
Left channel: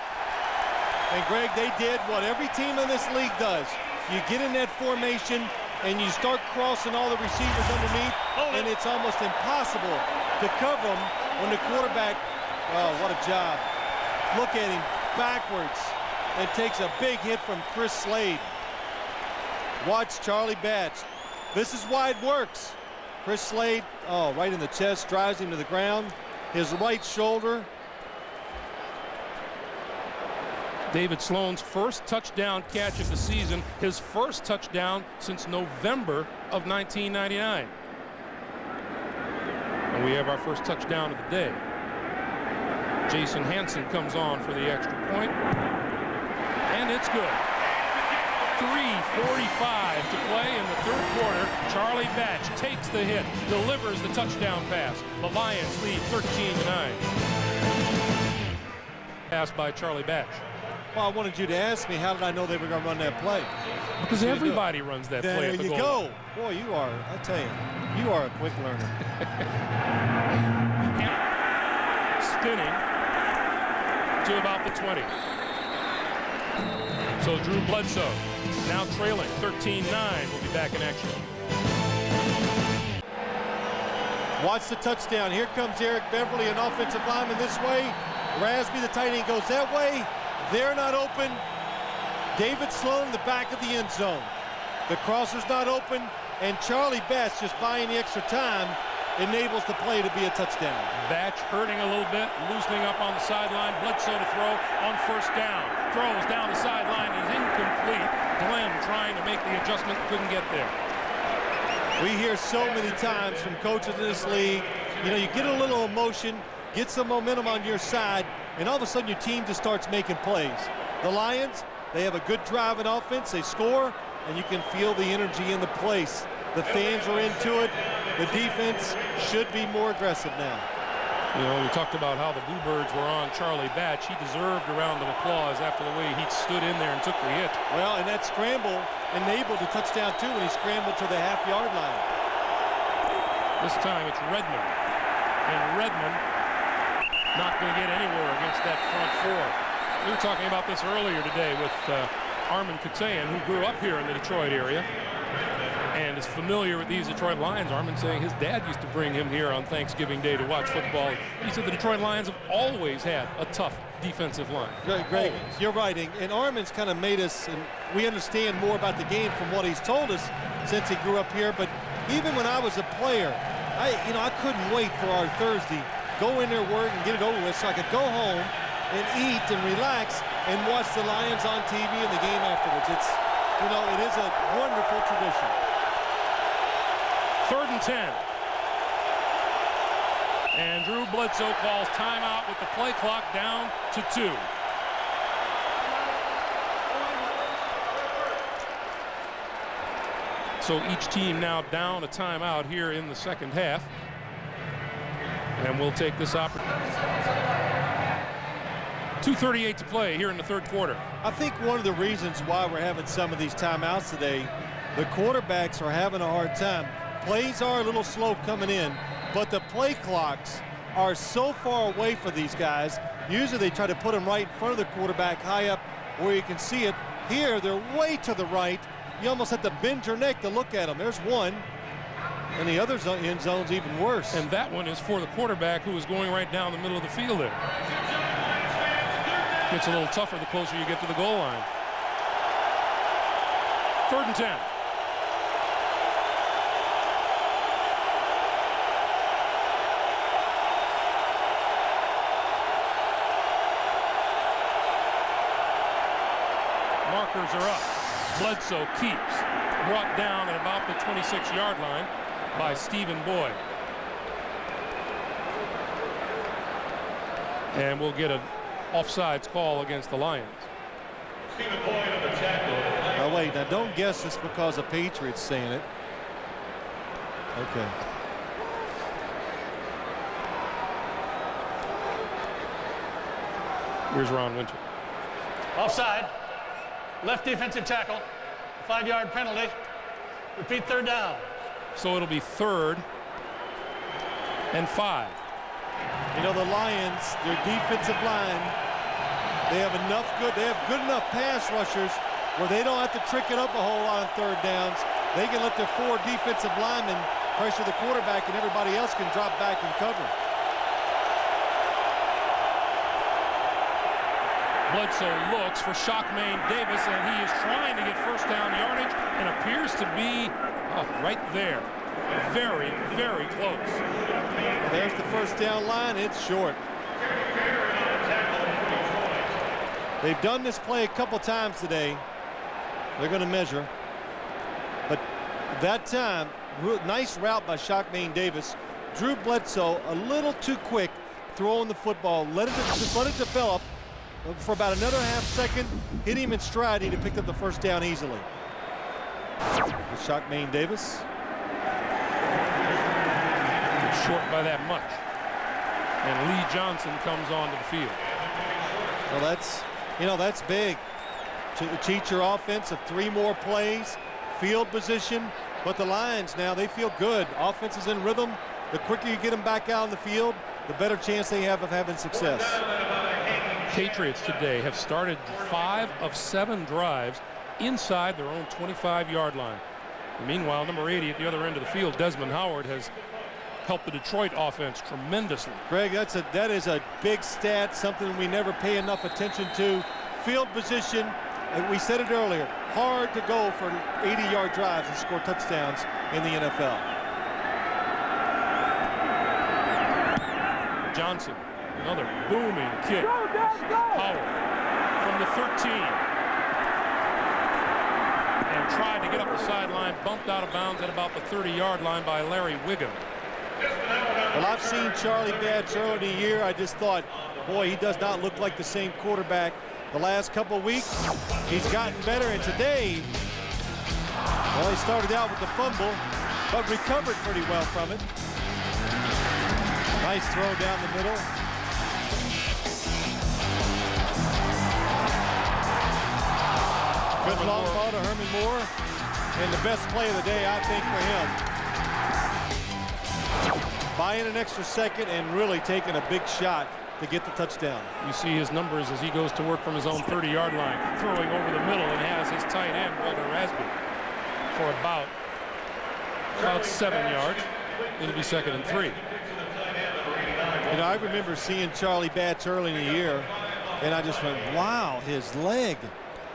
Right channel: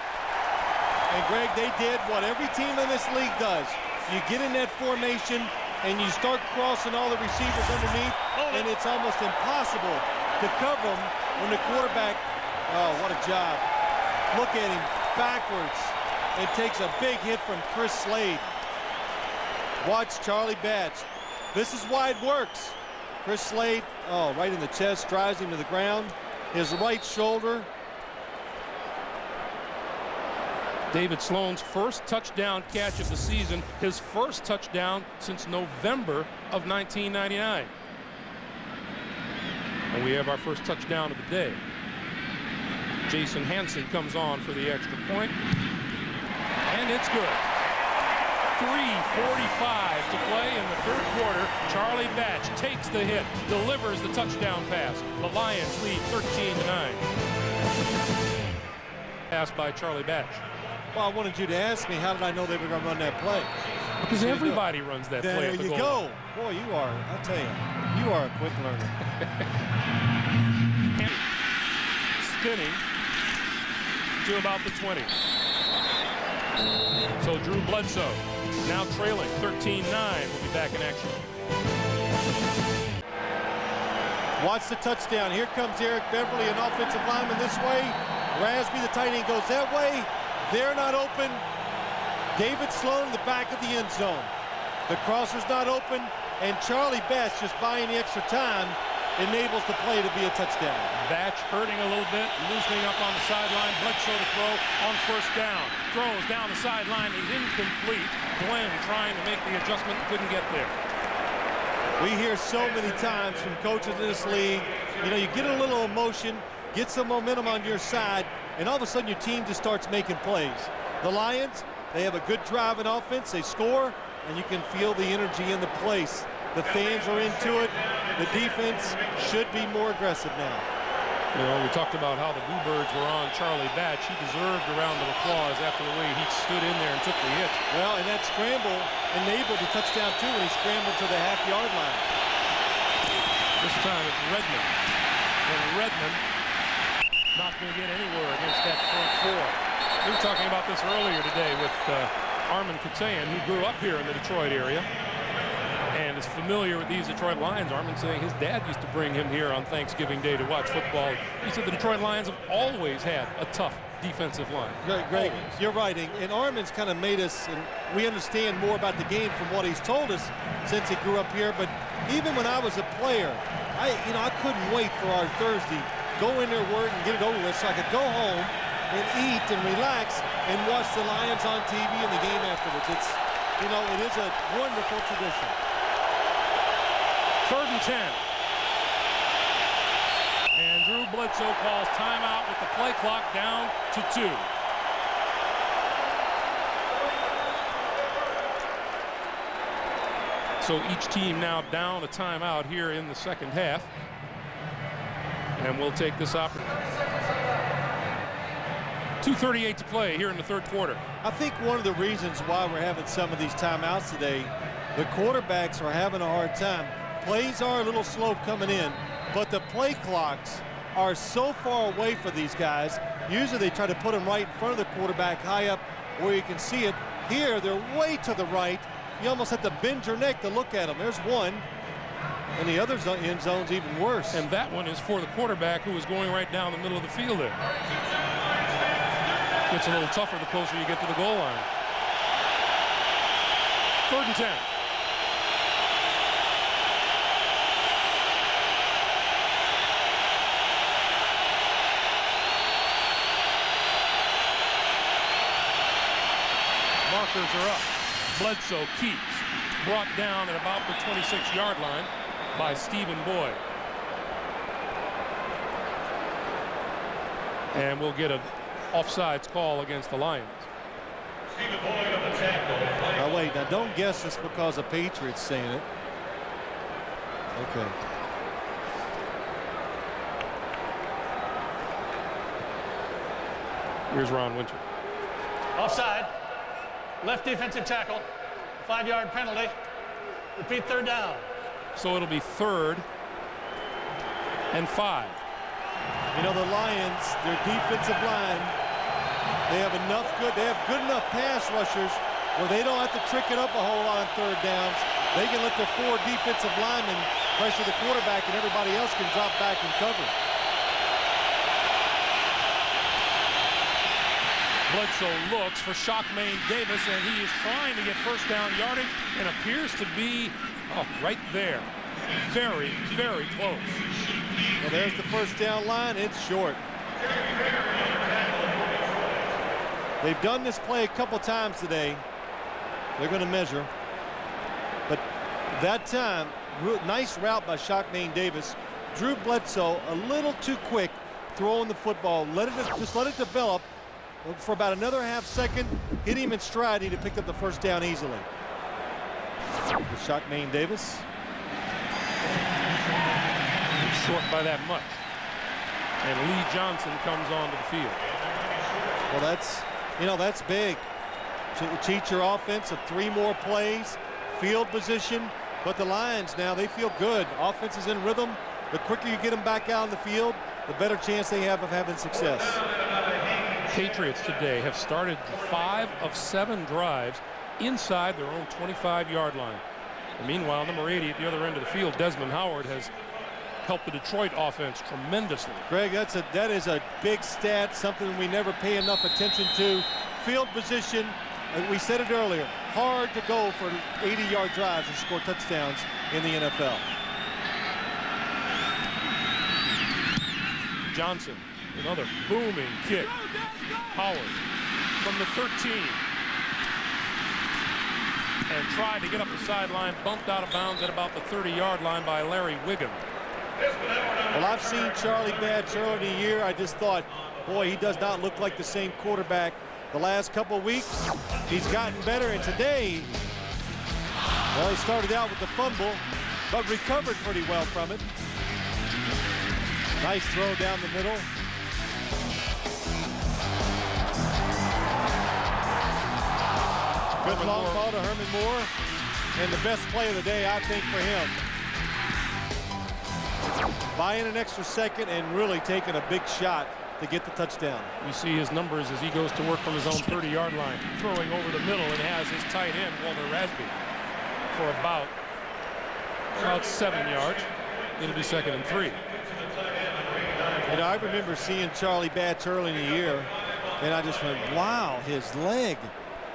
And Greg, they did what every team in this league does. You get in that formation and you start crossing all the receivers underneath, and it's almost impossible to cover them when the quarterback, oh, what a job. Look at him backwards and takes a big hit from Chris Slade. Watch Charlie Batch. This is why it works. Chris Slade, oh, right in the chest, drives him to the ground. His right shoulder. David Sloan's first touchdown catch of the season, his first touchdown since November of 1999. And we have our first touchdown of the day. Jason Hansen comes on for the extra point. And it's good. 3:45 to play in the third quarter. Charlie Batch takes the hit, delivers the touchdown pass. The Lions lead 13-9. Pass by Charlie Batch. Well, I wanted you to ask me, how did I know they were going to run that play? Because everybody runs that play at the goal. There you go. Boy, you are, I tell you, you are a quick learner. Spinning to about the 20. So Drew Bledsoe now trailing 13-9 will be back in action. Watch the touchdown. Here comes Eric Beverly, an offensive lineman this way. Rasby, the tight end, goes that way. They're not open. David Sloan in the back of the end zone. The crosser's not open, and Charlie Batch, just buying the extra time, enables the play to be a touchdown. Batch hurting a little bit, loosening up on the sideline. Bledsoe to throw on first down. Throws down the sideline. He's incomplete. Glenn trying to make the adjustment, couldn't get there. We hear so many times from coaches in this league, you know, you get a little emotion, get some momentum on your side, and all of a sudden your team just starts making plays. The Lions, they have a good drive in offense. They score, and you can feel the energy in the place. The fans are into it. The defense should be more aggressive now. You know, we talked about how the Bluebirds were on Charlie Batch. He deserved a round of applause after the way he stood in there and took the hit. Well, and that scramble enabled the touchdown, too, when he scrambled to the half-yard line. This time it's Redmond. And Redmond not going to get anywhere against that front four. We were talking about this earlier today with Armin Katayan, who grew up here in the Detroit area and is familiar with these Detroit Lions. Armin saying his dad used to bring him here on Thanksgiving Day to watch football. He said the Detroit Lions have always had a tough defensive line. Greg, you're right, and Armin's kind of made us, and we understand more about the game from what he's told us since he grew up here. But even when I was a player, I couldn't wait for our Thursday, go in there, work, and get it over with, so I could go home and eat and relax and watch the Lions on TV and the game afterwards. It's, you know, it is a wonderful tradition. 3rd and 10. And Drew Bledsoe calls timeout with the play clock down to 2. So each team now down a timeout here in the second half. And we'll take this opportunity. 2:38 to play here in the third quarter. I think one of the reasons why we're having some of these timeouts today, the quarterbacks are having a hard time. Plays are a little slow coming in, but the play clocks are so far away for these guys. Usually they try to put them right in front of the quarterback, high up where you can see it. Here, they're way to the right. You almost have to bend your neck to look at them. There's one, and the other end zone's even worse. And that one is for the quarterback, who is going right down the middle of the field there. Gets a little tougher the closer you get to the goal line. 3rd and 10. Markers are up. Bledsoe keeps. Brought down at about the 26-yard line by Stephen Boyd. And we'll get an offsides call against the Lions. Oh, wait, now don't guess it's because the Patriots saying it. Okay. Here's Ron Winter. Offside. Left defensive tackle. 5-yard penalty. Repeat, third down. So it'll be 3rd and 5. You know, the Lions, their defensive line, they have good enough pass rushers where they don't have to trick it up a whole lot on third downs. They can let their 4 defensive linemen pressure the quarterback, and everybody else can drop back and cover. Bledsoe looks for Shockmain Davis, and he is trying to get first down yardage and appears to be right there. Very, very close. Well, there's the first down line. It's short. They've done this play a couple times today. They're going to measure. But that time, nice route by Shockmain Davis. Drew Bledsoe a little too quick throwing the football. Just let it develop. For about another half second, hit him in stride, and he picked up the first down easily. With Shockmain Davis. It's short by that much. And Lee Johnson comes onto the field. Well, that's big. To cheat your offense of 3 more plays, field position. But the Lions now, they feel good. Offense is in rhythm. The quicker you get them back out on the field, the better chance they have of having success. Patriots today have started 5 of 7 drives inside their own 25-yard line. And meanwhile, number 80 at the other end of the field, Desmond Howard, has helped the Detroit offense tremendously. Greg, that is a big stat, something we never pay enough attention to. Field position, we said it earlier, hard to go for 80-yard drives and score touchdowns in the NFL. Johnson, another booming kick. Howard from the 13. And tried to get up the sideline, bumped out of bounds at about the 30-yard line by Larry Wiggum. Well, I've seen Charlie Batch earlier in the year. I just thought, boy, he does not look like the same quarterback. The last couple of weeks, he's gotten better. And today, well, he started out with the fumble, but recovered pretty well from it. Nice throw down the middle. Good long ball to Herman Moore, and the best play of the day, I think, for him. Buying an extra second and really taking a big shot to get the touchdown. You see his numbers as he goes to work from his own 30-yard line, throwing over the middle, and has his tight end, Walter Rasby, for about 7 yards. It'll be 2nd and 3. You know, I remember seeing Charlie Batch early in the year, and I just went, wow, his leg.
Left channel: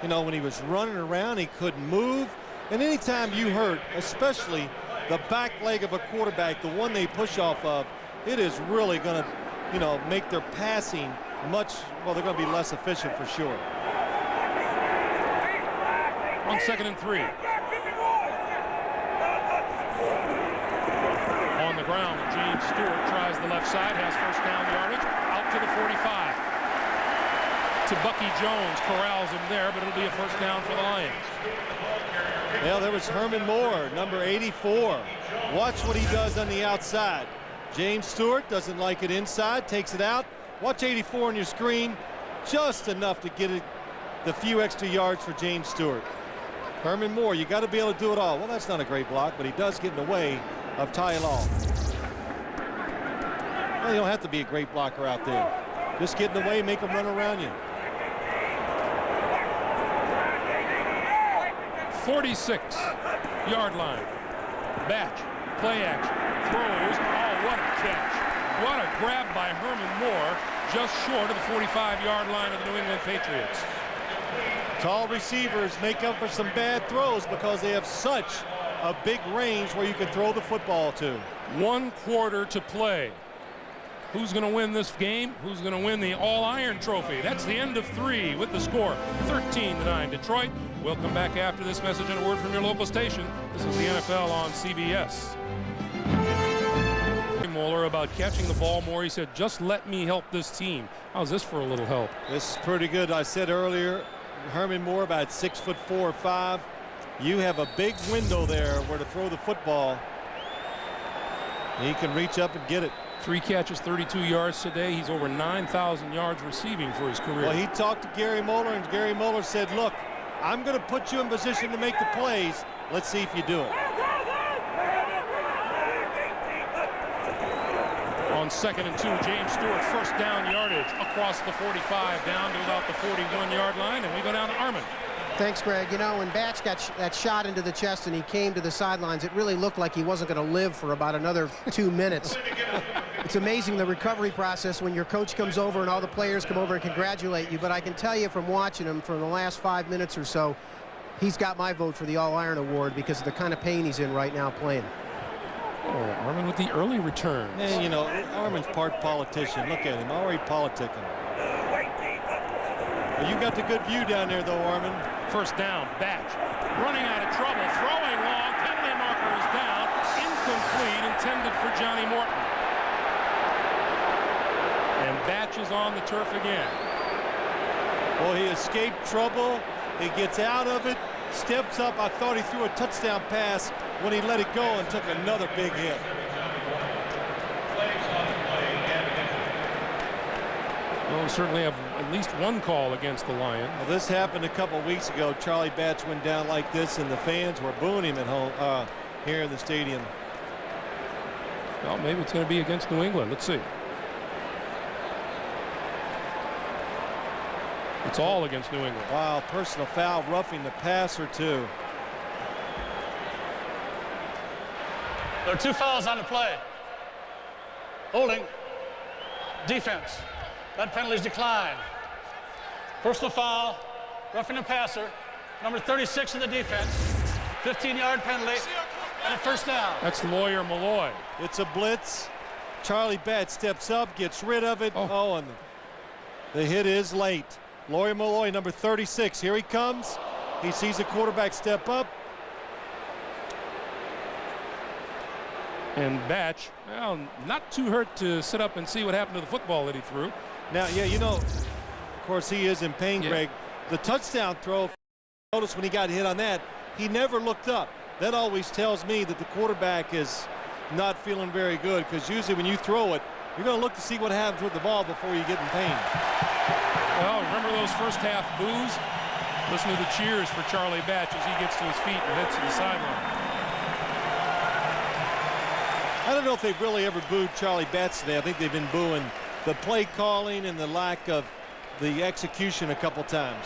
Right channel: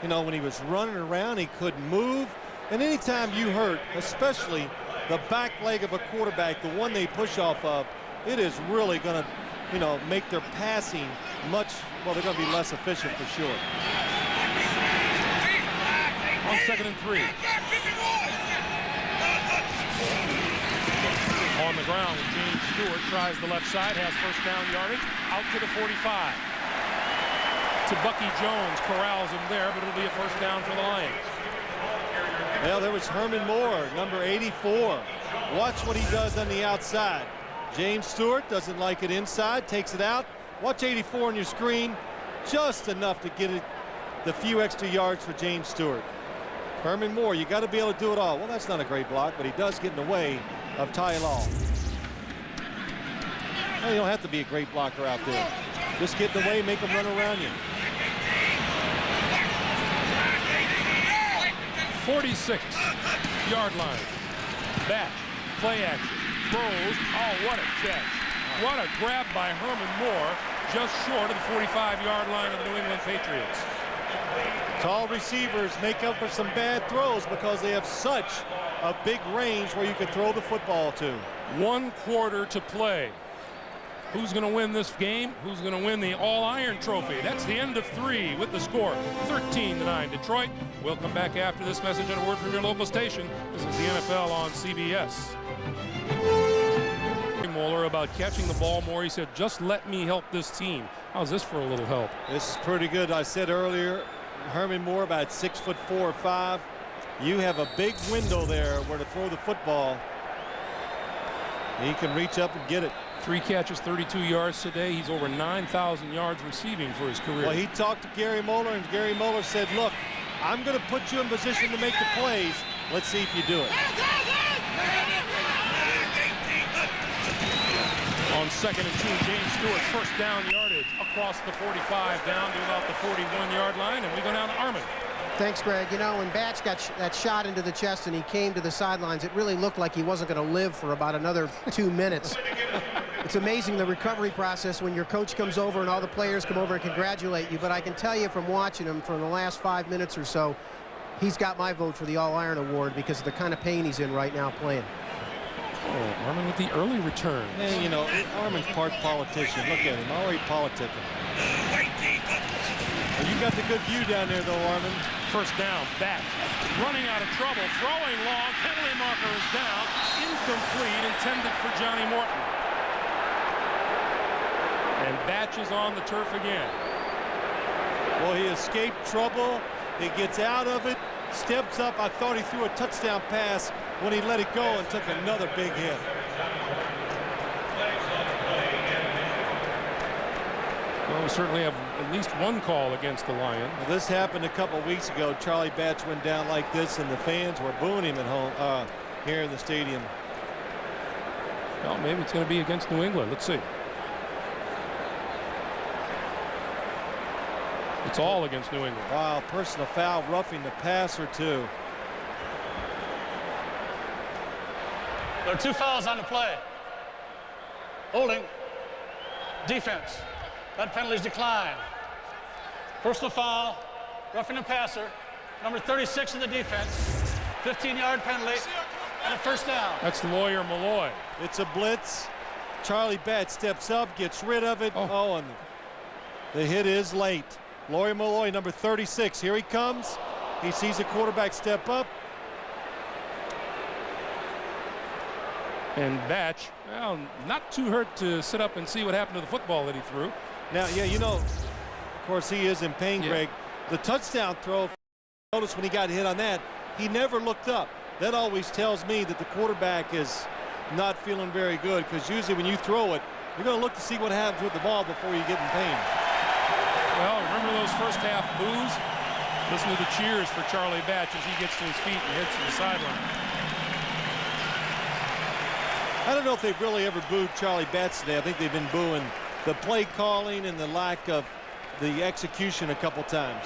You know, when he was running around, he couldn't move. And anytime you hurt, especially the back leg of a quarterback, the one they push off of, it is really going to, you know, make their passing much, well, they're going to be less efficient for sure. On 2nd and 3. On the ground, James Stewart tries the left side, has first down yardage, out to the 45. To Bucky Jones, corrals him there, but it'll be a first down for the Lions. Well, there was Herman Moore, number 84. Watch what he does on the outside. James Stewart doesn't like it inside, takes it out. Watch 84 on your screen, just enough to get it the few extra yards for James Stewart. Herman Moore, you got to be able to do it all. Well, that's not a great block, but he does get in the way of Ty Law. Well, you don't have to be a great blocker out there. Just get in the way, make them run around you. 46-yard line. Batch, play action, throws. Oh, what a catch. What a grab by Herman Moore, just short of the 45-yard line of the New England Patriots. Tall receivers make up for some bad throws because they have such a big range where you can throw the football to. 1 quarter to play. Who's going to win this game? Who's going to win the All-Iron Trophy? That's the end of 3 with the score 13-9 Detroit. We'll come back after this message and a word from your local station. This is the NFL on CBS. Moeller about catching the ball more. He said, just let me help this team. How's this for a little help? This is pretty good. I said earlier, Herman Moore about 6'4" or 5". You have a big window there where to throw the football. He can reach up and get it. 3 catches, 32 yards today. He's over 9,000 yards receiving for his career. Well, he talked to Gary Moeller, and Gary Moeller said, look, I'm going to put you in position to make the plays. Let's see if you do it. On 2nd and 2, James Stewart, first down yardage across the 45 down to about the 41-yard line, and we go down to Armin. Thanks, Greg. You know, when Batch got that shot into the chest and he came to the sidelines, it really looked like he wasn't going to live for about another 2 minutes. It's amazing the recovery process when your coach comes over and all the players come over and congratulate you. But I can tell you from watching him for the last 5 minutes or so, he's got my vote for the All-Iron Award because of the kind of pain he's in right now playing. Oh, Armin with the early return. And, you know, Armin's part politician. Look at him, already politicking. Well, you got the good view down there, though, Armin. First down, Batch running out of trouble, throwing long, penalty marker is down, incomplete, intended for Johnny Morton. And Batch is on the turf again. Well, he escaped trouble. He gets out of it, steps up. I thought he threw a touchdown pass when he let it go and took another big hit. Well, we certainly have at least one call against the Lion. Well, this happened a couple weeks ago. Charlie Batch went down like this, and the fans were booing him at home here in the stadium. Well, maybe it's going to be against New England. Let's see. It's all against New England. Wow, personal foul, roughing the passer, too. There are 2 fouls on the play. Holding. Defense. That penalty is declined. Personal foul, roughing the passer, number 36 in the defense, 15-yard penalty, and a first down. That's Lawyer Malloy. It's a blitz. Charlie Batch steps up, gets rid of it. Oh, and the hit is late. Lawyer Malloy, number 36. Here he comes. He sees the quarterback step up. And Batch, well, not too hurt to sit up and see what happened to the football that he threw. Now, yeah, you know, of course, he is in pain, Greg. The touchdown throw, notice when he got hit on that, he never looked up. That always tells me that the quarterback is not feeling very good, because usually when you throw it, you're going to look to see what happens with the ball before you get in pain. Well, remember those first half boos? Listen to the cheers for Charlie Batch as he gets to his feet and heads to the sideline. I don't know if they've really ever booed Charlie Batch today. I think they've been booing the play calling and the lack of the execution a couple times.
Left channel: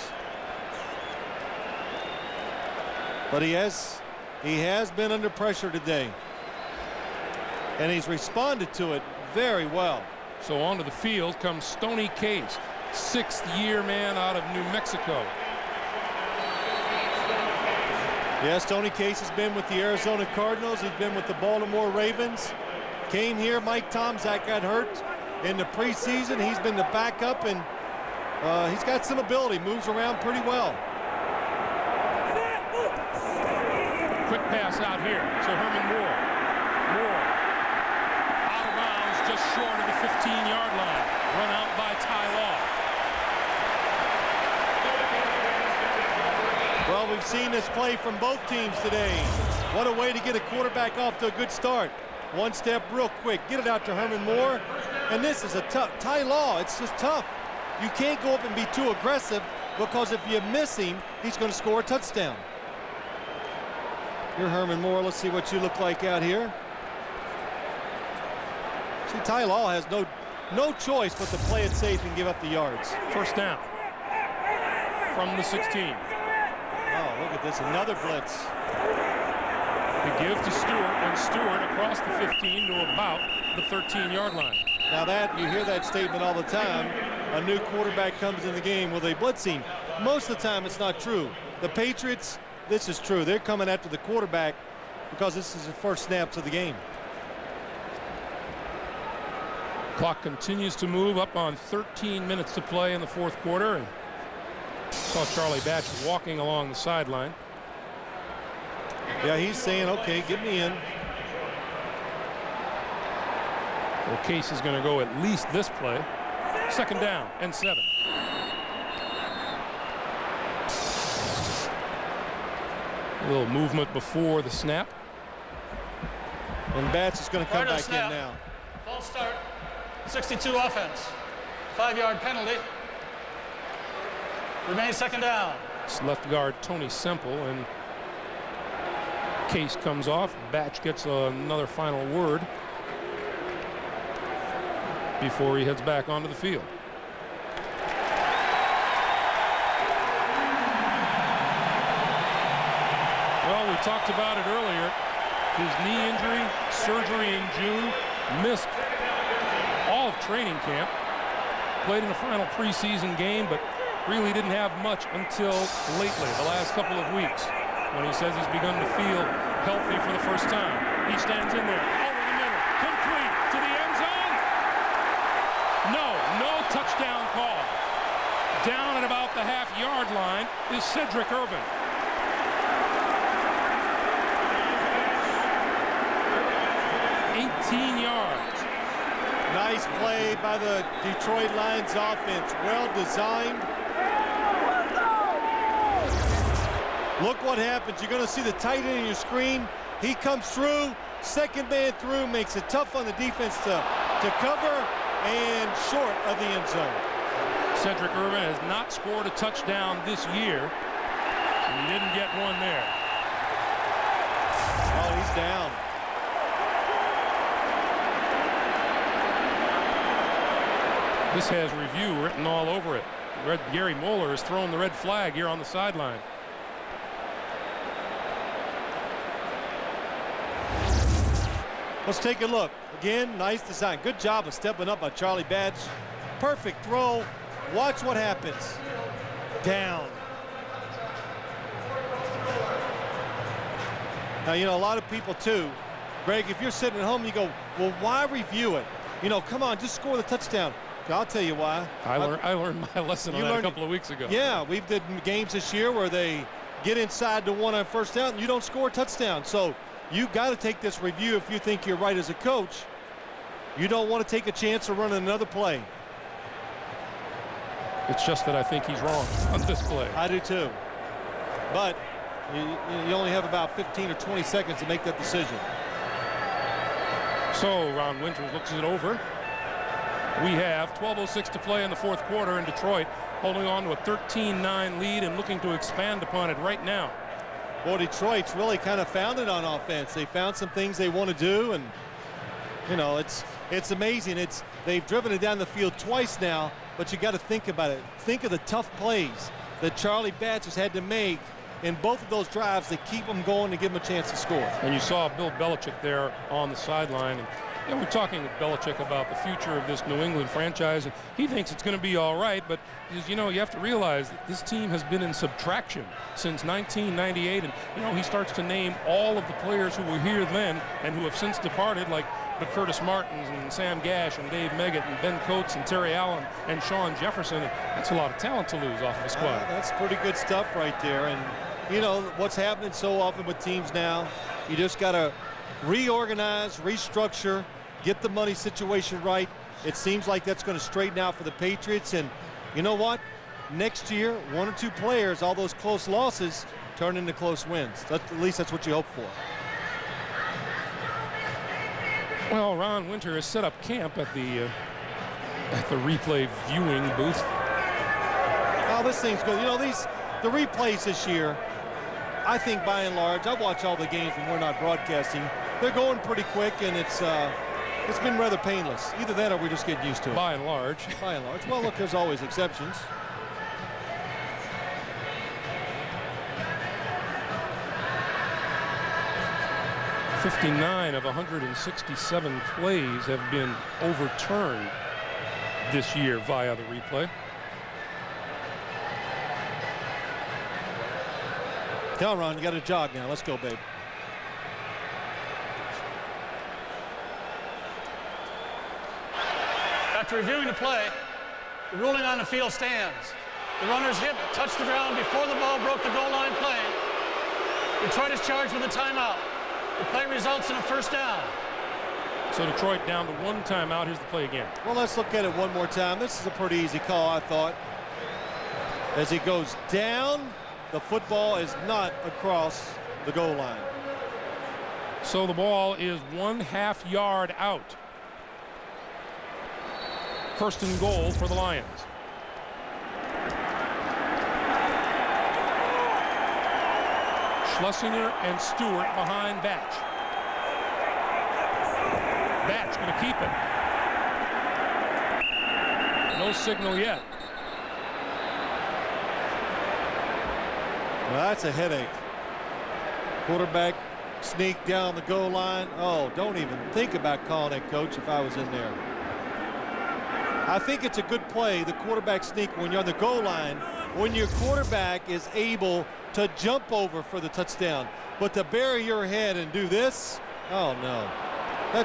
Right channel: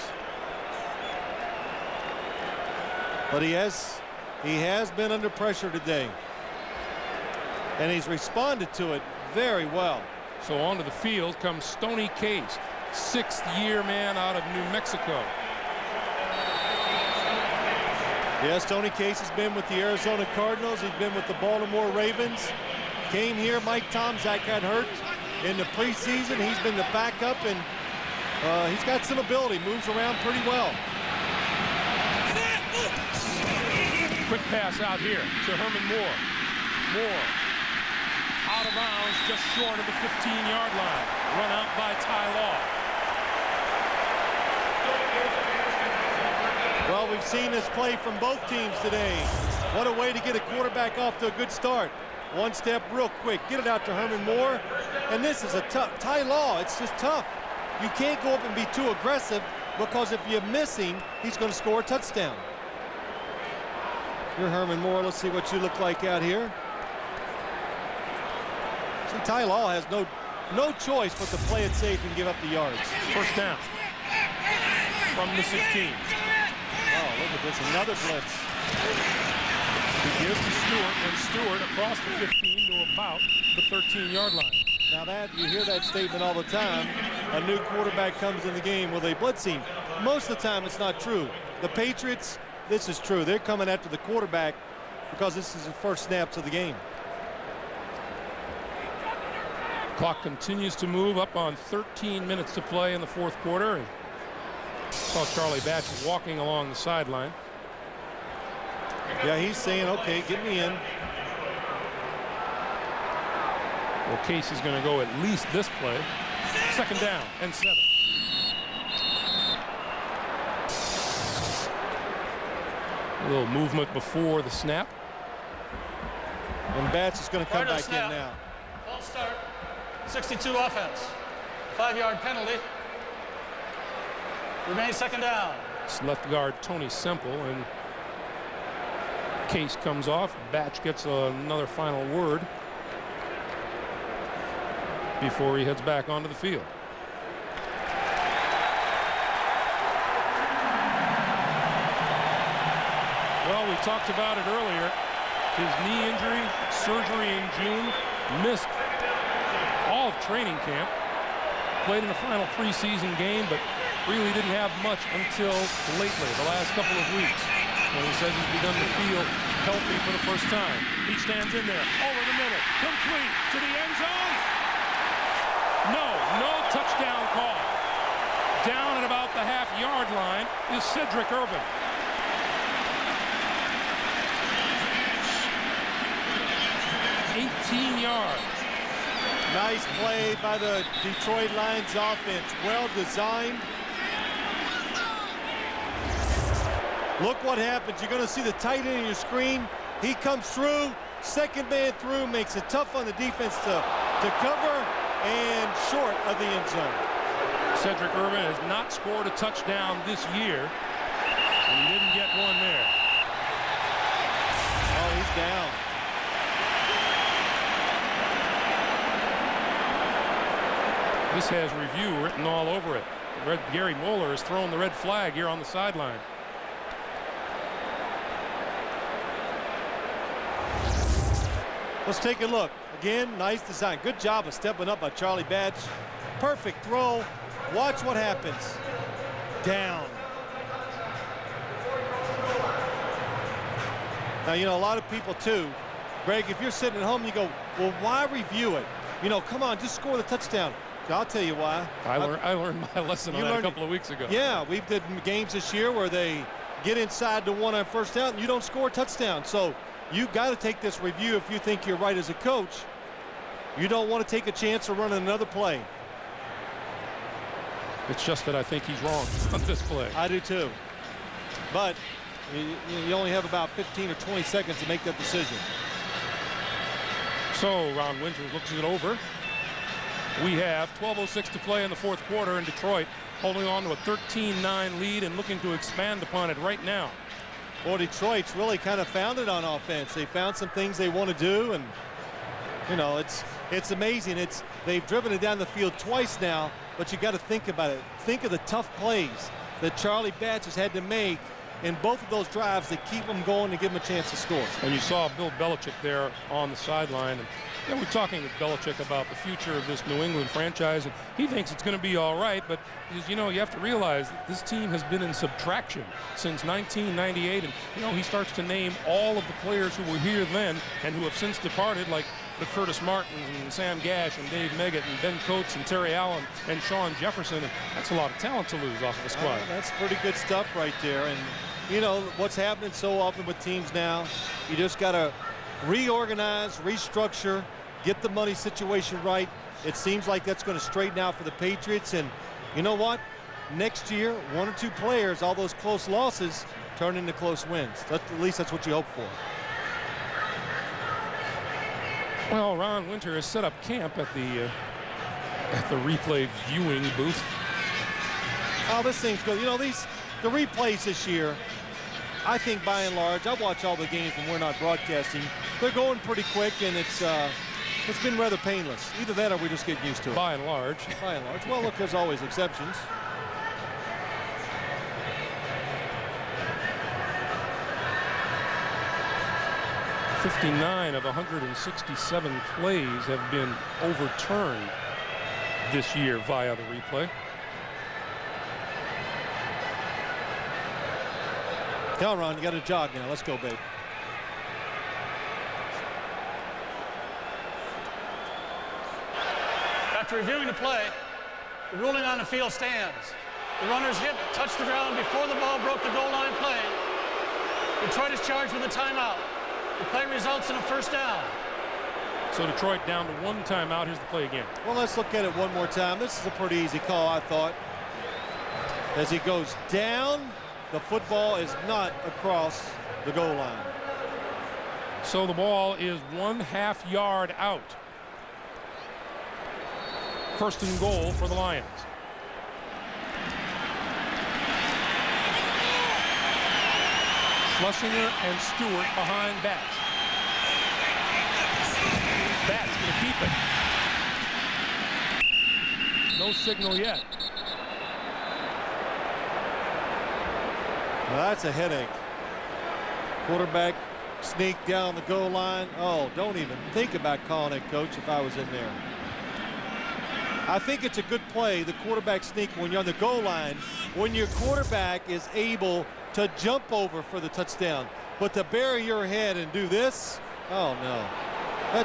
But he has been under pressure today. And he's responded to it very well. So onto the field comes Stoney Case, 6th-year man out of New Mexico. Yes, Tony Case has been with the Arizona Cardinals. He's been with the Baltimore Ravens. Came here, Mike Tomczak got hurt in the preseason. He's been the backup, and he's got some ability, moves around pretty well. Quick pass out here to Herman Moore. Moore out of bounds just short of the 15-yard line. Run out by Ty Law. Well, we've seen this play from both teams today. What a way to get a quarterback off to a good start. One step real quick. Get it out to Herman Moore. And this is a tough. Ty Law, it's just tough. You can't go up and be too aggressive, because if you miss him, he's going to score a touchdown. You're Herman Moore. Let's see what you look like out here. See, Ty Law has no choice but to play it safe and give up the yards. First down from the 16. Oh, look at this, another blitz. We give to Stewart, and Stewart across the 15 to about the 13-yard line. Now that, you hear that statement all the time. A new quarterback comes in the game with a blitzing. Most of the time it's not true. The Patriots, this is true. They're coming after the quarterback because this is the first snaps of the game. Clock continues to move up on 13 minutes to play in the fourth quarter. And saw Charlie Batch walking along the sideline. Yeah, he's saying, okay, get me in. Well, Case is going to go at least this play. Second down and 7. A little movement before the snap. And Batch is going to come back in now. False start. 62 offense. 5-yard penalty. Remains second down. It's left guard Tony Semple, and Case comes off. Batch gets another final word before he heads back onto the field. Well, we talked about it earlier. His knee injury, surgery in June, missed all of training camp, played in the final preseason game, but really didn't have much until lately, the last couple of weeks, when he says he's begun to feel healthy for the first time. He stands in there, over the middle, complete to the end zone. No touchdown call. Down at about the half-yard line is Cedric Irvin. $18 yards. Nice play by the Detroit Lions offense. Well designed. Look what happens. You're going to see the tight end in your screen. He comes through. Second man through. Makes it tough on the defense to cover. And short of the end zone. Cedric Irvin has not scored a touchdown this year. And he didn't get one there. Oh, he's down. This has review written all over it. Gary Moeller has thrown the red flag here on the sideline. Let's take a look. Again, nice design. Good job of stepping up by Charlie Batch. Perfect throw. Watch what happens. Down. Now, you know, a lot of people too, Greg, if you're sitting at home, you go, well, why review it? You know, come on, just score the touchdown. I'll tell you why. I learned my lesson on that a couple of weeks ago. Yeah, we've did games this year where they get inside the one on first down and you don't score a touchdown. So you got to take this review if you think you're right as a coach. You don't want to take a chance of running another play. It's just that I think he's wrong on this play. I do too. But you only have about 15 or 20 seconds to make that decision. So Ron Winters looks it over. We have 12:06 to play in the fourth quarter in Detroit, holding on to a 13-9 lead and looking to expand upon it right now. Well, Detroit's really kind of found it on offense. They found some things they want to do, and you know, it's amazing. They've driven it down the field twice now, but you got to think about it. Think of the tough plays that Charlie Batch has had to make in both of those drives to keep them going and give them a chance to score. And you saw Bill Belichick there on the sideline. And you know, we're talking with Belichick about the future of this New England franchise, and he thinks it's going to be all right, but you know, you have to realize that this team has been in subtraction since 1998, and you know, he starts to name all of the players who were here then and who have since departed, like the Curtis Martins and Sam Gash and Dave Meggett and Ben Coates and Terry Allen and Sean Jefferson. And that's a lot of talent to lose off of the squad. That's pretty good stuff right there. And you know what's happening so often with teams now, you just got to reorganize, restructure, get the money situation right. It seems like that's going to straighten out for the Patriots. And you know what? Next year, one or two players, all those close losses turn into close wins. At least that's what you hope for. Well, Ron Winter has set up camp at the replay viewing booth. Oh, this thing's good. You know, the replays this year, I think by and large, I watch all the games when we're not broadcasting. They're going pretty quick, and it's been rather painless. Either that or we just get used to it. By and large. By and large. Well, look, there's always exceptions. $59 of 167 plays have been overturned this year via the replay. Tell Ron, you got to jog now. Let's go, babe. After reviewing the play, the ruling on the field stands. The runner's hip touched the ground before the ball broke the goal line play. Detroit is charged with a timeout. The play results in a first down. So Detroit down to 1 timeout. Here's the play again. Well, let's look at it one more time. This is a pretty easy call, I thought. As he goes down, the football is not across the goal line. So the ball is 1/2 yard out. First and goal for the Lions. Schlesinger and Stewart behind Batch. Batch going to keep it. No signal yet. Well, that's a headache. Quarterback sneak down the goal line. Oh, don't even think about calling it, coach, if I was in there. I think it's a good play, the quarterback sneak, when you're on the goal line, when your quarterback is able to jump over for the touchdown. But to bury your head and do this, oh no. I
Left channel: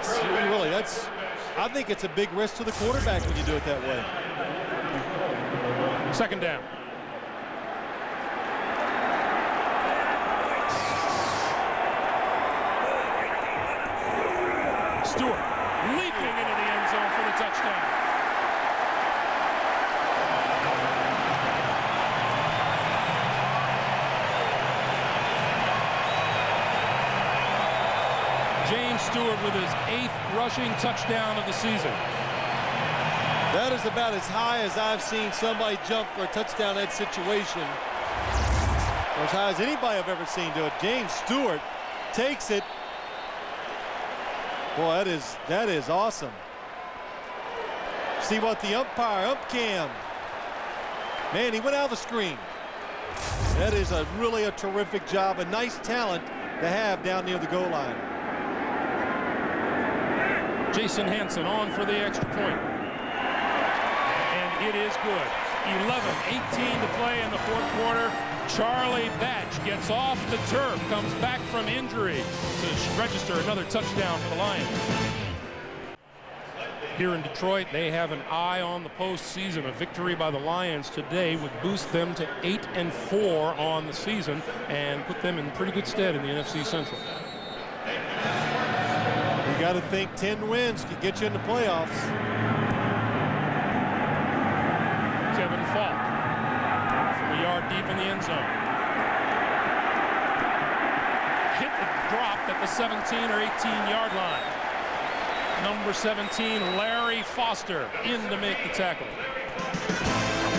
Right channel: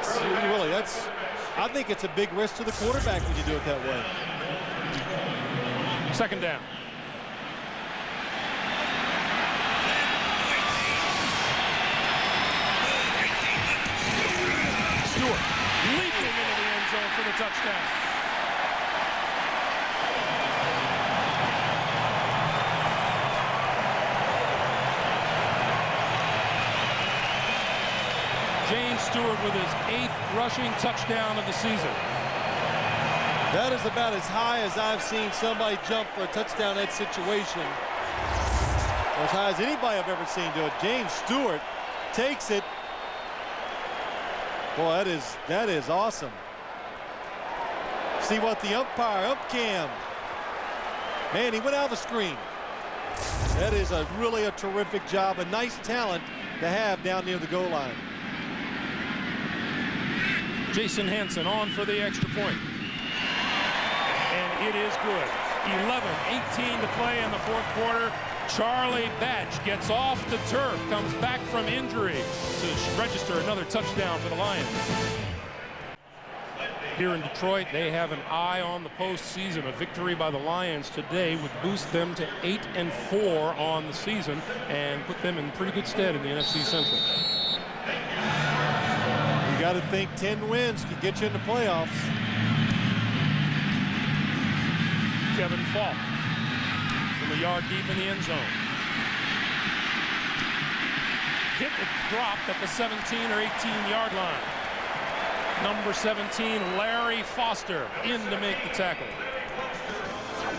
think it's a big risk to the quarterback when you do it that way. Second down. Stewart leaping into the end zone for the touchdown. James Stewart with his 8th rushing touchdown of the season. That is about as high as I've seen somebody jump for a touchdown in that situation. Or as high as anybody I've ever seen do it. James Stewart takes it. Boy, that is awesome. See what the umpire, cam. Man, he went out of the screen. That is really a terrific job, a nice talent to have down near the goal line. Jason Hansen on for the extra point. And it is good. 11:18 to play in the 4th quarter. Charlie Batch gets off the turf, comes back from injury to register another touchdown for the Lions. Here in Detroit, they have an eye on the postseason. A victory by the Lions today would boost them to 8-4 on the season and put them in pretty good stead in the NFC Central. You got to think 10 wins could get you in the playoffs. Kevin Falk from a yard deep in the end zone. Hit dropped at the 17 or 18-yard line. Number 17, Larry Foster, in to make the tackle.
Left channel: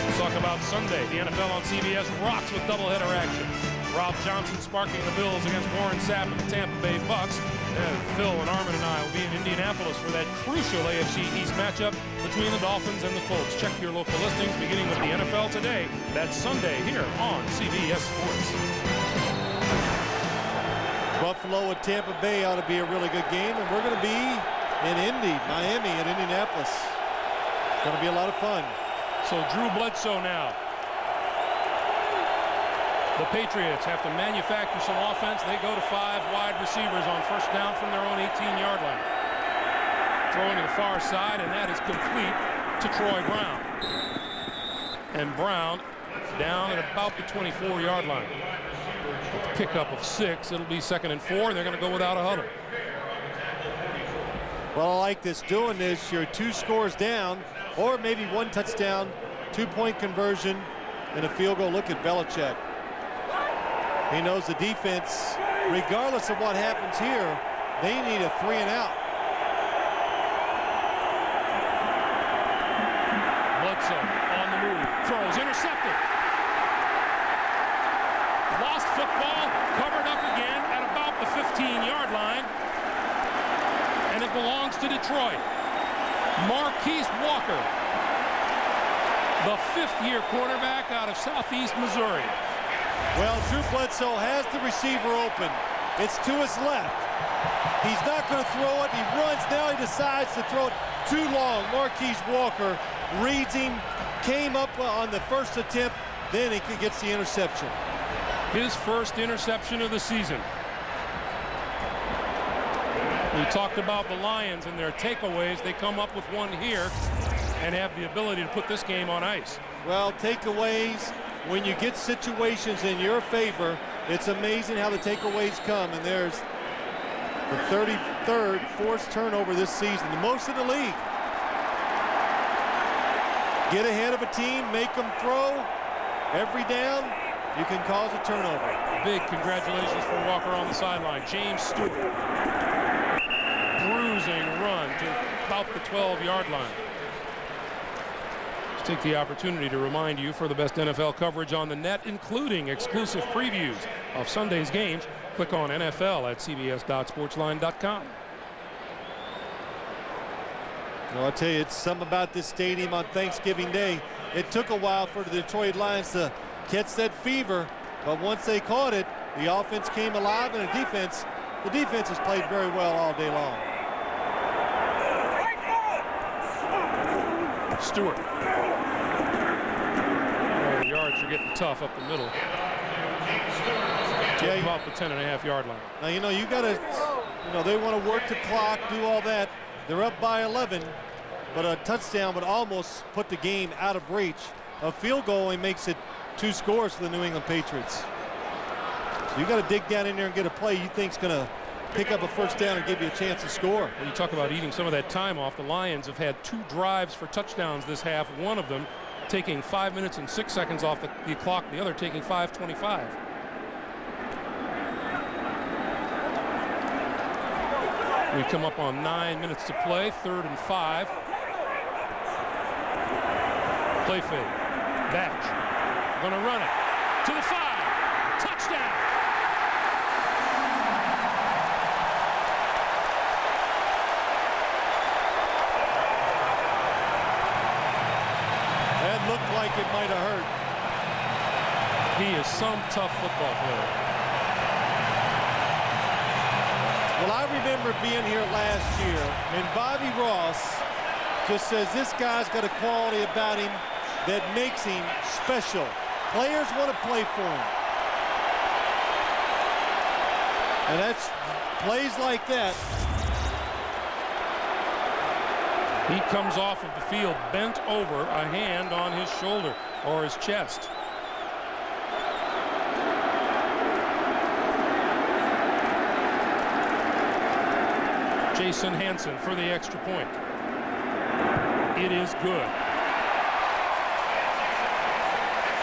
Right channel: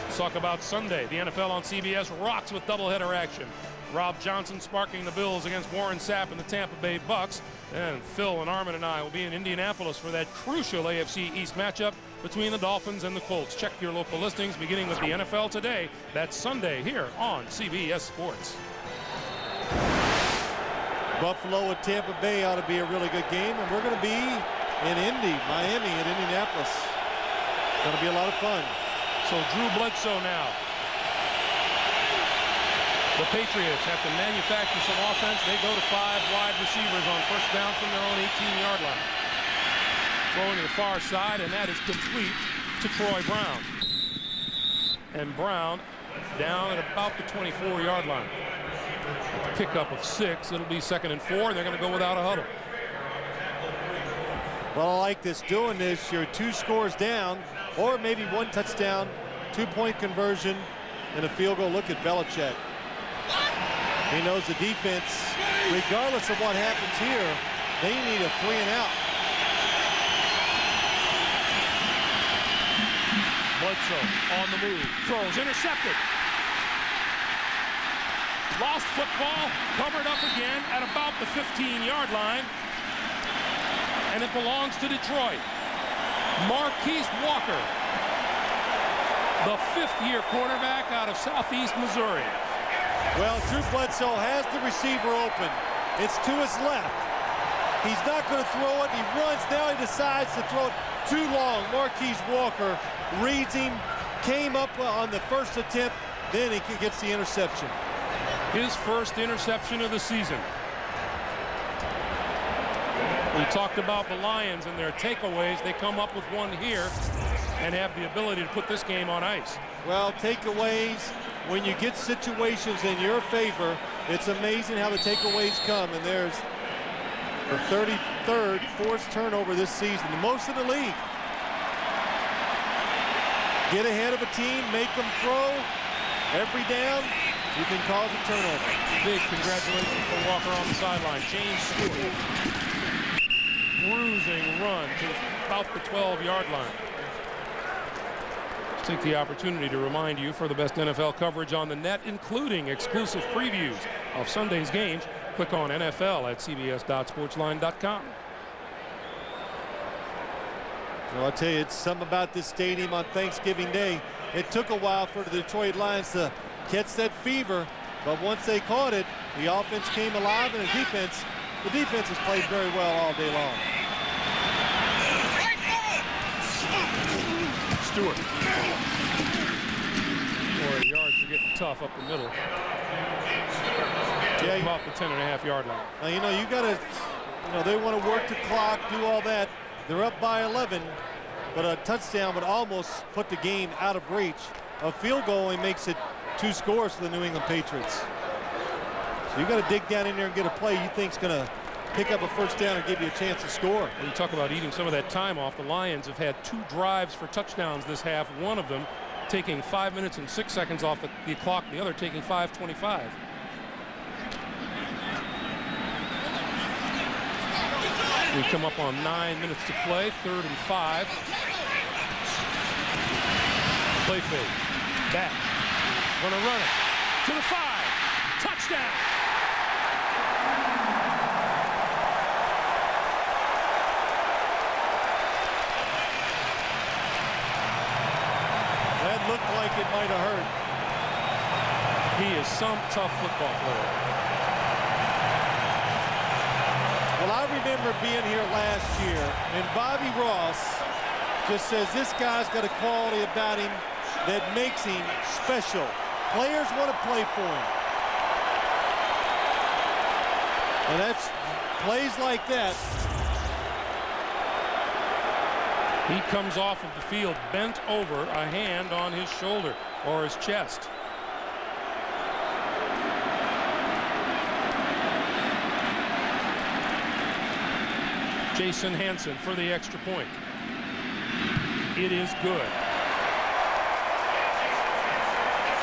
Let's talk about Sunday. The NFL on CBS rocks with doubleheader action. Rob Johnson sparking the Bills against Warren Sapp and the Tampa Bay Bucks. And Phil and Armin and I will be in Indianapolis for that crucial AFC East matchup between the Dolphins and the Colts. Check your local listings, beginning with the NFL Today. That's Sunday here on CBS Sports. Buffalo and Tampa Bay ought to be a really good game, and we're going to be in Miami at Indianapolis. Going to be a lot of fun. So Drew Bledsoe now. The Patriots have to manufacture some offense. They go to 5 wide receivers on first down from their own 18-yard line. Throwing to the far side, and that is complete to Troy Brown. And Brown down at about the 24-yard line. With the pickup of 6, it'll be 2nd and 4, and they're going to go without a huddle. Well, I like this. Doing this, you're 2 scores down, or maybe 1 touchdown, 2-point conversion, and a field goal. Look at Belichick. He knows the defense, regardless of what happens here, they need a 3 and out. Bledsoe on the move, throws, intercepted. Lost football, covered up again at about the 15-yard line. And it belongs to Detroit. Marquise Walker, the 5th-year cornerback out of Southeast Missouri. Well, Drew Bledsoe has the receiver open. It's to his left. He's not going to throw it. He runs. Now he decides to throw it too long. Marquise Walker reads him, came up on the first attempt, then he gets the interception. His first interception of the season. We talked about the Lions and their takeaways. They come up with one here. and have the ability to put this game on ice. Well, takeaways, when you get situations in your favor, it's amazing how the takeaways come. And there's the 33rd forced turnover this season, the most in the league. Get ahead of a team, make them throw. Every down, you can cause a turnover. Big congratulations for Walker on the sideline. James Stewart. Bruising run to about the 12-yard line. Let's take the opportunity to remind you, for the best NFL coverage on the net, including exclusive previews of Sunday's games, click on NFL at cbs.sportsline.com. Well, I'll tell you, it's something about this stadium on Thanksgiving Day. It took a while for the Detroit Lions to catch that fever, but once they caught it, the offense came alive, and the defense has played very well all day long. Stewart. Boy, the yards are getting tough up the middle. Yeah, about the 10.5-yard line. Now, you got to, they want to work the clock, do all that. They're up by 11, but a touchdown would almost put the game out of reach. A field goal only makes it 2 scores for the New England Patriots. So you got to dig down in there and get a play you think's going to pick up a first down and give you a chance to score. Well, you talk about eating some of that time off. The Lions have had 2 drives for touchdowns this half. One of them taking 5 minutes and 6 seconds off the clock. The other taking 5:25. We come up on 9 minutes to play, 3rd and 5. Play fake. Batch. Gonna run it to the 5. Touchdown. That looked like it might have hurt. He is some tough football player. Well, I remember being here last year, and Bobby Ross just says this guy's got a quality about him that makes him special. Players want to play for him. And that's plays like that. He comes off of the field bent over, a hand on his shoulder or his chest. Jason Hansen for the extra point. It is good.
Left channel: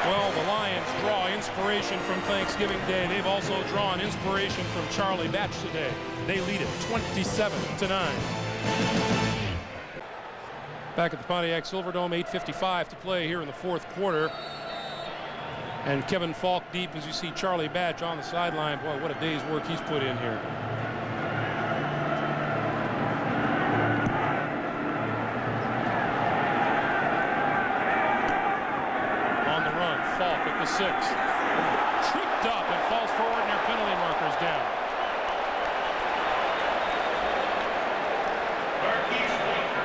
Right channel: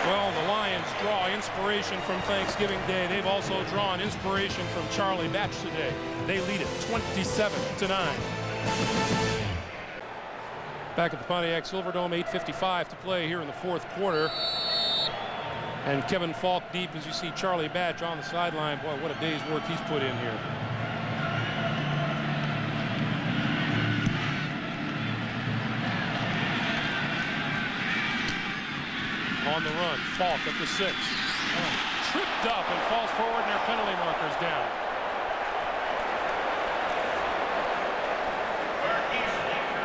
Well, the Lions draw inspiration from Thanksgiving Day. They've also drawn inspiration from Charlie Batch today. They lead it 27-9. Back at the Pontiac Silverdome, 8:55 to play here in the 4th quarter. And Kevin Falk deep as you see Charlie Batch on the sideline. Boy, what a day's work he's put in here. On the run, Falk at the 6. Tripped up and falls forward, and their penalty marker's down.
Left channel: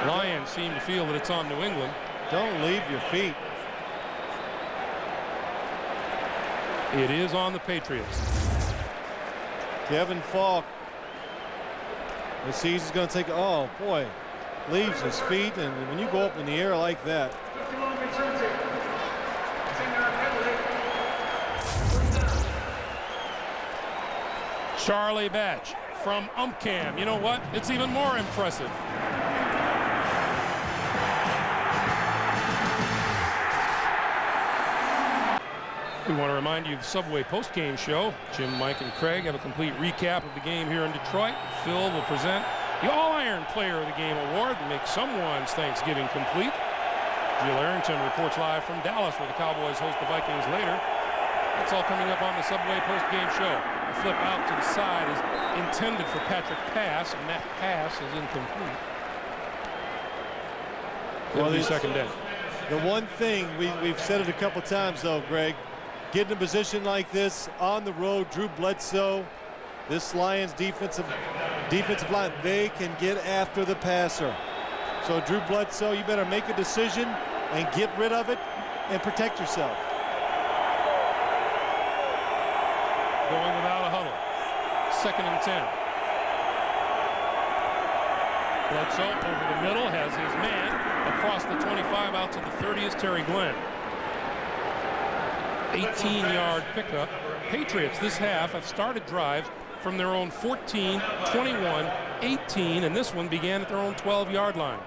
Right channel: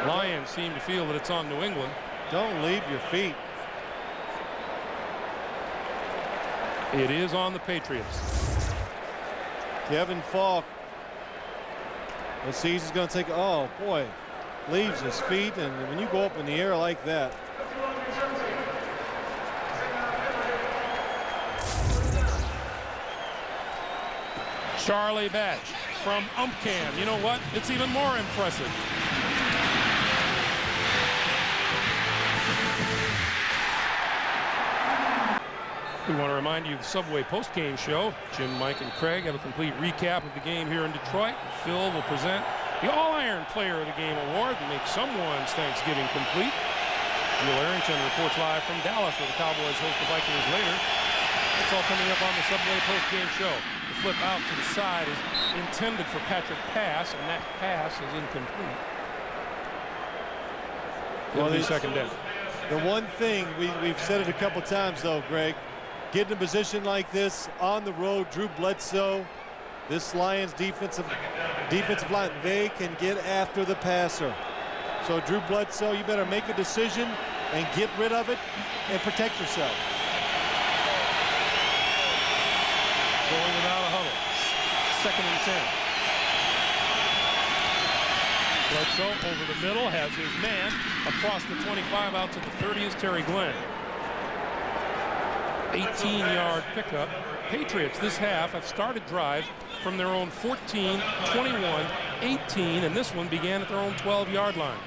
Lions seem to feel that it's on New England. Don't leave your feet. It is on the Patriots. Kevin Falk. Let's see, he's going to take, oh boy, leaves his feet, and when you go up in the air like that. Charlie Batch from Umpcam. You know what? It's even more impressive. We want to remind you of the Subway postgame show. Jim, Mike, and Craig have a complete recap of the game here in Detroit. Phil will present the All-Iron Player of the Game award and make someone's Thanksgiving complete. Neil Arrington reports live from Dallas, where the Cowboys host the Vikings later. That's all coming up on the Subway postgame show. The flip out to the side is intended for Patrick Pass, and that pass is incomplete. It'll be second down. The one thing, we've said it a couple times, though, Greg, get in a position like this on the road, Drew Bledsoe, this Lions defensive line, they can get after the passer. So Drew Bledsoe, you better make a decision and get rid of it and protect yourself. Going without a huddle. 2nd and 10. Bledsoe over the middle, has his man across the 25 out to the 30 is Terry Glenn. 18-yard pickup. Patriots this half have started drives from their own 14, 21, 18, and this one began at their own 12-yard line.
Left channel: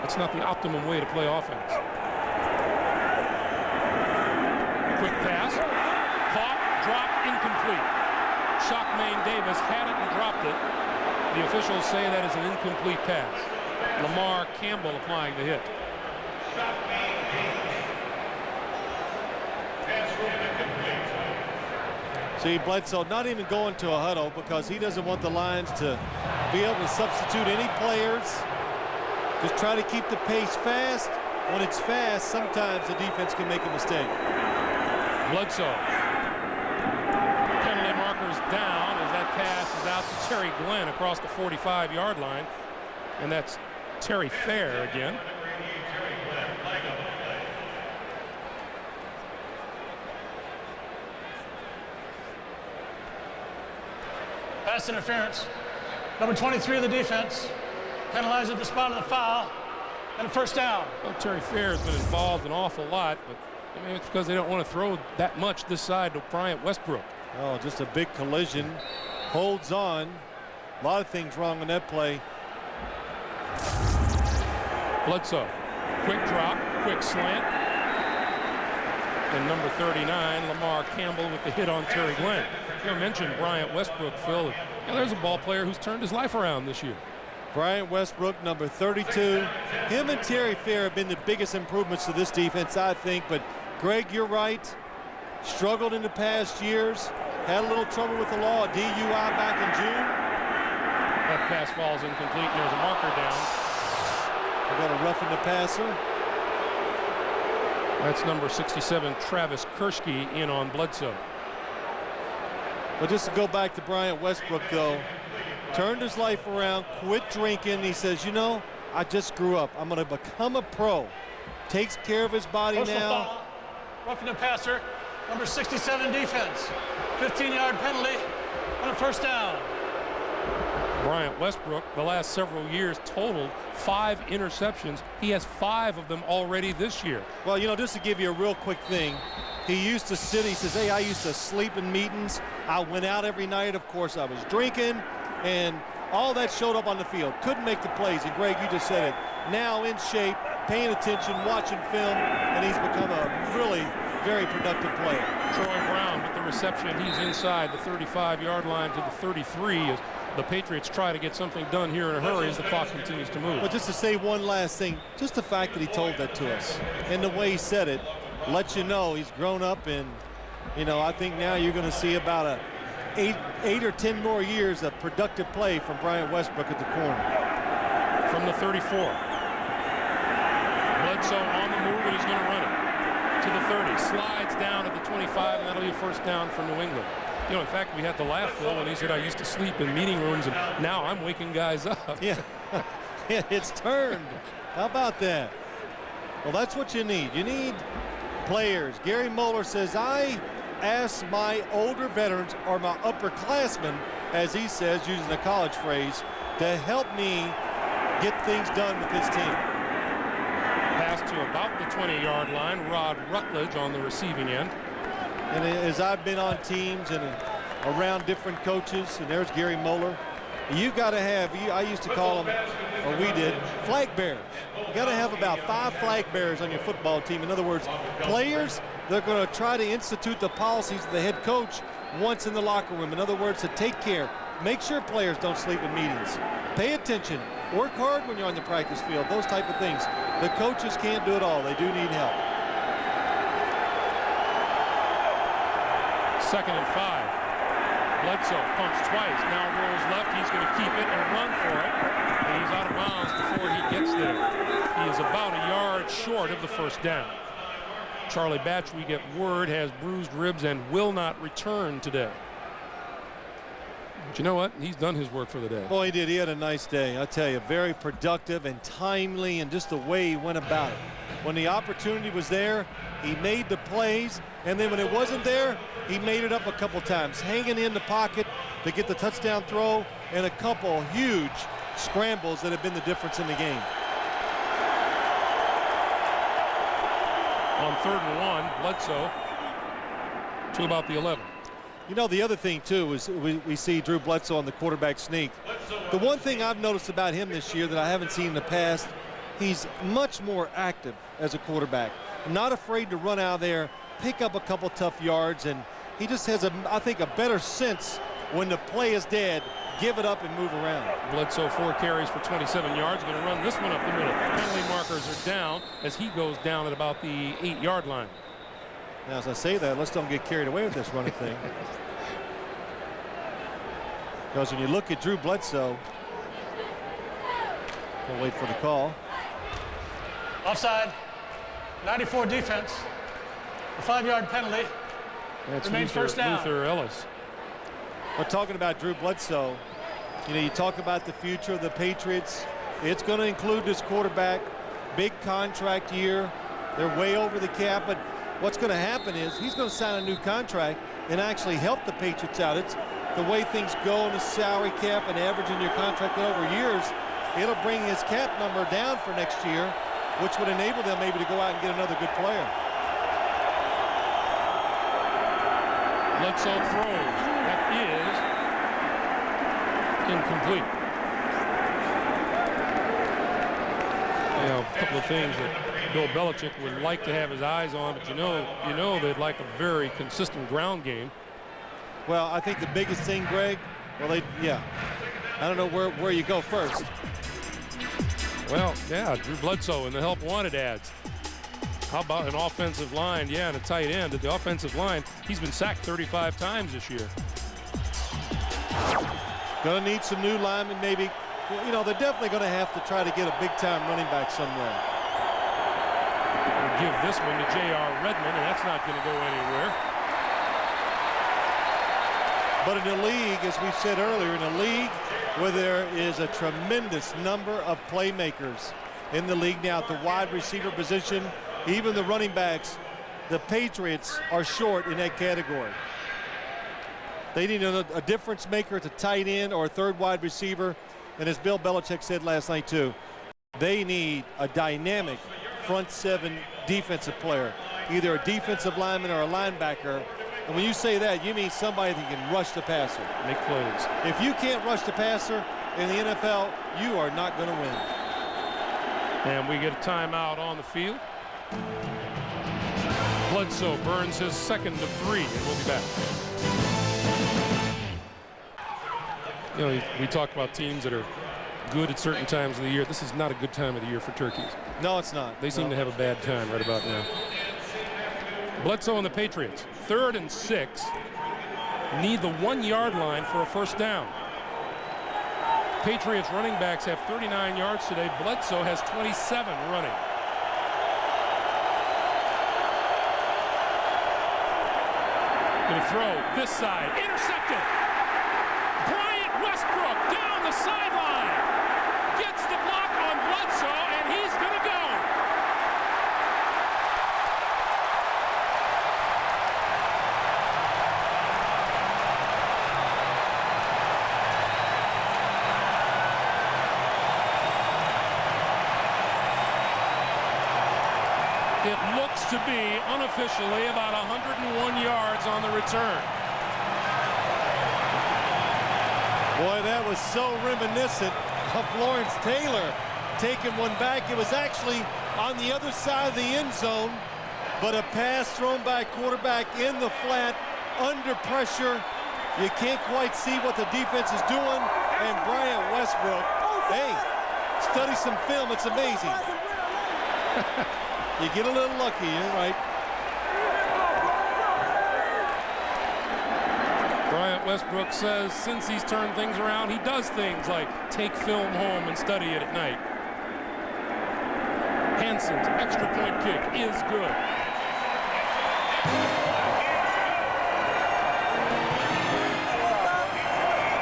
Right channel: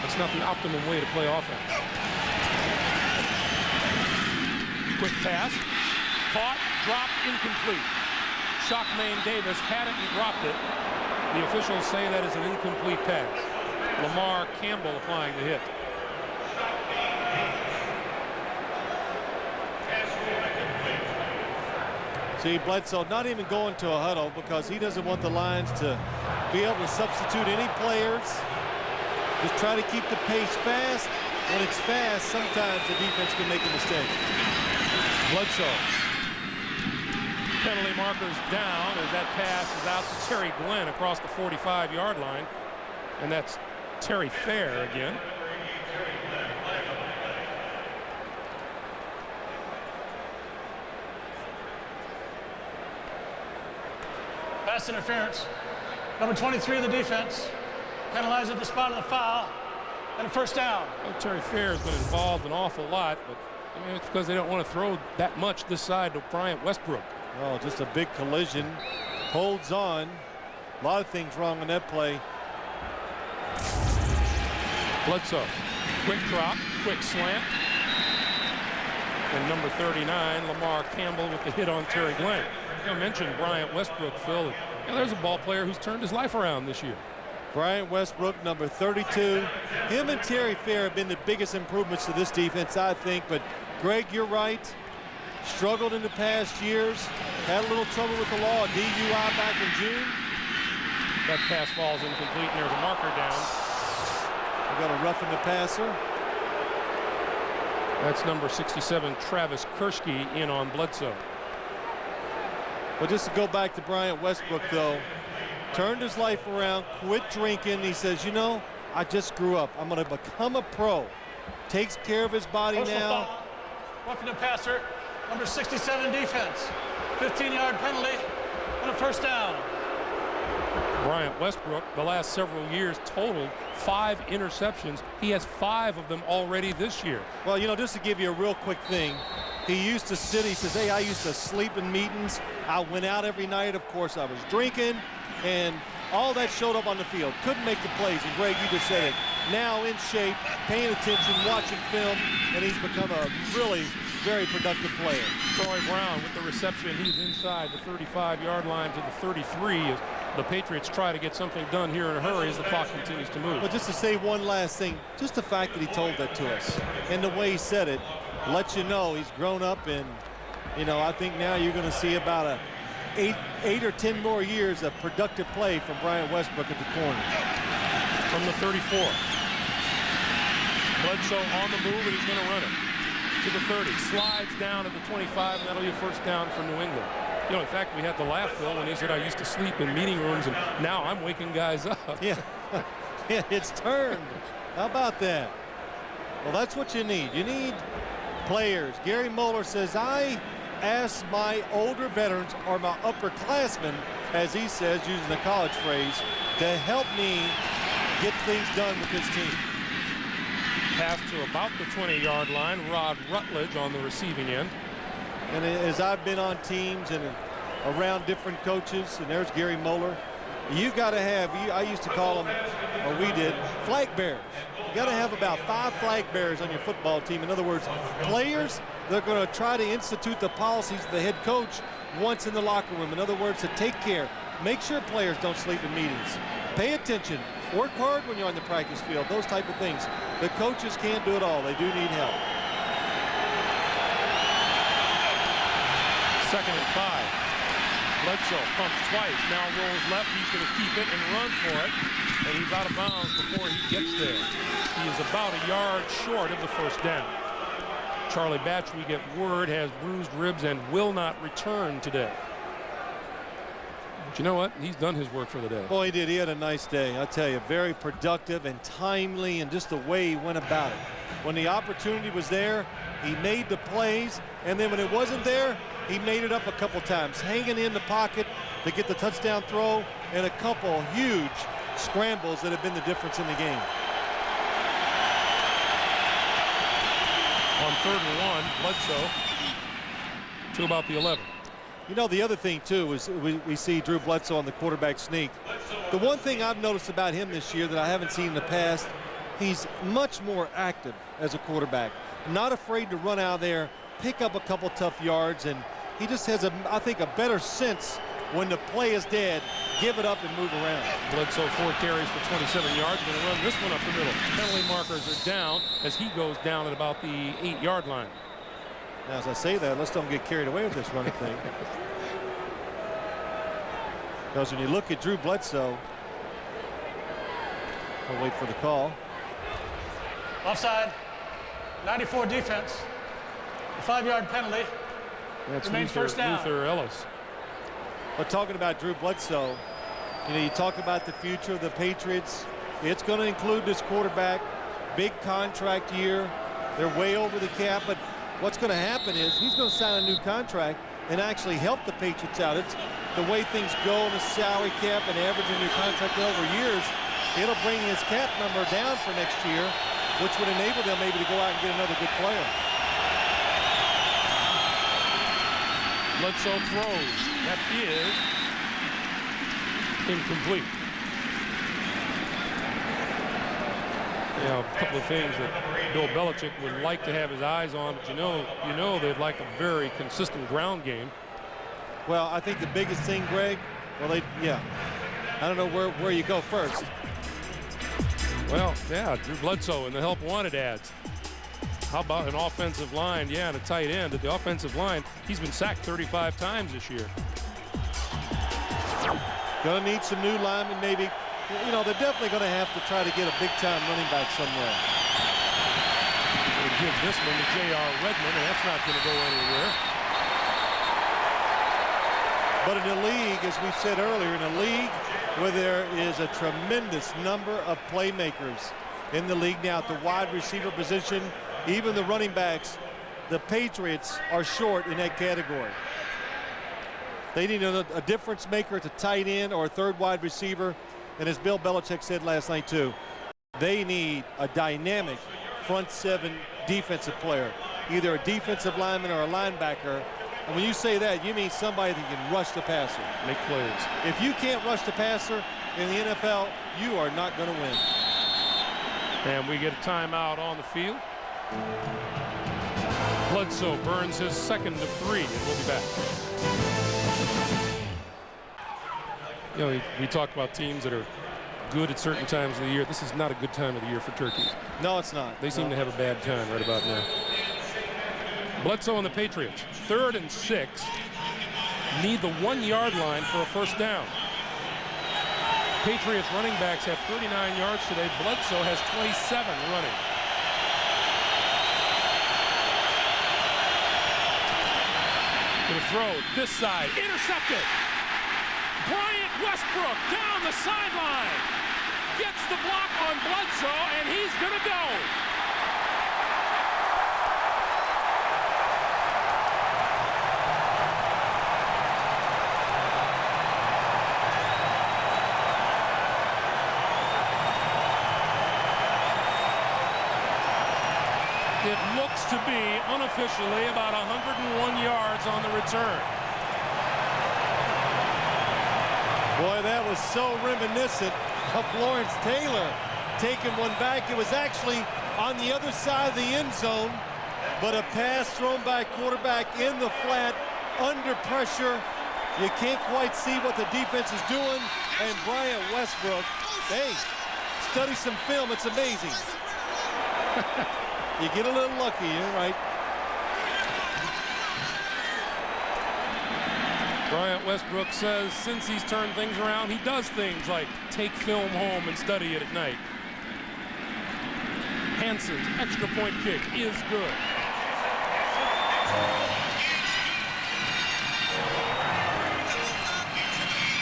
That's not the optimum way to play offense. Quick pass, caught, dropped, incomplete. Shockmain Davis had it and dropped it. The officials say that is an incomplete pass. Lamar Campbell applying the hit. See, Bledsoe not even going to a huddle because he doesn't want the Lions to be able to substitute any players. Just try to keep the pace fast. When it's fast, sometimes the defense can make a mistake. Bledsoe. Penalty markers down as that pass is out to Terry Glenn across the 45-yard line. And that's Terry Fair again. Pass interference. Number 23 of the defense. Penalized at the spot of the foul. And a first down. Well, Terry Fair has been involved an awful lot, but I mean, it's because they don't want to throw that much this side to Bryant Westbrook. Oh, just a big collision. Holds on. A lot of things wrong on that play. Bledsoe. Quick drop, quick slant. And number 39, Lamar Campbell with the hit on Terry Glenn. You mentioned Bryant Westbrook, Phil. You know, there's a ball player who's turned his life around this year. Bryant Westbrook, number 32. Him and Terry Fair have been the biggest improvements to this defense, I think. But, Greg, you're right. Struggled in the past years. Had a little trouble with the law, a DUI back in June. That pass falls incomplete, and there's a marker down. We got a roughing the passer. That's number 67, Travis Kershke, in on Bledsoe. But just to go back to Bryant Westbrook, though, turned his life around, quit drinking. He says, you know, I just grew up. I'm going to become a pro. Takes care of his body now. Roughing the passer, number 67 defense. 15-yard penalty and a first down. Bryant Westbrook, the last several years, totaled 5 interceptions. He has 5 of them already this year. Well, you know, just to give you a real quick thing, he used to sit, he says, hey, I used to sleep in meetings. I went out every night. Of course, I was drinking, and all that showed up on the field. Couldn't make the plays, and Greg, you just said it. Now in shape, paying attention, watching film, and he's become a really very productive player. Troy Brown with the reception. He's inside the 35-yard line to the 33 as the Patriots try to get something done here in a hurry as the clock continues to move. But just to say one last thing, just the fact that he told that to us and the way he said it lets you know he's grown up, and, you know, I think now you're going to see about eight or 10 more years of productive play from Bryant Westbrook at the corner. From the 34. Bledsoe on the move, and he's going to run it to the 30. Slides down at the 25, and that'll be a first down for New England. You know, in fact, we had to laugh, Phil, when he said, I used to sleep in meeting rooms, and now I'm waking guys up. Yeah, yeah, it's turned. How about that? Well, that's what you need. You need players. Gary Moeller says, I asked my older veterans, or my upperclassmen, as he says, using the college phrase, to help me get things done with this team. Pass to about the 20-yard line. Rod Rutledge on the receiving end. And as I've been on teams and around different coaches, and there's Gary Moeller, you got to have, I used to call them, or we did, flag bearers. You got to have about 5 flag bearers on your football team. In other words, players that are going to try to institute the policies of the head coach once in the locker room. In other words, to take care, make sure players don't sleep in meetings. Pay attention, work hard when you're on the practice field, those type of things. The coaches can't do it all. They do need help. 2nd and 5. Bledsoe pumps twice, now rolls left. He's going to keep it and run for it, and he's out of bounds before he gets there. He is about a yard short of the first down. Charlie Batch, we get word, has bruised ribs and will not return today. But you know what? He's done his work for the day. Boy, he did. He had a nice day. I tell you, very productive and timely, and just the way he went about it. When the opportunity was there, he made the plays, and then when it wasn't there, he made it up a couple times, hanging in the pocket to get the touchdown throw, and a couple huge scrambles that have been the difference in the game. On 3rd and 1, Bledsoe to about the 11. You know, the other thing, too, is we see Drew Bledsoe on the quarterback sneak. The one thing I've noticed about him this year that I haven't seen in the past, he's much more active as a quarterback. Not afraid to run out there, pick up a couple tough yards, and he just has, I think, a better sense when the play is dead, give it up and move around. Bledsoe 4 carries for 27 yards. Going to run this one up the middle. Penalty markers are down as he goes down at about the 8-yard line. Now, as I say that, let's don't get carried away with this running thing. Because when you look at Drew Bledsoe, we'll wait for the call. Offside, 94 defense, a 5-yard penalty. That's remains first down. Luther Ellis. But talking about Drew Bledsoe, you know, you talk about the future of the Patriots. It's going to include this quarterback, big contract year. They're way over the cap, but what's going to happen is he's going to sign a new contract and actually help the Patriots out. It's the way things go on the salary cap and averaging your contract over years. It'll bring his cap number down for next year, which would enable them maybe to go out and get another good player. Bledsoe throws. That is incomplete. You know, a couple of things that Bill Belichick would like to have his eyes on, but you know they'd like a very consistent ground game. Well, I think the biggest thing, Greg, well, yeah. I don't know where you go first. Well, yeah, Drew Bledsoe and the help wanted ads. How about an offensive line? Yeah, and a tight end. At the offensive line, he's been sacked 35 times this year. Gonna need some new linemen, maybe. You know, they're definitely gonna have to try to get a big-time running back somewhere. We'll give this one to J.R. Redmond, and that's not gonna go anywhere. But in the league, as we said earlier, in a league where there is a tremendous number of playmakers in the league now at the wide receiver position, even the running backs, the Patriots are short in that category. They need a difference maker at the tight end or a third wide receiver. And as Bill Belichick said last night too, they need a dynamic front seven defensive player, either a defensive lineman or a linebacker. And when you say that, you mean somebody that can rush the passer. Make plays. If you can't rush the passer in the NFL, you are not going to win. And we get a timeout on the field. Bledsoe burns his second of 3, and we'll be back. You know, we talk about teams that are good at certain times of the year. This is not a good time of the year for turkeys. No, it's not. They seem to have a bad time right about now. Bledsoe and the Patriots, 3rd and 6, need the 1-yard line for a first down. Patriots running backs have 39 yards today. Bledsoe has 27 running. Going to throw this side, intercepted. Bryant Westbrook down the sideline. Gets the block on Bledsoe, and he's going to go. It looks to be unofficially about 101 yards on the return. Boy, that was so reminiscent of Lawrence Taylor taking one back. It was actually on the other side of the end zone, but a pass thrown by a quarterback in the flat, under pressure. You can't quite see what the defense is doing. And Bryant Westbrook, hey, study some film. It's amazing. You get a little lucky, you're right. Bryant Westbrook says since he's turned things around, he does things like take film home and study it at night. Hanson's extra point kick is good.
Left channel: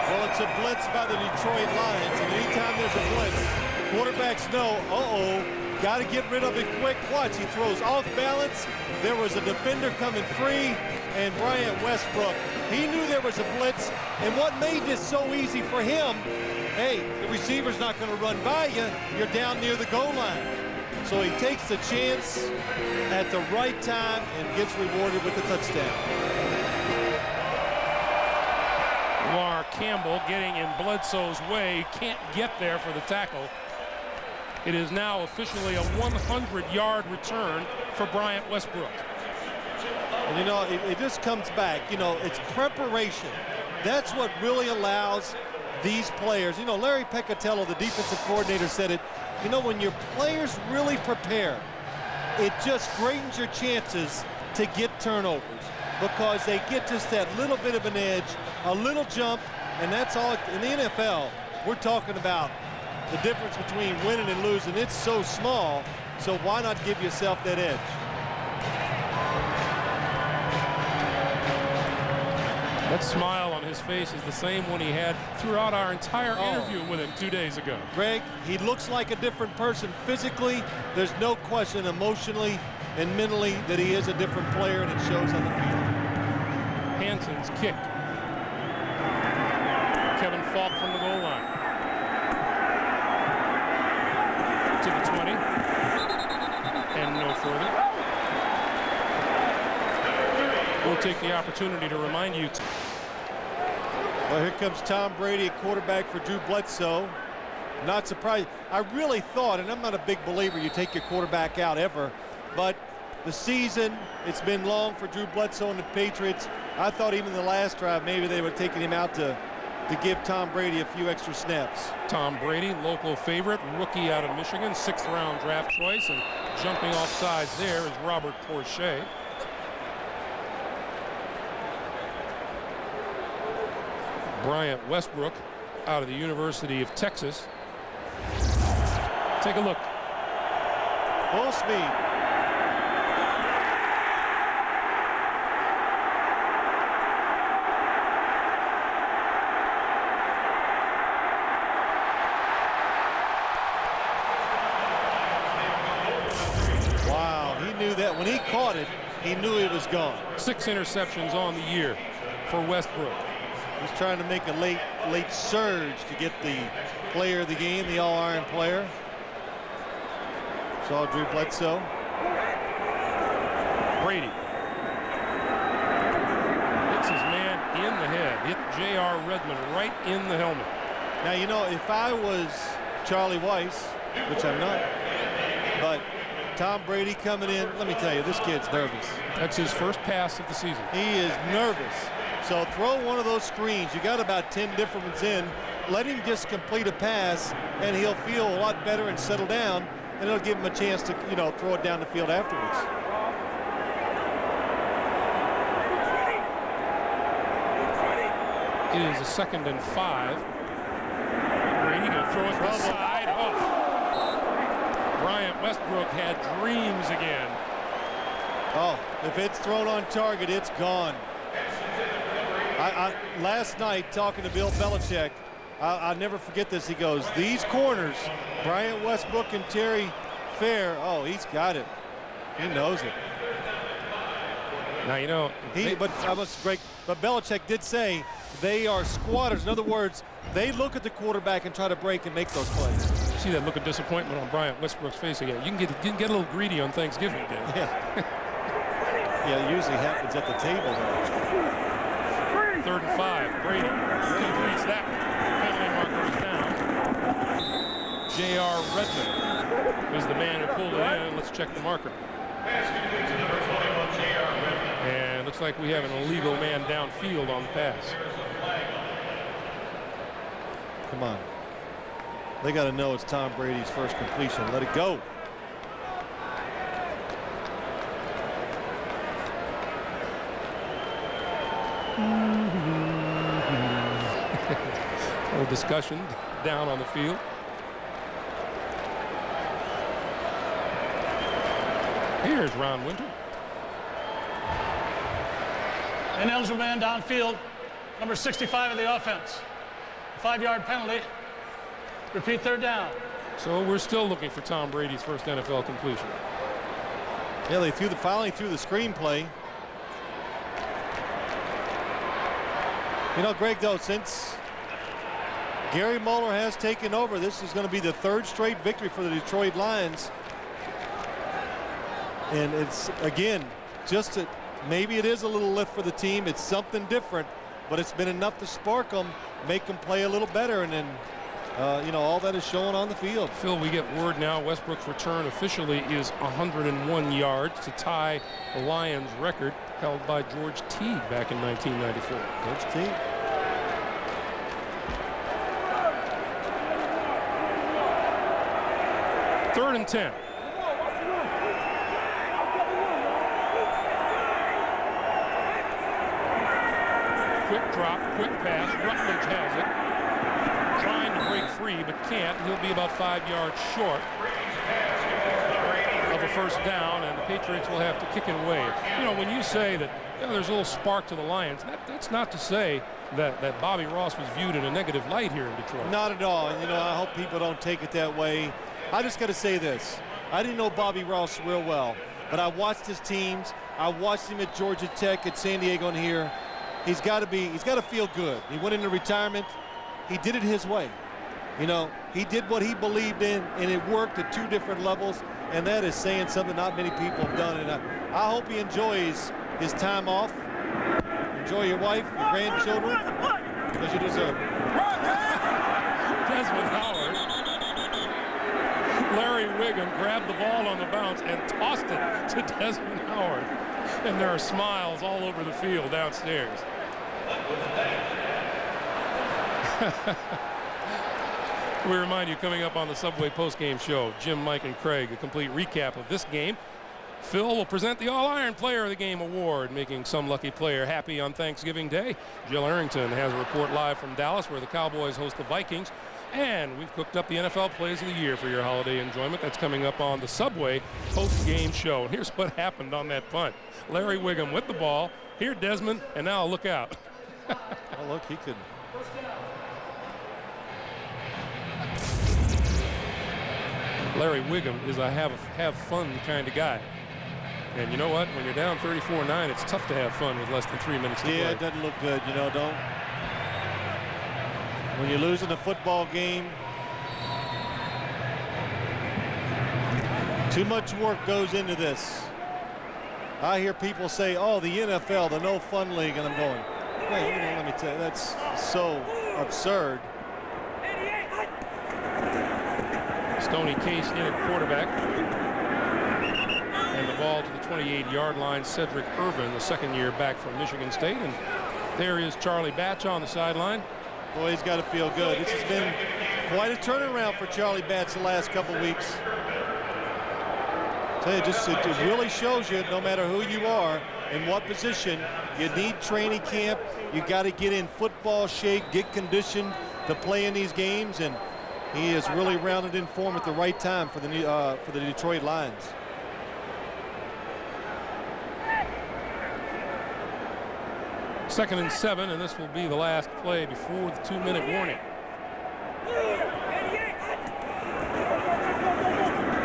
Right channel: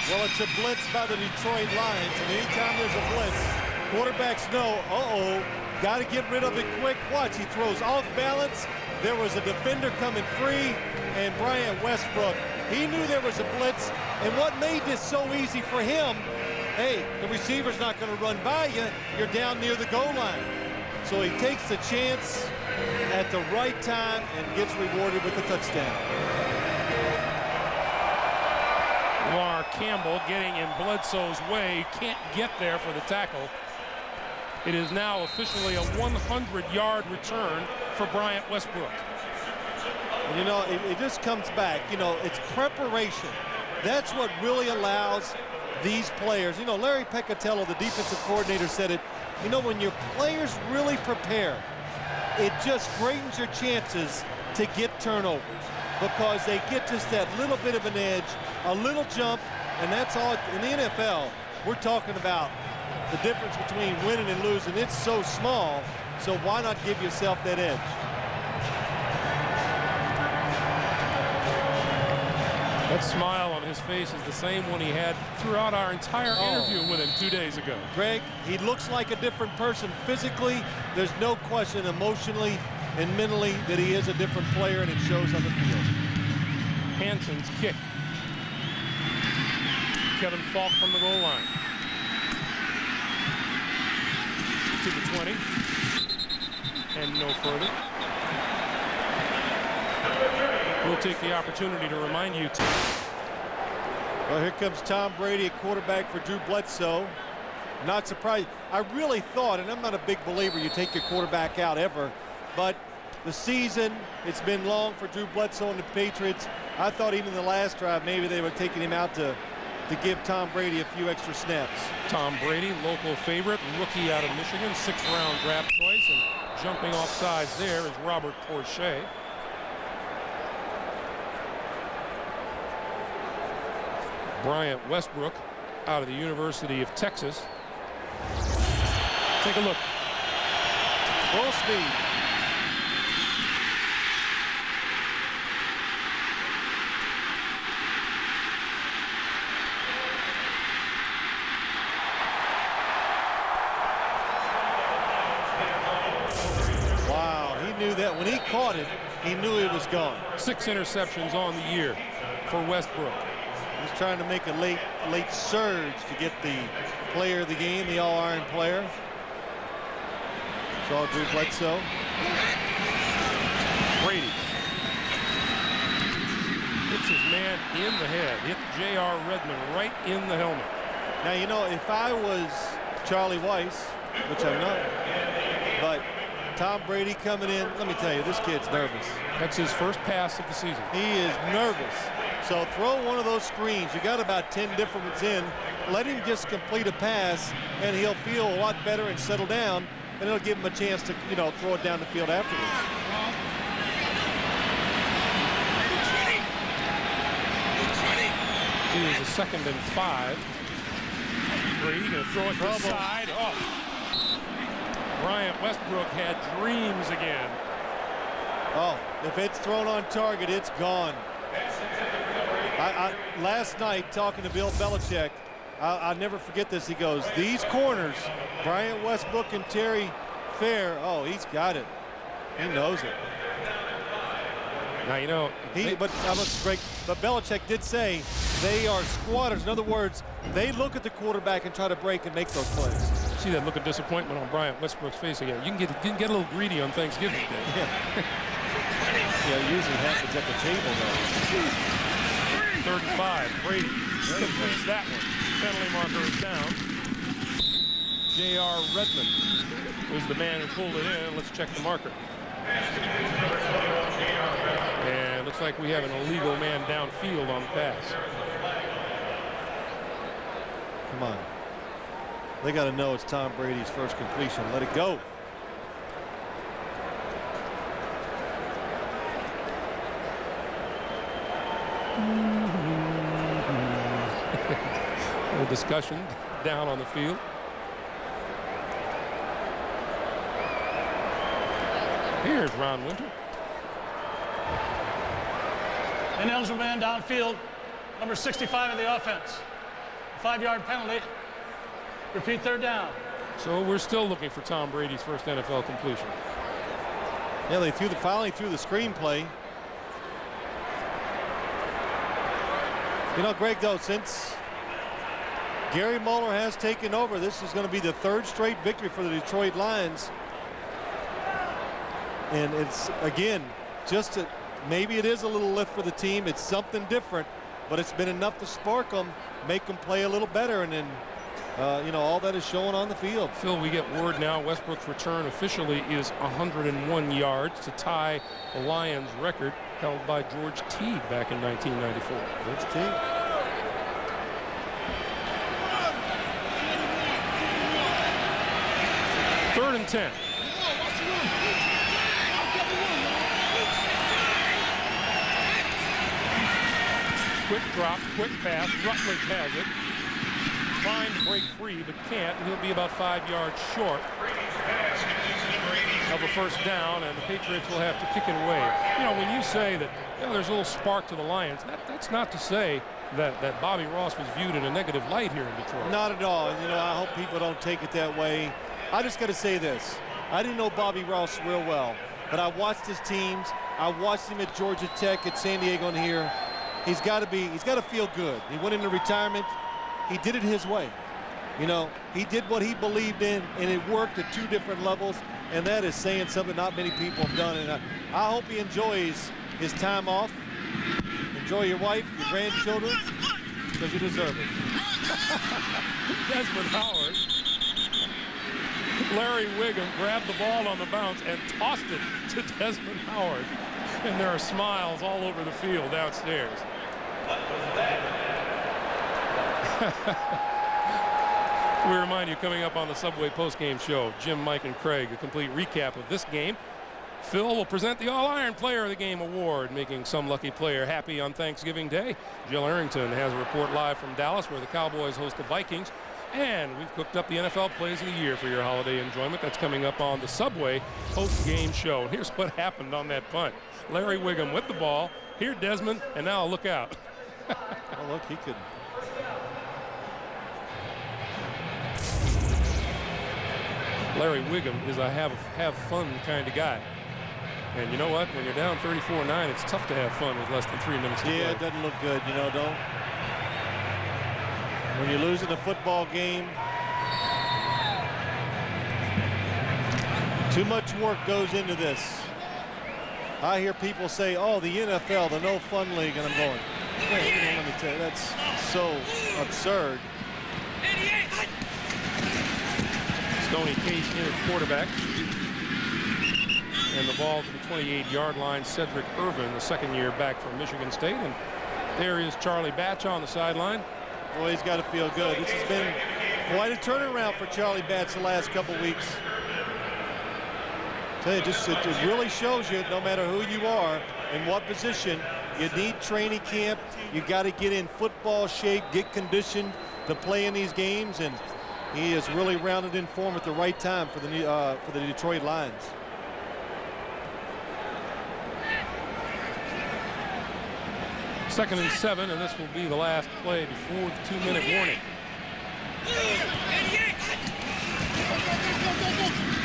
Well, it's a blitz by the Detroit Lions, and anytime there's a blitz, quarterbacks know, got to get rid of it quick. Watch, he throws off balance. There was a defender coming free, and Bryant Westbrook, he knew there was a blitz, and what made this so easy for him hey, the receiver's not going to run by you. You're down near the goal line. So he takes the chance at the right time and gets rewarded with a touchdown. Lamar Campbell getting in Bledsoe's way. Can't get there for the tackle. It is now officially a 100-yard return for Bryant Westbrook. And, you know, it just comes back. You know, it's preparation. That's what really allows these players. You know, Larry Peccatello, the defensive coordinator, said it. You know, when your players really prepare, it just greatens your chances to get turnovers because they get just that little bit of an edge, a little jump, and that's all. In the NFL, we're talking about the difference between winning and losing. It's so small, so why not give yourself that edge? That smile on his face is the same one he had throughout our entire interview with him 2 days ago. Greg, he looks like a different person physically. There's no question emotionally and mentally that he is a different player, and it shows on the field. Hanson's kick. Kevin Falk from the goal line. To the 20. And no further. We'll take the opportunity to remind you. Well, here comes Tom Brady, a quarterback for Drew Bledsoe. Not surprised. I really thought, and I'm not a big believer you take your quarterback out ever, but the season, it's been long for Drew Bledsoe and the Patriots. I thought even the last drive, maybe they were taking him out to give Tom Brady a few extra snaps. Tom Brady, local favorite, rookie out of Michigan, 6th-round draft choice, and jumping off sides there is Robert Porcher. Bryant Westbrook out of the University of Texas. Take a look. Full speed. Wow, he knew that when he caught it, he knew it was gone. 6 interceptions on the year for Westbrook. He's trying to make a late surge to get the player of the game, the all-iron player. Saw Drew Bledsoe. Brady hits his man in the head. Hit J.R. Redmond right in the helmet. Now, you know, if I was Charlie Weiss, which I'm not, but Tom Brady coming in, let me tell you, this kid's nervous. That's his first pass of the season. He is nervous. So throw one of those screens. You got about 10 different ones in. Let him just complete a pass, and he'll feel a lot better and settle down, and it'll give him a chance to, you know, throw it down the field afterwards. It is a 2nd and 5. Brady gonna throw it to the side. Oh. Bryant Westbrook had dreams again. Oh, if it's thrown on target, it's gone. Last night, talking to Bill Belichick, I'll never forget this. He goes, these corners, Bryant Westbrook and Terry Fair, oh, he's got it. He knows it. Now, you know, but Belichick did say they are squatters. In other words, they look at the quarterback and try to break and make those plays. See that look of disappointment on Bryant Westbrook's face again. You can get a little greedy on Thanksgiving Day. Yeah. Yeah, it usually happens at the table, though. 3rd and 5. Brady completes that one. Penalty marker is down. J.R. Redmond was the man who pulled it in. Let's check the marker. And looks like we have an illegal man downfield on the pass. Come on. They got to know it's Tom Brady's first completion. Let it go. A little discussion down on the field. Here's Ron Winter. Ineligible man downfield, number 65 of the offense. 5-yard penalty. Repeat, 3rd down. So we're still looking for Tom Brady's first NFL completion. Yeah, they finally threw the screenplay. You know, Greg, though, since Gary Mueller has taken over. This is going to be the 3rd straight victory for the Detroit Lions. And it's, again, maybe it is a little lift for the team. It's something different, but it's been enough to spark them, make them play a little better, and then all that is showing on the field. Phil, we get word now Westbrook's return officially is 101 yards to tie the Lions record held by George Teague back in 1994. George Teague. Third and 10. Quick drop, quick pass. Rutledge has it. Trying to break free, but can't. He'll be about 5 yards short of a first down, and the Patriots will have to kick it away. When you say that there's a little spark to the Lions, that's not to say that Bobby Ross was viewed in a negative light here in Detroit. Not at all. And, I hope people don't take it that way. I just got to say this. I didn't know Bobby Ross real well, but I watched his teams. I watched him at Georgia Tech, at San Diego, and here. He's got to feel good. He went into retirement. He did it his way. He did what he believed in, and it worked at 2 different levels, and that is saying something not many people have done. And I hope he enjoys his time off. Enjoy your wife, your grandchildren, because you deserve it. Desmond Howard. Larry Wiggum grabbed the ball on the bounce and tossed it to Desmond Howard. And there are smiles all over the field downstairs. We remind you, coming up on the Subway postgame show, Jim, Mike, and Craig, a complete recap of this game. Phil will present the All-Iron Player of the Game award, making some lucky player happy on Thanksgiving Day. Jill Arrington has a report live from Dallas, where the Cowboys host the Vikings. And we've cooked up the NFL Plays of the Year for your holiday enjoyment. That's coming up on the Subway post-game show. And here's what happened on that punt. Larry Wiggum with the ball. Here, Desmond, and now look out. Oh, look, he could. Larry Wiggum is a have fun kind of guy. And you know what? When you're down 34-9, it's tough to have fun with less than 3 minutes to play. Yeah, it doesn't look good. Don't. When you're losing a football game, too much work goes into this. I hear people say, oh, the NFL, the no fun league, and I'm going, man, let me tell you, that's so absurd. Stoney Case in at quarterback. And the ball to the 28-yard line. Cedric Irvin, the 2nd year back from Michigan State. And there is Charlie Batch on the sideline. Boy, he's got to feel good. This has been quite a turnaround for Charlie Batch the last couple weeks. Tell you, it really shows you, no matter who you are and what position, you need training camp. You got to get in football shape, get conditioned to play in these games, and he is really rounded in form at the right time for the Detroit Lions. Second and 7, and this will be the last play before the 2-minute warning.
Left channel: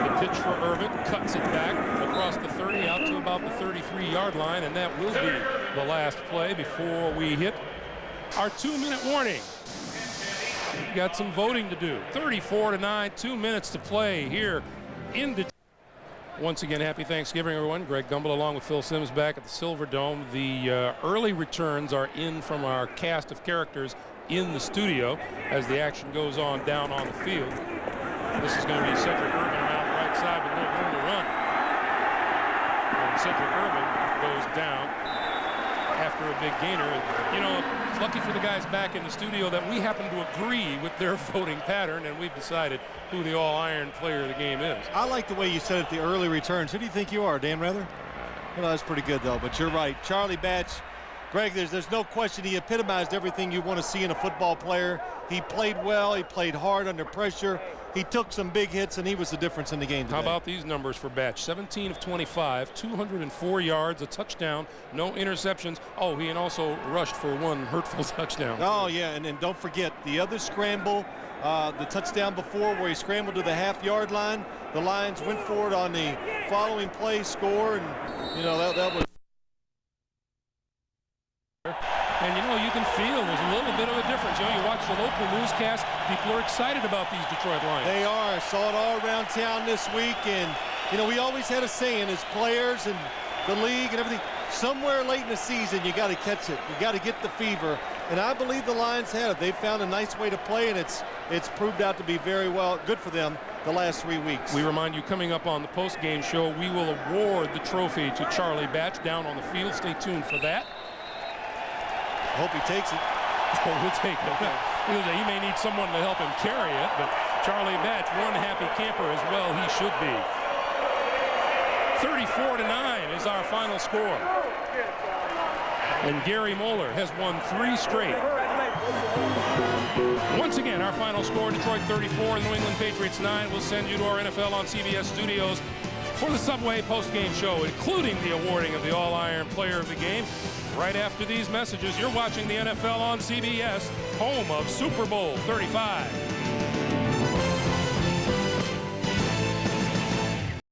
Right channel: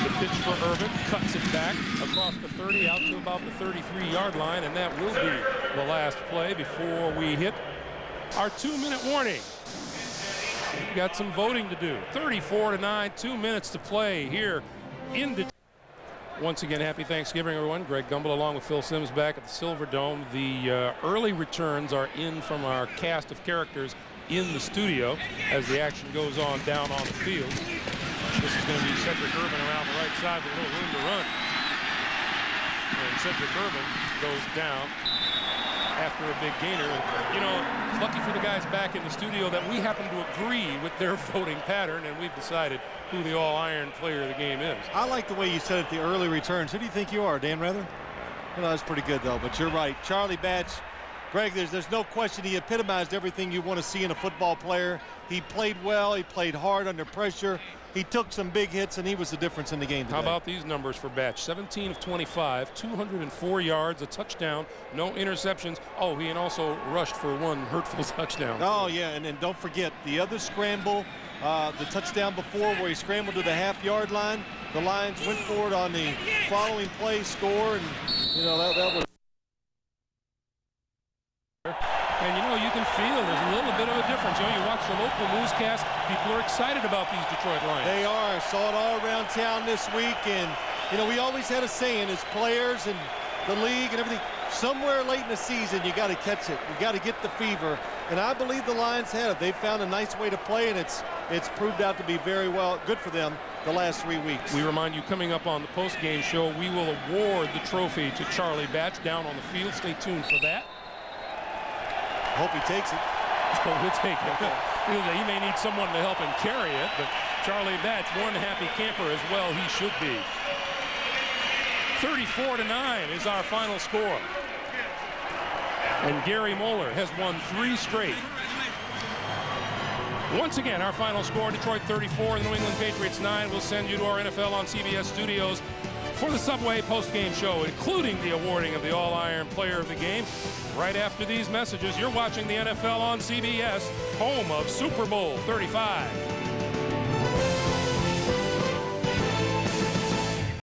The pitch for Irvin, cuts it back across the 30 out to about the 33-yard line, and that will be the last play before we hit our 2-minute warning. We've got some voting to do. 34-9, 2 minutes to play here in Detroit. Once again, happy Thanksgiving, everyone. Greg Gumbel along with Phil Simms back at the Silver Dome. The early returns are in from our cast of characters in the studio as the action goes on down on the field. This is going to be Cedric Irvin around the right side with a little room to run. And Cedric Irvin goes down after a big gainer. And, it's lucky for the guys back in the studio that we happen to agree with their voting pattern, and we've decided who the all-iron player of the game is. I like the way you said it, the early returns. Who do you think you are, Dan Rather? That's pretty good, though, but you're right. Charlie Batch, Greg, there's no question he epitomized everything you want to see in a football player. He played well. He played hard under pressure. He took some big hits, and he was the difference in the game today. How about these numbers for Batch? 17 of 25, 204 yards, a touchdown, no interceptions. Oh, he also rushed for 1 hurtful touchdown. Oh, yeah, and then don't forget the other scramble, the touchdown before where he scrambled to the half-yard line. The Lions went for it on the following play, score, and, that was... And, you know, you can feel there's a little bit of a difference. You know, you watch the local newscast, people are excited about these Detroit Lions. They are. Saw it all around town this week. And, you know, we always had a saying as players and the league and everything, somewhere late in the season, you got to catch it. You got to get the fever. And I believe the Lions have. They've found a nice way to play, and it's proved out to be very good for them the last 3 weeks. We remind you, coming up on the post-game show, we will award the trophy to Charlie Batch down on the field. Stay tuned for that. Hope he takes it. Oh, he'll take it. He may need someone to help him carry it, but Charlie Batch, one happy camper as well. He should be. 34-9 is our final score. And Gary Moeller has won 3 straight. Once again, our final score, Detroit 34, New England Patriots 9. We'll send you to our NFL on CBS studios for the Subway post-game show, including the awarding of the All-Iron Player of the Game. Right after these messages, you're watching the NFL on CBS, home of Super Bowl 35.